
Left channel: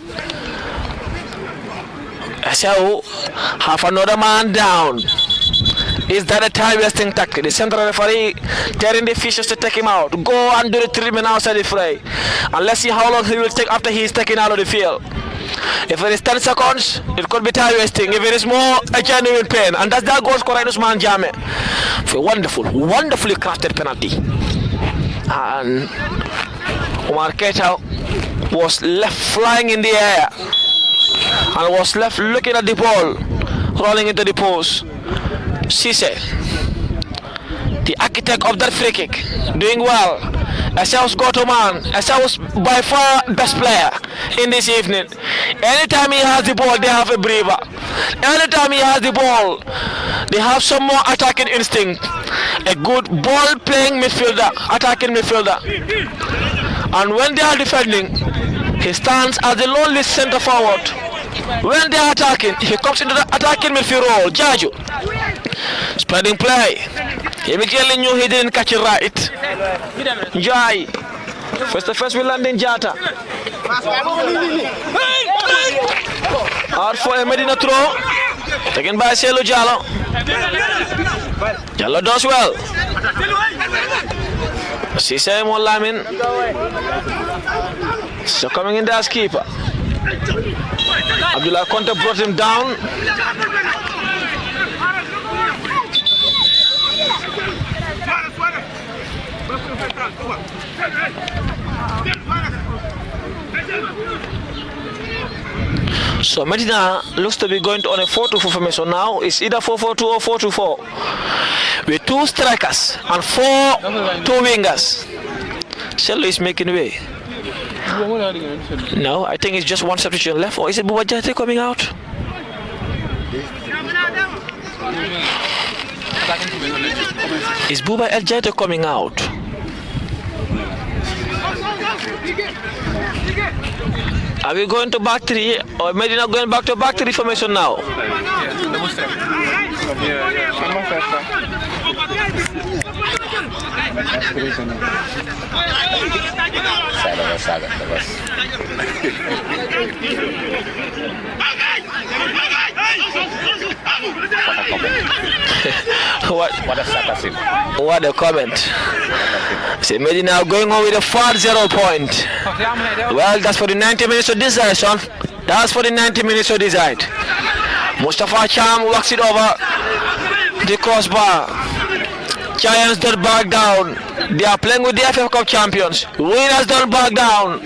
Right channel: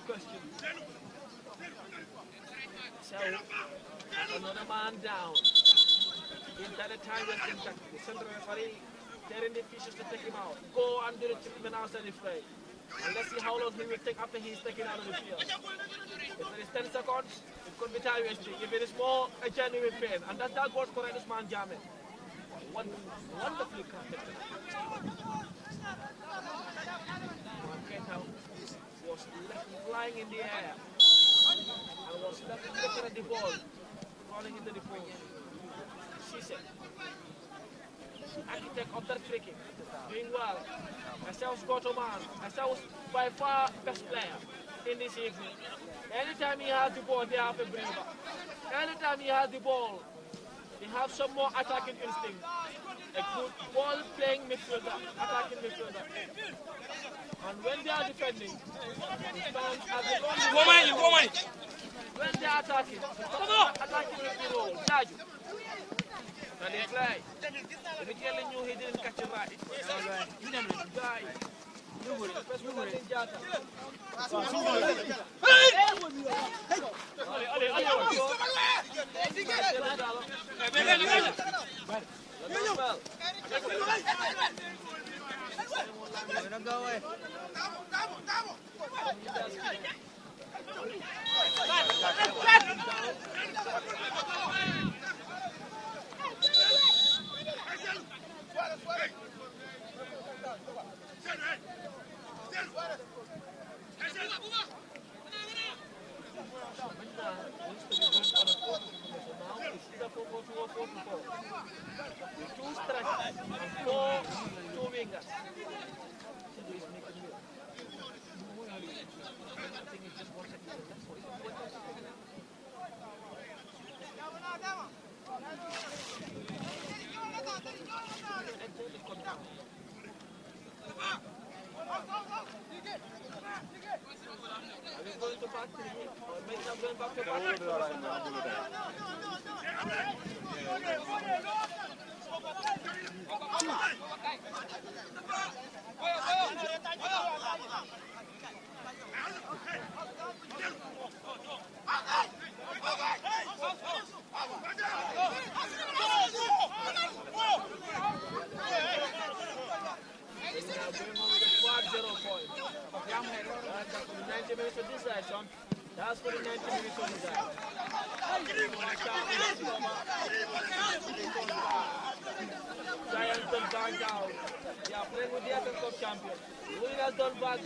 Essau have another man down Is that a time wasting tactic? The central referee telling the officials to take him out. Go and do the treatment outside the fray. And let's see how long he will take after he is taken out of the field. If it is 10 seconds, it could be time wasting. If it is more, a genuine pain. And that's that goes correct Usman Jame for a wonderfully crafted penalty. And Omar Keita was left flying in the air and was left looking at the ball, rolling into the post. Cisse, the architect of that free kick, doing well. Essau's go-to man. Essau's by far best player in this evening. Anytime he has the ball, they have a breather. Anytime he has the ball, they have some more attacking instinct. A good ball-playing midfielder, attacking midfielder. And when they are defending, he stands as the lonely center forward. When they are attacking, he comes into the attacking midfield role. Jaju, spreading play. He immediately knew he didn't catch it right. Jai, first we land in Jata. Out for a Medina throw, taken by Selu Jallo. Jallo does well. Cisse Molamin. So coming in there as keeper. Abdullah Conte brought him down. So Medina looks to be going on a 4-2-4 formation now. It's either 4-4-2 or 4-2-4 with 2 strikers and 2 wingers. Cello is making way. No, I think it's just one substitution left. Or is it Buba Jate coming out? Is Buba El Jate coming out? Are we going to back 3 or Medina going back to back 3 formation now? What a comment. See, Medina going on with a 4-0 point. Well, that's for the 90 minutes to decide, son. That's for the 90 minutes to decide. Mustafa Cham walks it over the crossbar. Giants don't back down. They are playing with the FF Cup champions. Winners don't back down.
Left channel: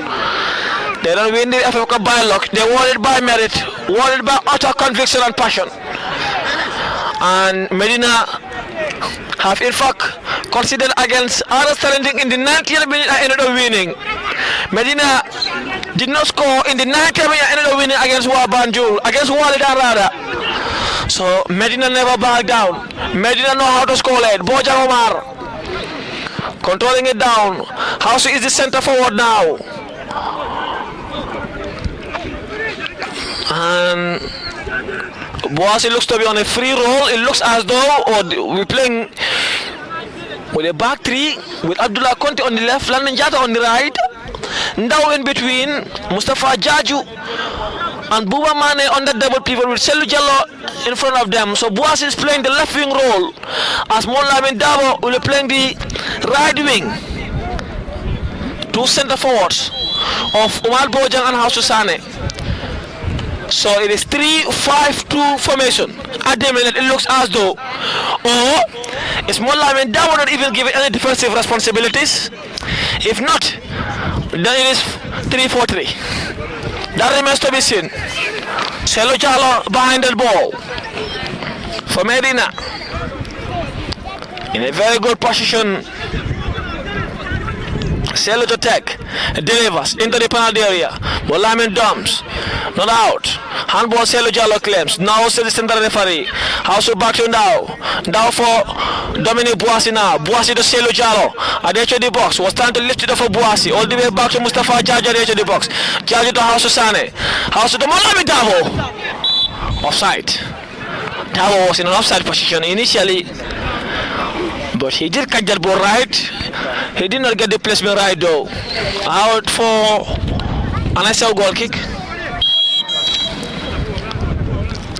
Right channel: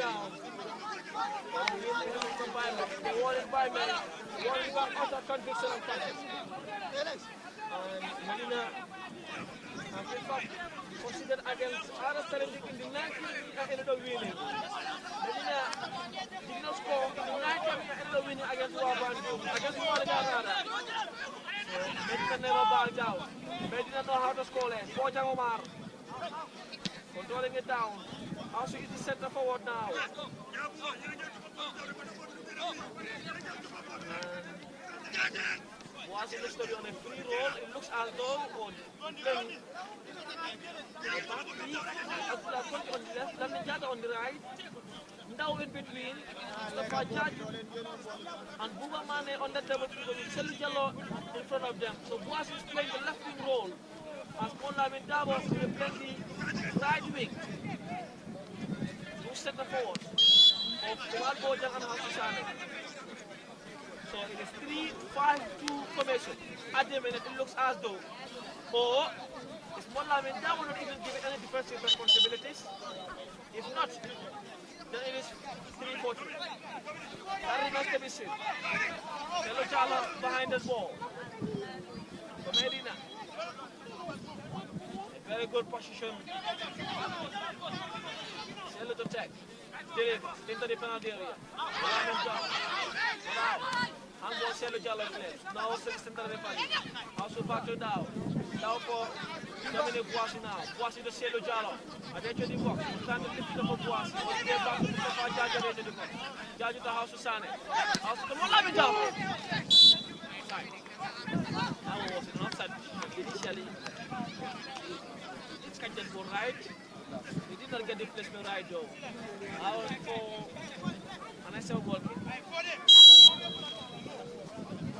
They don't win the FF Cup by luck. They won it by merit, won it by utter conviction and passion. And Medina have in fact considered against others challenging in the 90th minute and ended up winning. Medina did not score in the 90th minute and ended up winning against Wabanjul, against Walida rather. So Medina never backed down. Medina know how to score late. Bojan Omar controlling it down. House is the center forward now. And Boasi looks to be on a free roll. It looks as though we're playing with a back 3 with Abdullah Conte on the left, Landon Jata on the right. Now in between, Mustafa Jaju and Buba Mane on the double pivot with Selu Jallo in front of them. So Boasi is playing the left wing role as Molamin Dabo will be playing the right wing. 2 center forwards of Omar Bojang and Hausu Sane. So it is 3-5-2 formation. At the minute, it looks as though, or it's Molamin Dabo not even given any defensive responsibilities. If not, then it is 3-4-3. That remains to be seen. Selu Jallo behind the ball for Medina in a very good position. Selu to take, delivers into the penalty area. Molamin dumps, not out. Handball Selu Jallo claims. Now to the center referee. House back to now. Now for Dominic Boasi now. Boasi to Selu Jallo. At the edge of the box. Was trying to lift it up for Boasi. All the way back to Mustafa Jaju at the edge of the box. Jaju to House Sane. House to Molamin Dabo. Offside. Dabo was in an offside position initially, but he did catch that ball right. He did not get the placement right though. Out for an Essau goal kick.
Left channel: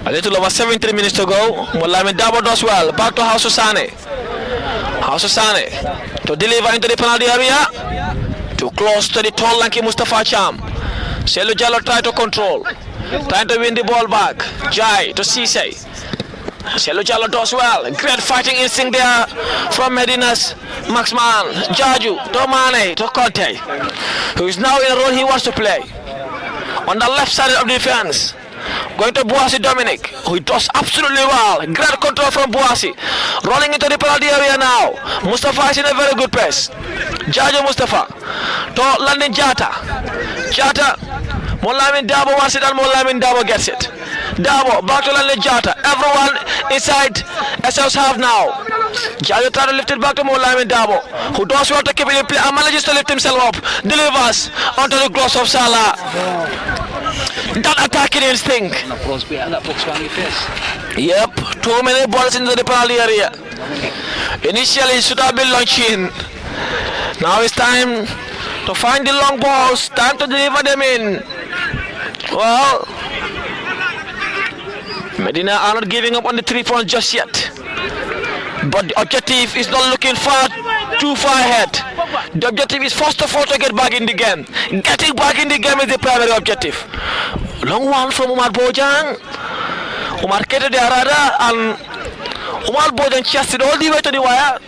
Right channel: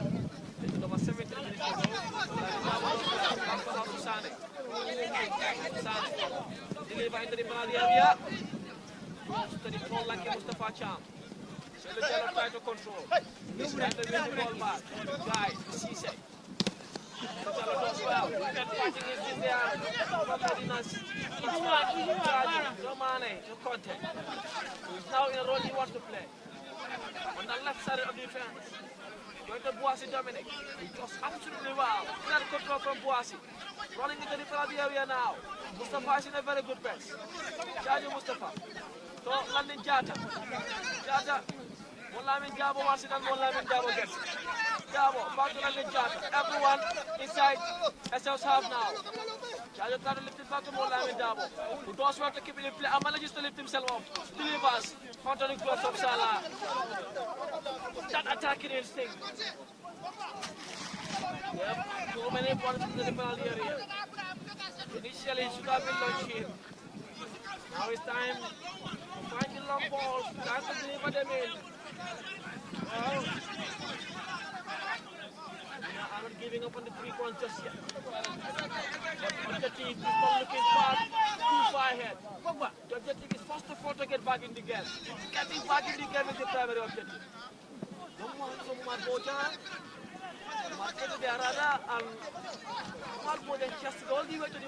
A little over 73 minutes to go. Moulamin Dabo does well. Back to House Sane. House Sane to deliver into the penalty area. Too close to the tall lanky Mustafa Cham. Selu Jallo try to control. Trying to win the ball back. Jai to Cisse. Selu Jallo does well. Great fighting instinct there from Medina's Maxman. Jaju to Mane to Conte, who is now in a role he wants to play. On the left side of the defense. Going to Boasi Dominic, who does absolutely well. Great control from Boasi. Rolling into the penalty area now. Mustafa is in a very good pace. Jajo Mustafa to Landin Jata. Jata, Moulamin Dabo wants it and Moulamin Dabo gets it. Dabo back to Landin Jata. Everyone inside Essau's half now. Jajo trying to lift it back to Moulamin Dabo, who does well to keep it in play and manages to lift himself up. Delivers onto the gloves of Salah. That attacking instinct. Yep, too many balls into the penalty area. Initially, it should have been launching. Now it's time to find the long balls. Time to deliver them in. Well, Medina are not giving up on the 3 points just yet. But the objective is not looking too far ahead. The objective is first of all to get back in the game. Getting back in the game is the primary objective. Long one from Umar Bojang. Umar Kete de Arada and Umar Bojang chested all the way to the wire.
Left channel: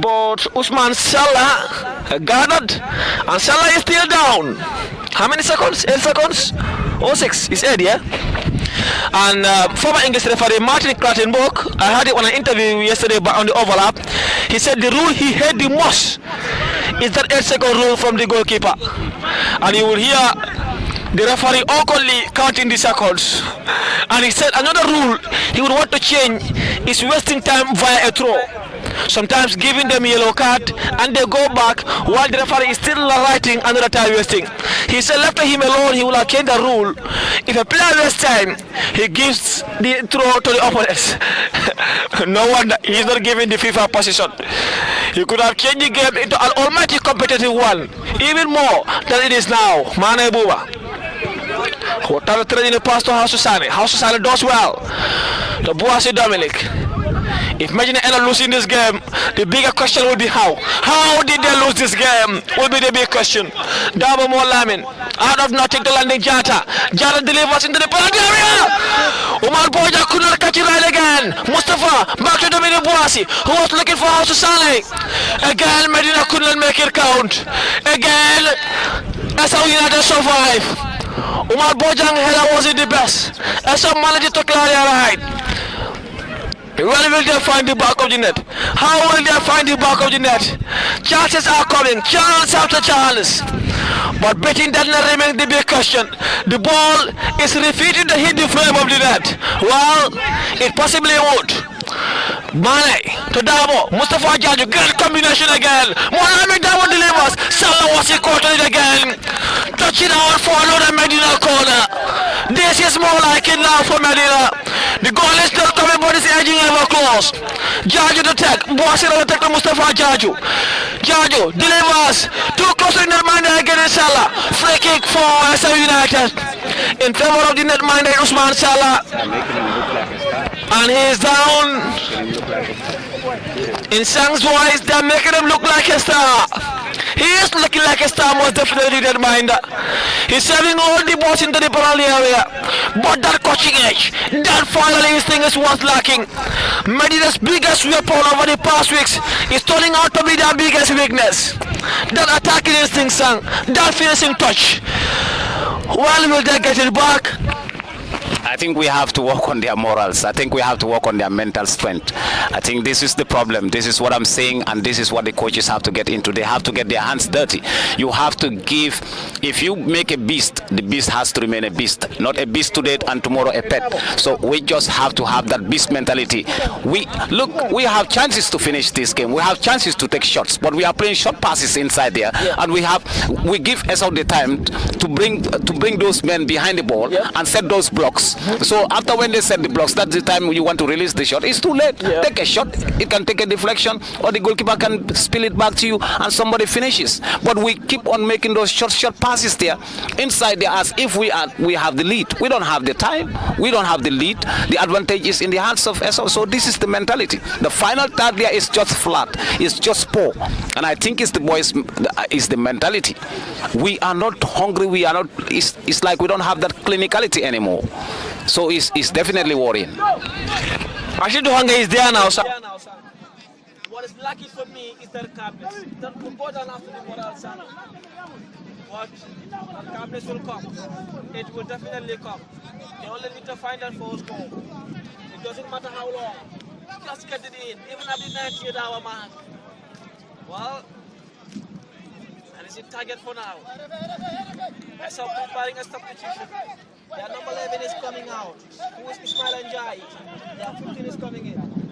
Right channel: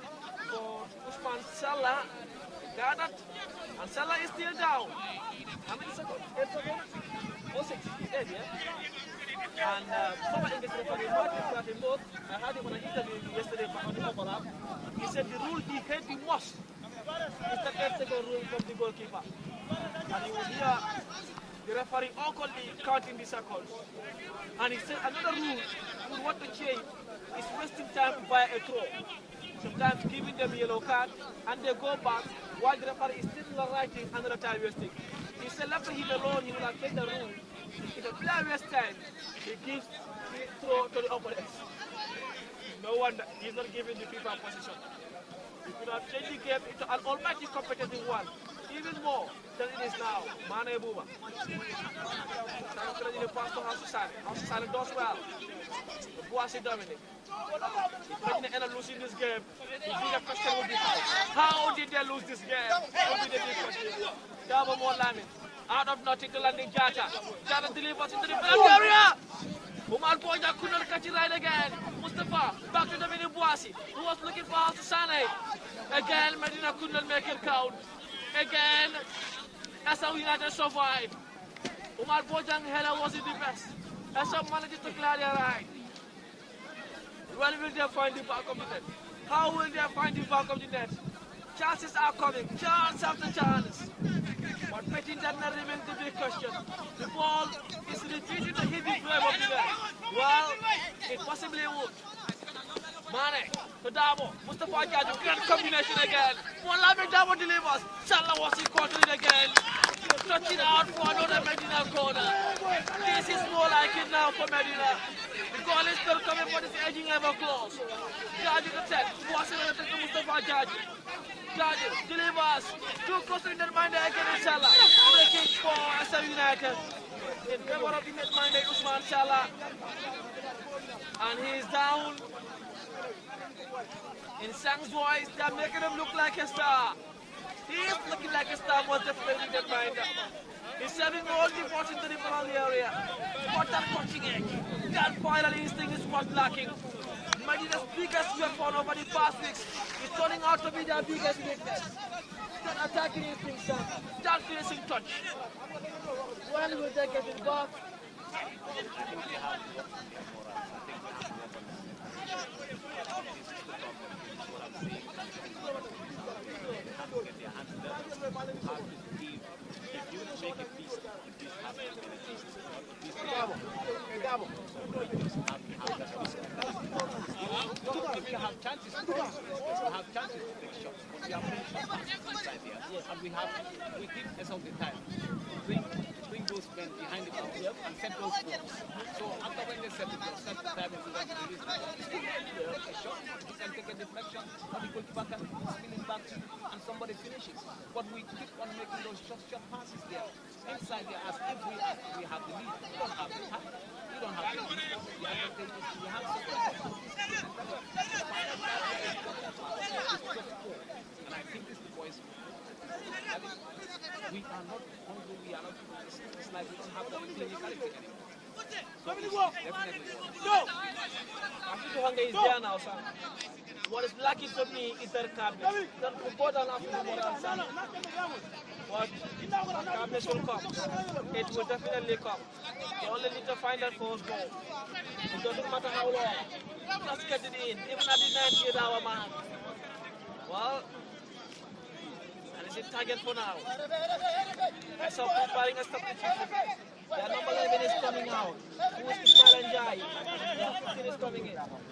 But Usman Salah gathered and Salah is still down. How many seconds? 8 seconds? 06 is 8, yeah? And former English referee Martin Clattenburg, I had it on an interview yesterday on the overlap. He said the rule he hated the most is that 8-second rule from the goalkeeper. And you will hear the referee awkwardly counting the seconds. And he said another rule he would want to change is wasting time via a throw. Sometimes giving them a yellow card and they go back while the referee is still writing another time wasting. He said left him alone he will have changed the rule. If a player wastes time, he gives the throw to the opponents. No wonder he's not giving the FIFA position. He could have changed the game into an almighty competitive one, even more than it is now. Mane Buba. Hotel trading the pass to House Sane. House Sane does well. To Boasi Dominic. If Medina end up losing this game, the bigger question will be how. How did they lose this game? Will be the big question. Dabo Moulamin, out of nothing to landing Jata. Jata delivers into the penalty area. Umar Boja could not catch it right again. Mustafa back to Dominic Boasi, who was looking for House Sane. Again, Medina could not make it count. Again, Essau United survive. Umar Bojang header wasn't the best. Essau managed to clear their right. When will they find the back of the net? How will they find the back of the net? Chances are coming, chance after chance. But betting does not remain the big question. The ball is repeating to hit the frame of the net. Well, it possibly would. Mane to Dabo, Mustafa Jaju, great combination again. Moulamin Dabo delivers. Salah was caught it again. Touching out for another Medina corner. This is more like it now for Medina. The goal is still coming, but it's edging ever close. Jaju to take. Boasi to take to Mustafa Jaju. Jaju delivers. Too close to the netminder against Salah. Free kick for Essau United. In favor of the netminder Usman Salah. And he is down. In Sang's voice, they're making him look like a star. He is looking like a star, most definitely that minder. He's serving all the balls into the penalty area. But that coaching edge, that final instinct is what's lacking. Medina's biggest weapon over the past weeks is turning out to be their biggest weakness. That attacking instinct, Sang, that finishing touch. When will they get it back? I think we have to work on their morals. I think we have to work on their mental strength. I think this is the problem. This is what I'm saying, and this is what the coaches have to get into. They have to get their hands dirty. You have to give, if you make a beast, the beast has to remain a beast. Not a beast today and tomorrow a pet. So we just have to have that beast mentality. We have chances to finish this game. We have chances to take shots, but we are playing short passes inside there, and we give Essau the time to bring those men behind the ball and set those blocks. So after when they set the blocks, that's the time you want to release the shot. It's too late. Yeah. Take a shot. It can take a deflection, or the goalkeeper can spill it back to you, and somebody finishes. But we keep on making those short passes there, inside there, as if we have the lead. We don't have the time. We don't have the lead. The advantage is in the hands of Essau. So this is the mentality. The final third there is just flat. It's just poor, and I think it's the boys. Is the mentality. We are not hungry. We are not. It's like we don't have that clinicality anymore. So it's definitely worrying. Actually, the hunger is there now, sir. What is lucky for me is their calmness. That important after the moral side. But the calmness will come. It will definitely come. They only need to find that first goal. It doesn't matter how long. Just get it in. Even at the 98 hour mark. Well, and it's a target for now. I saw preparing a substitution. Their number 11 is coming out. Who is Ismail Njai? Their 15 is coming in.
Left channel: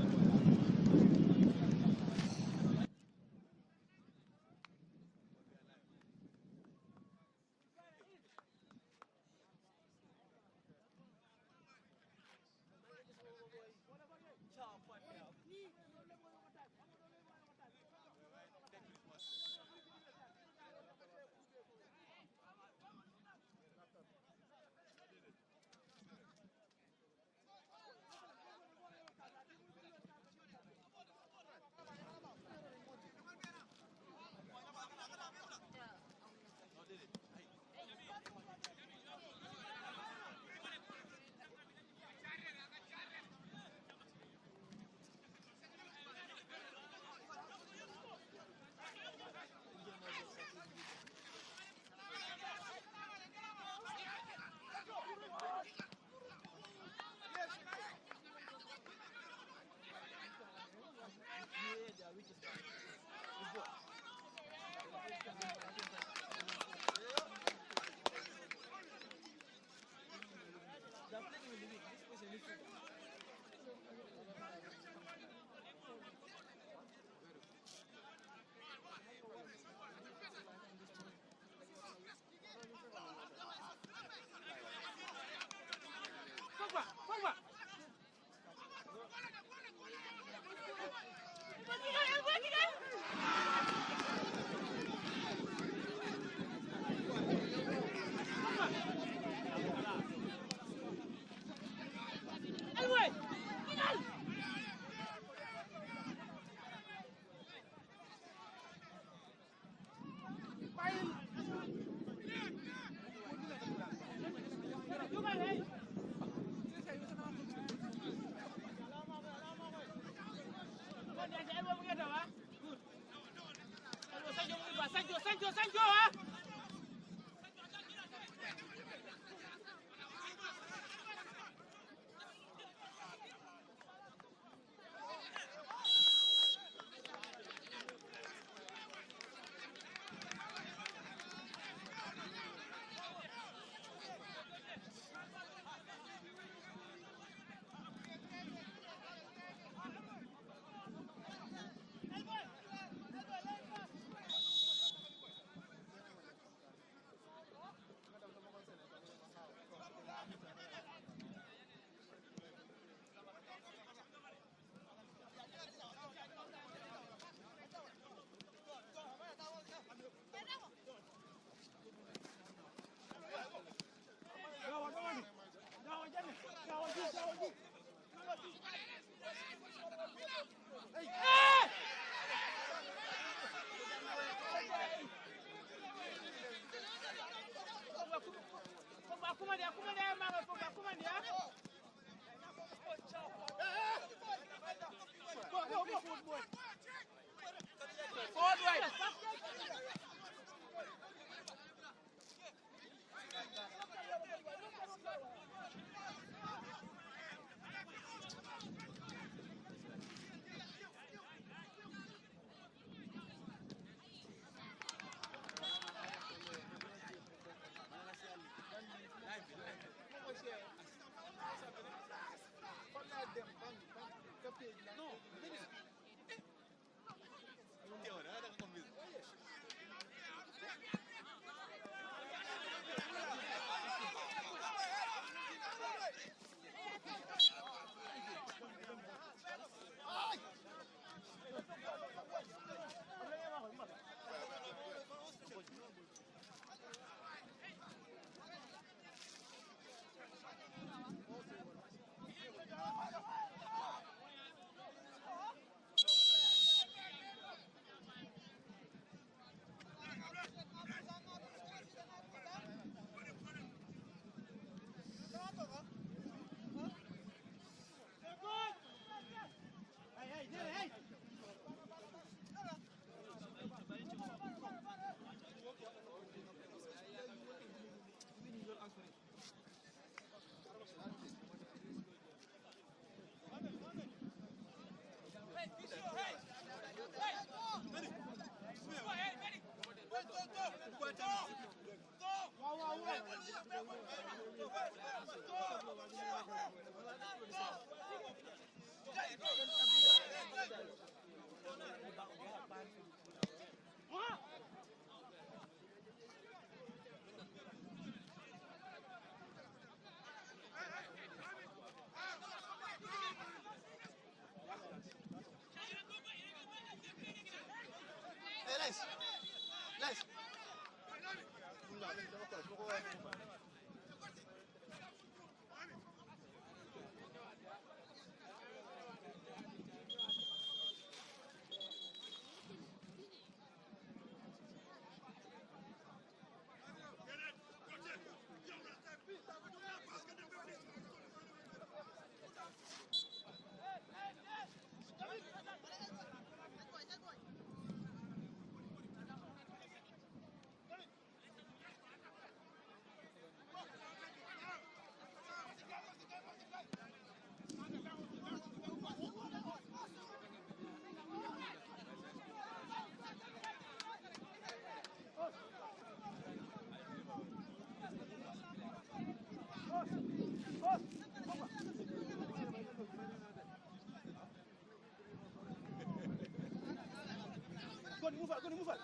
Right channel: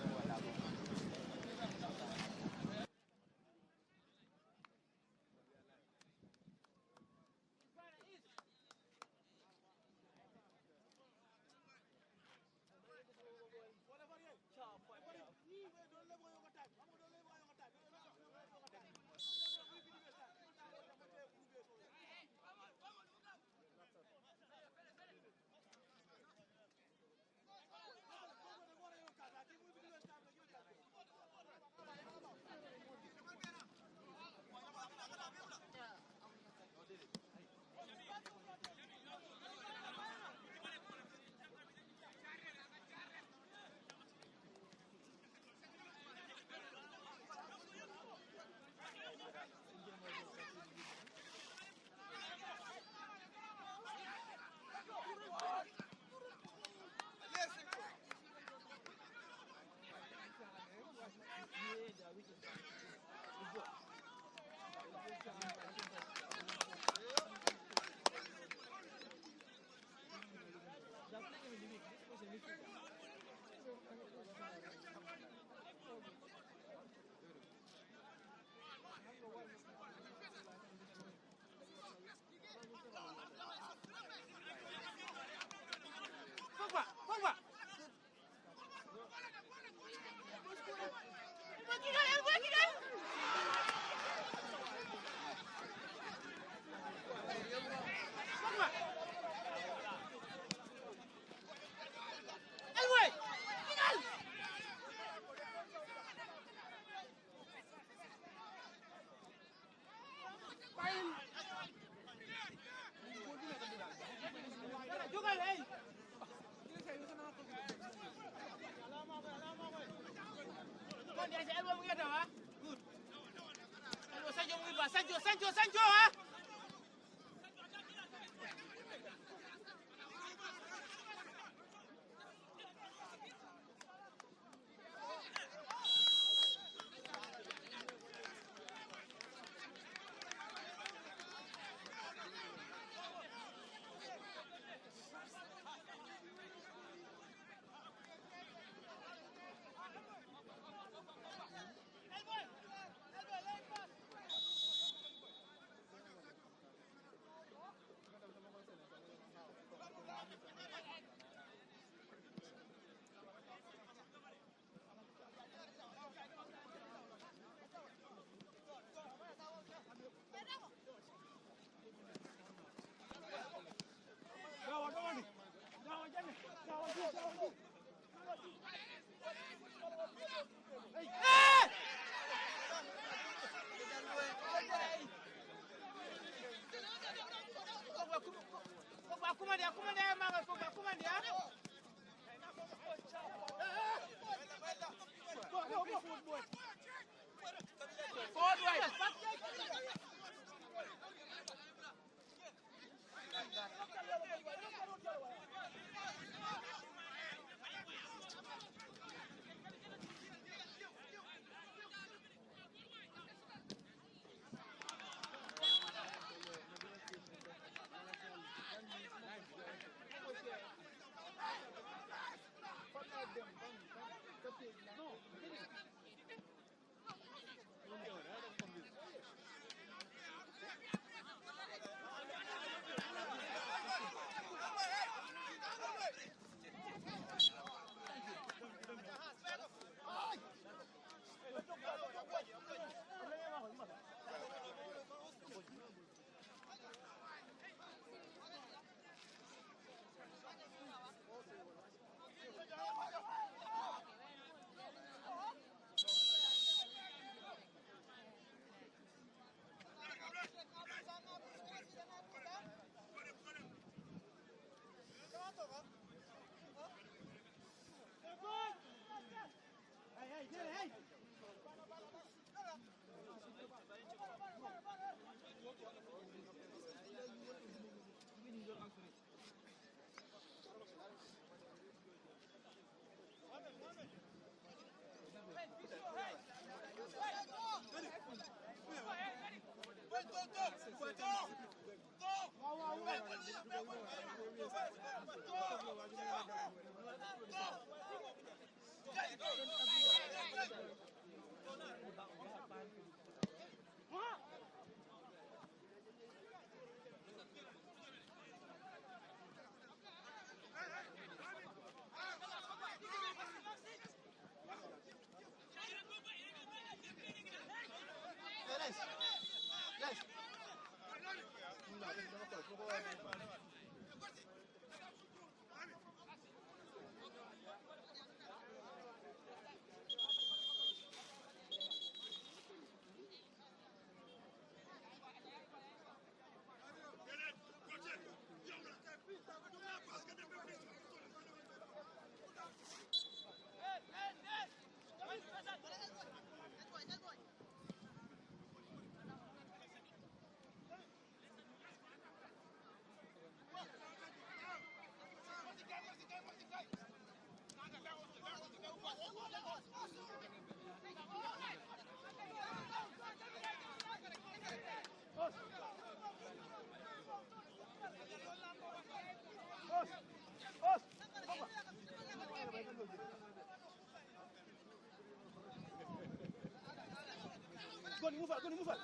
Go, move it.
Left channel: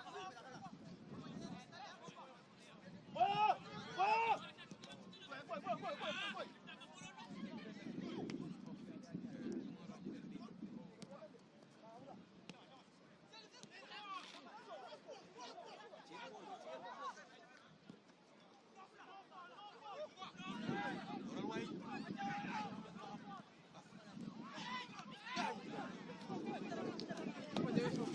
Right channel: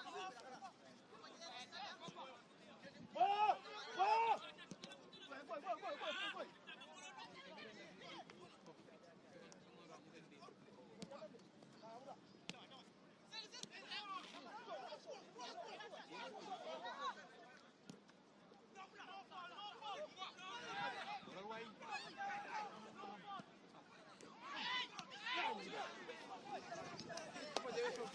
Oh! Oh! Go.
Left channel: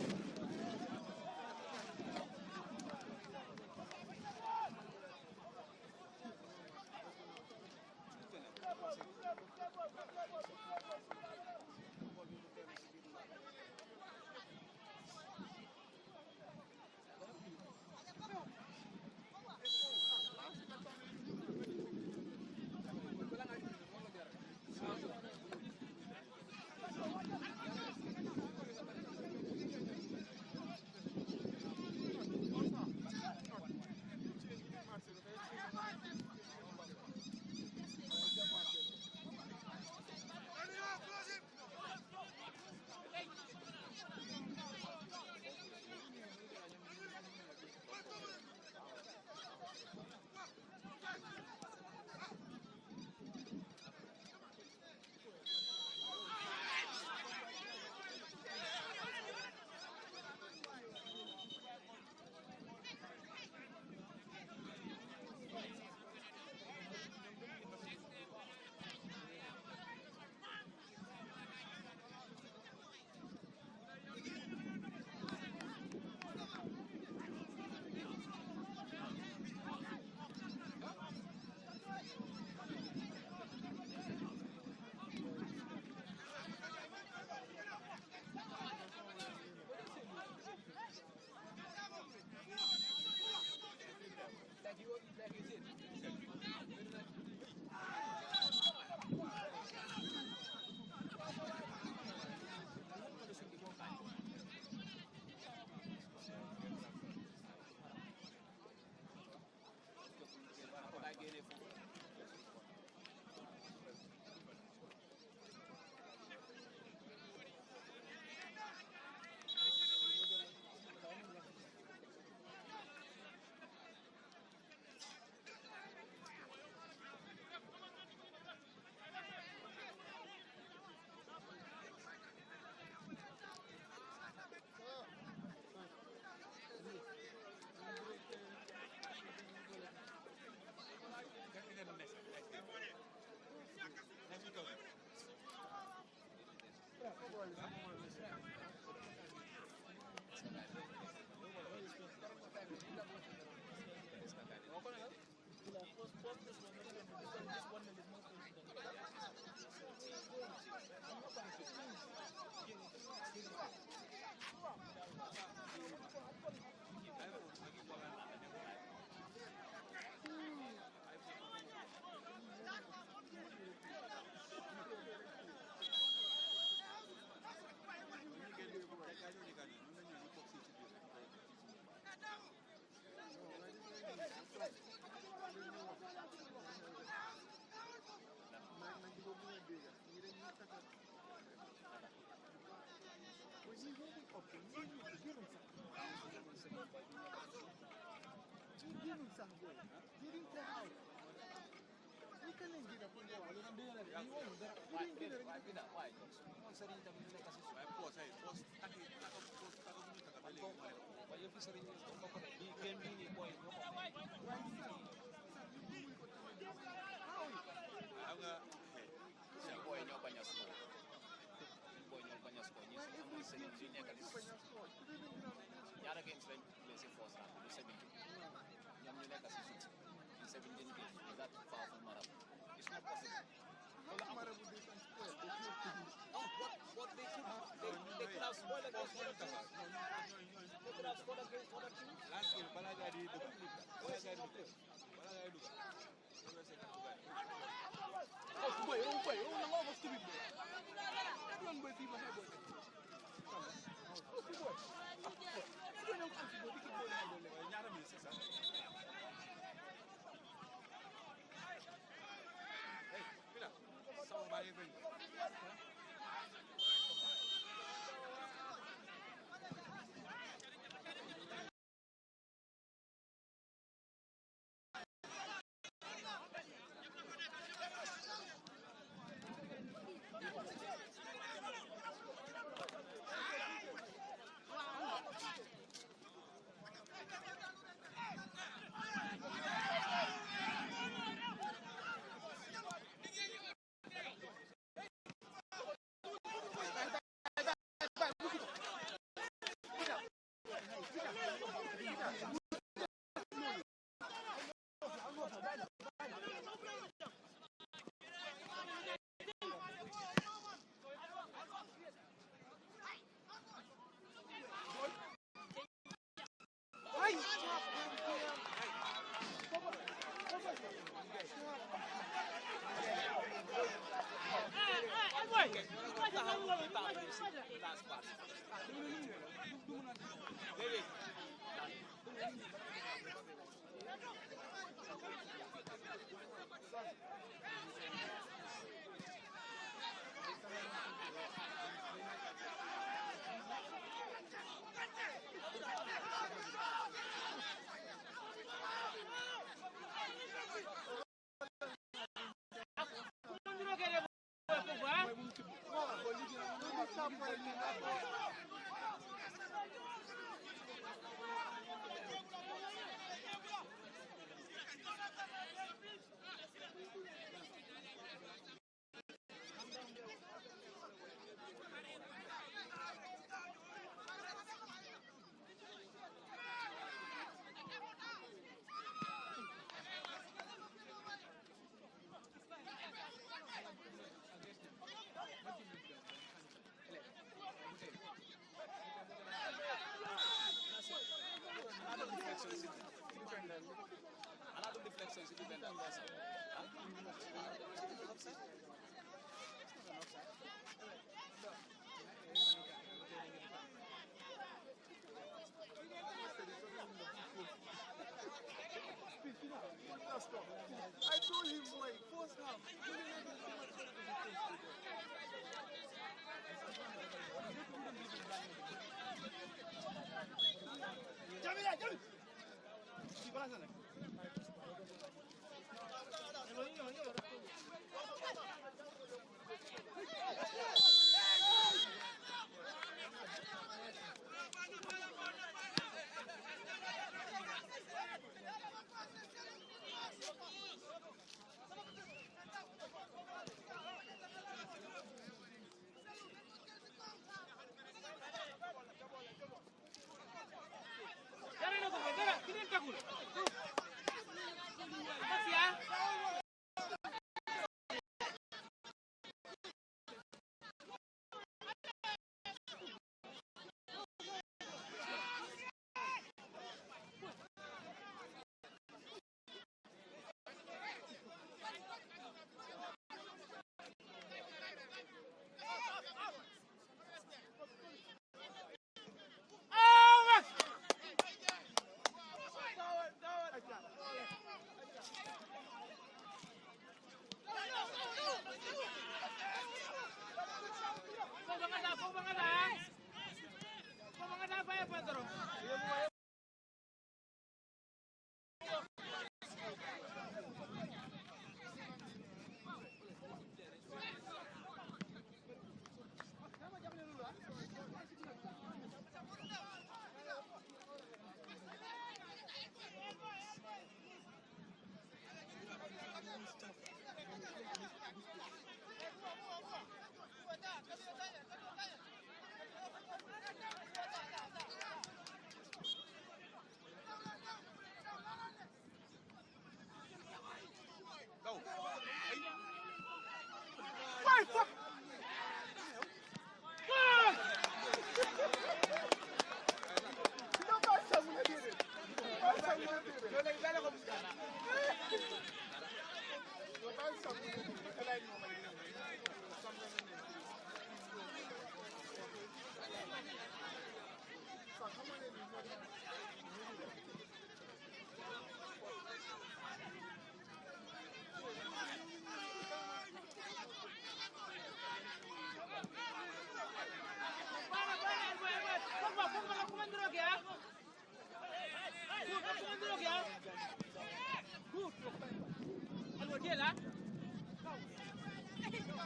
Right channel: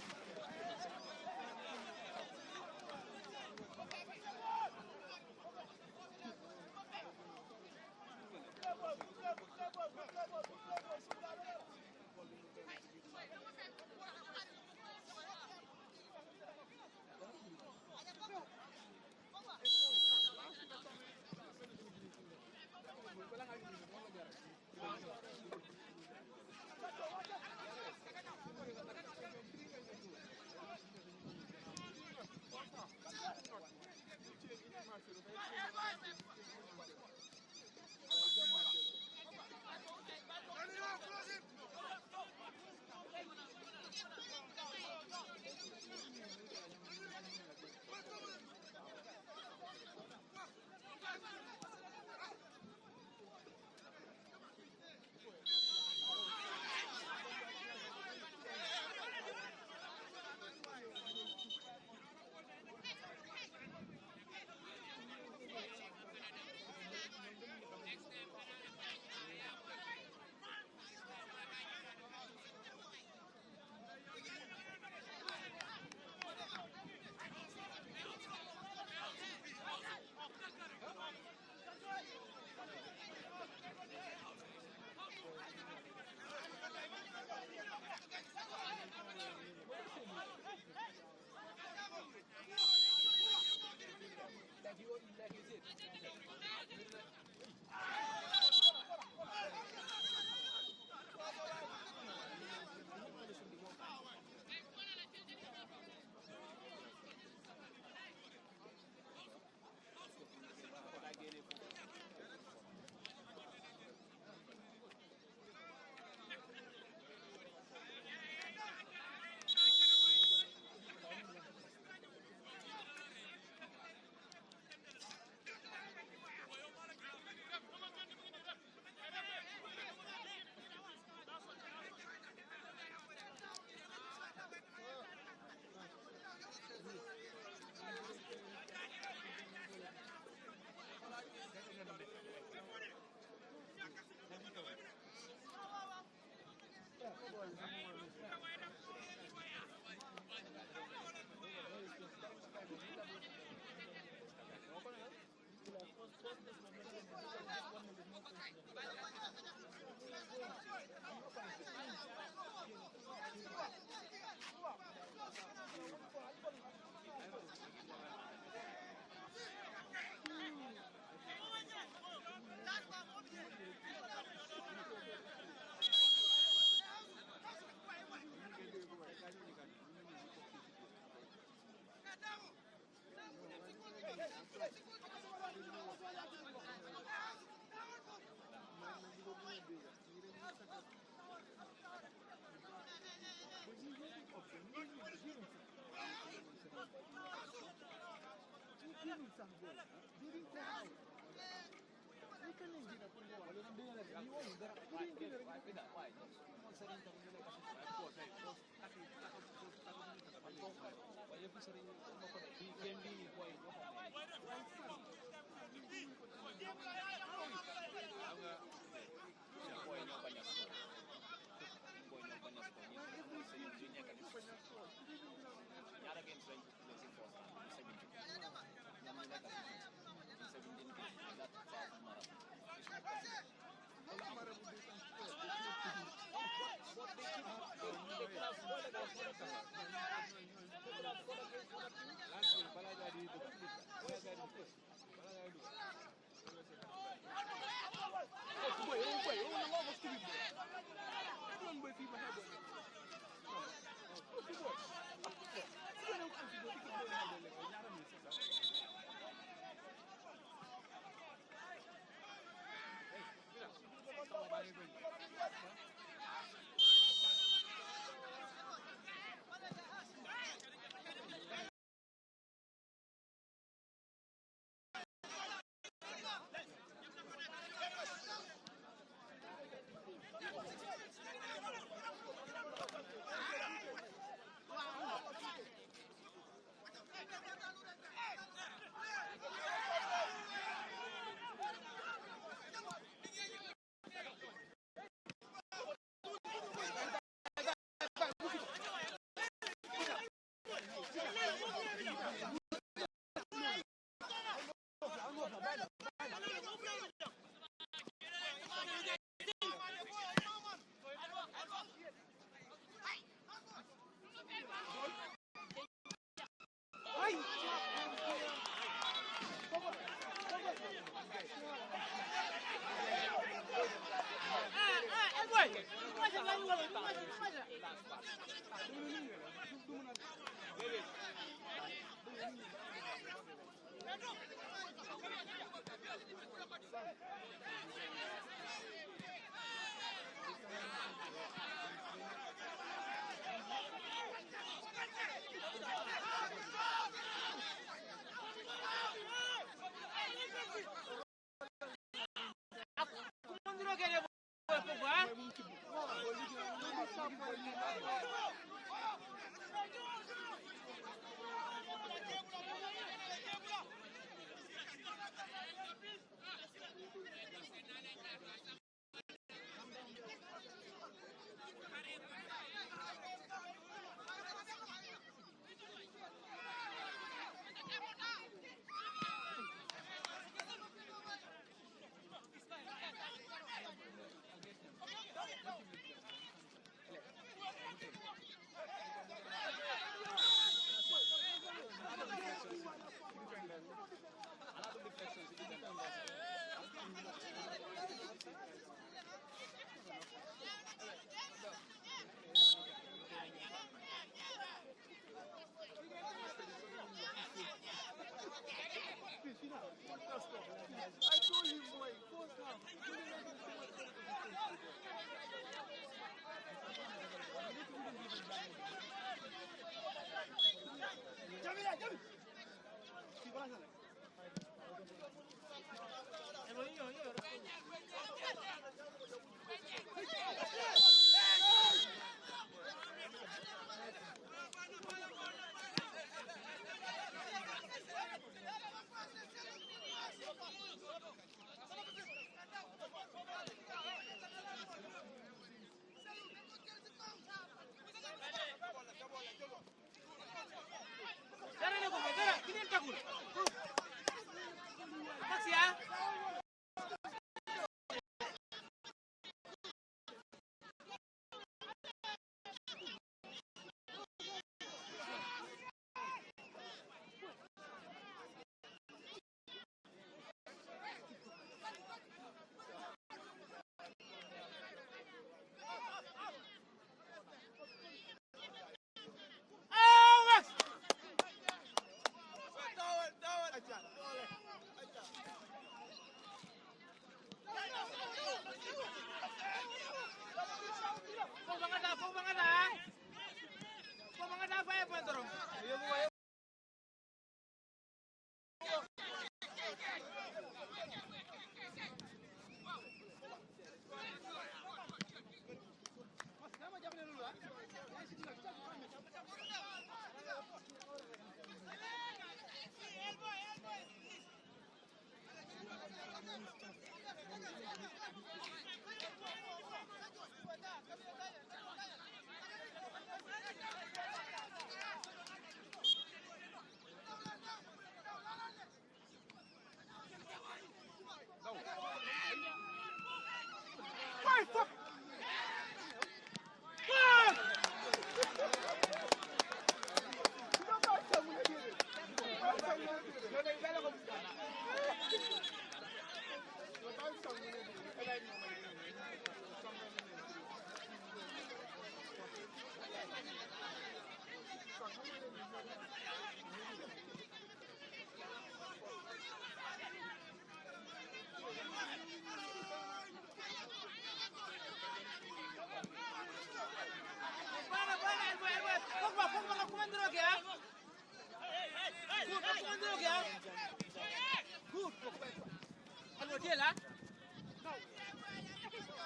Masih ya?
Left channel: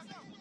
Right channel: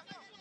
Good.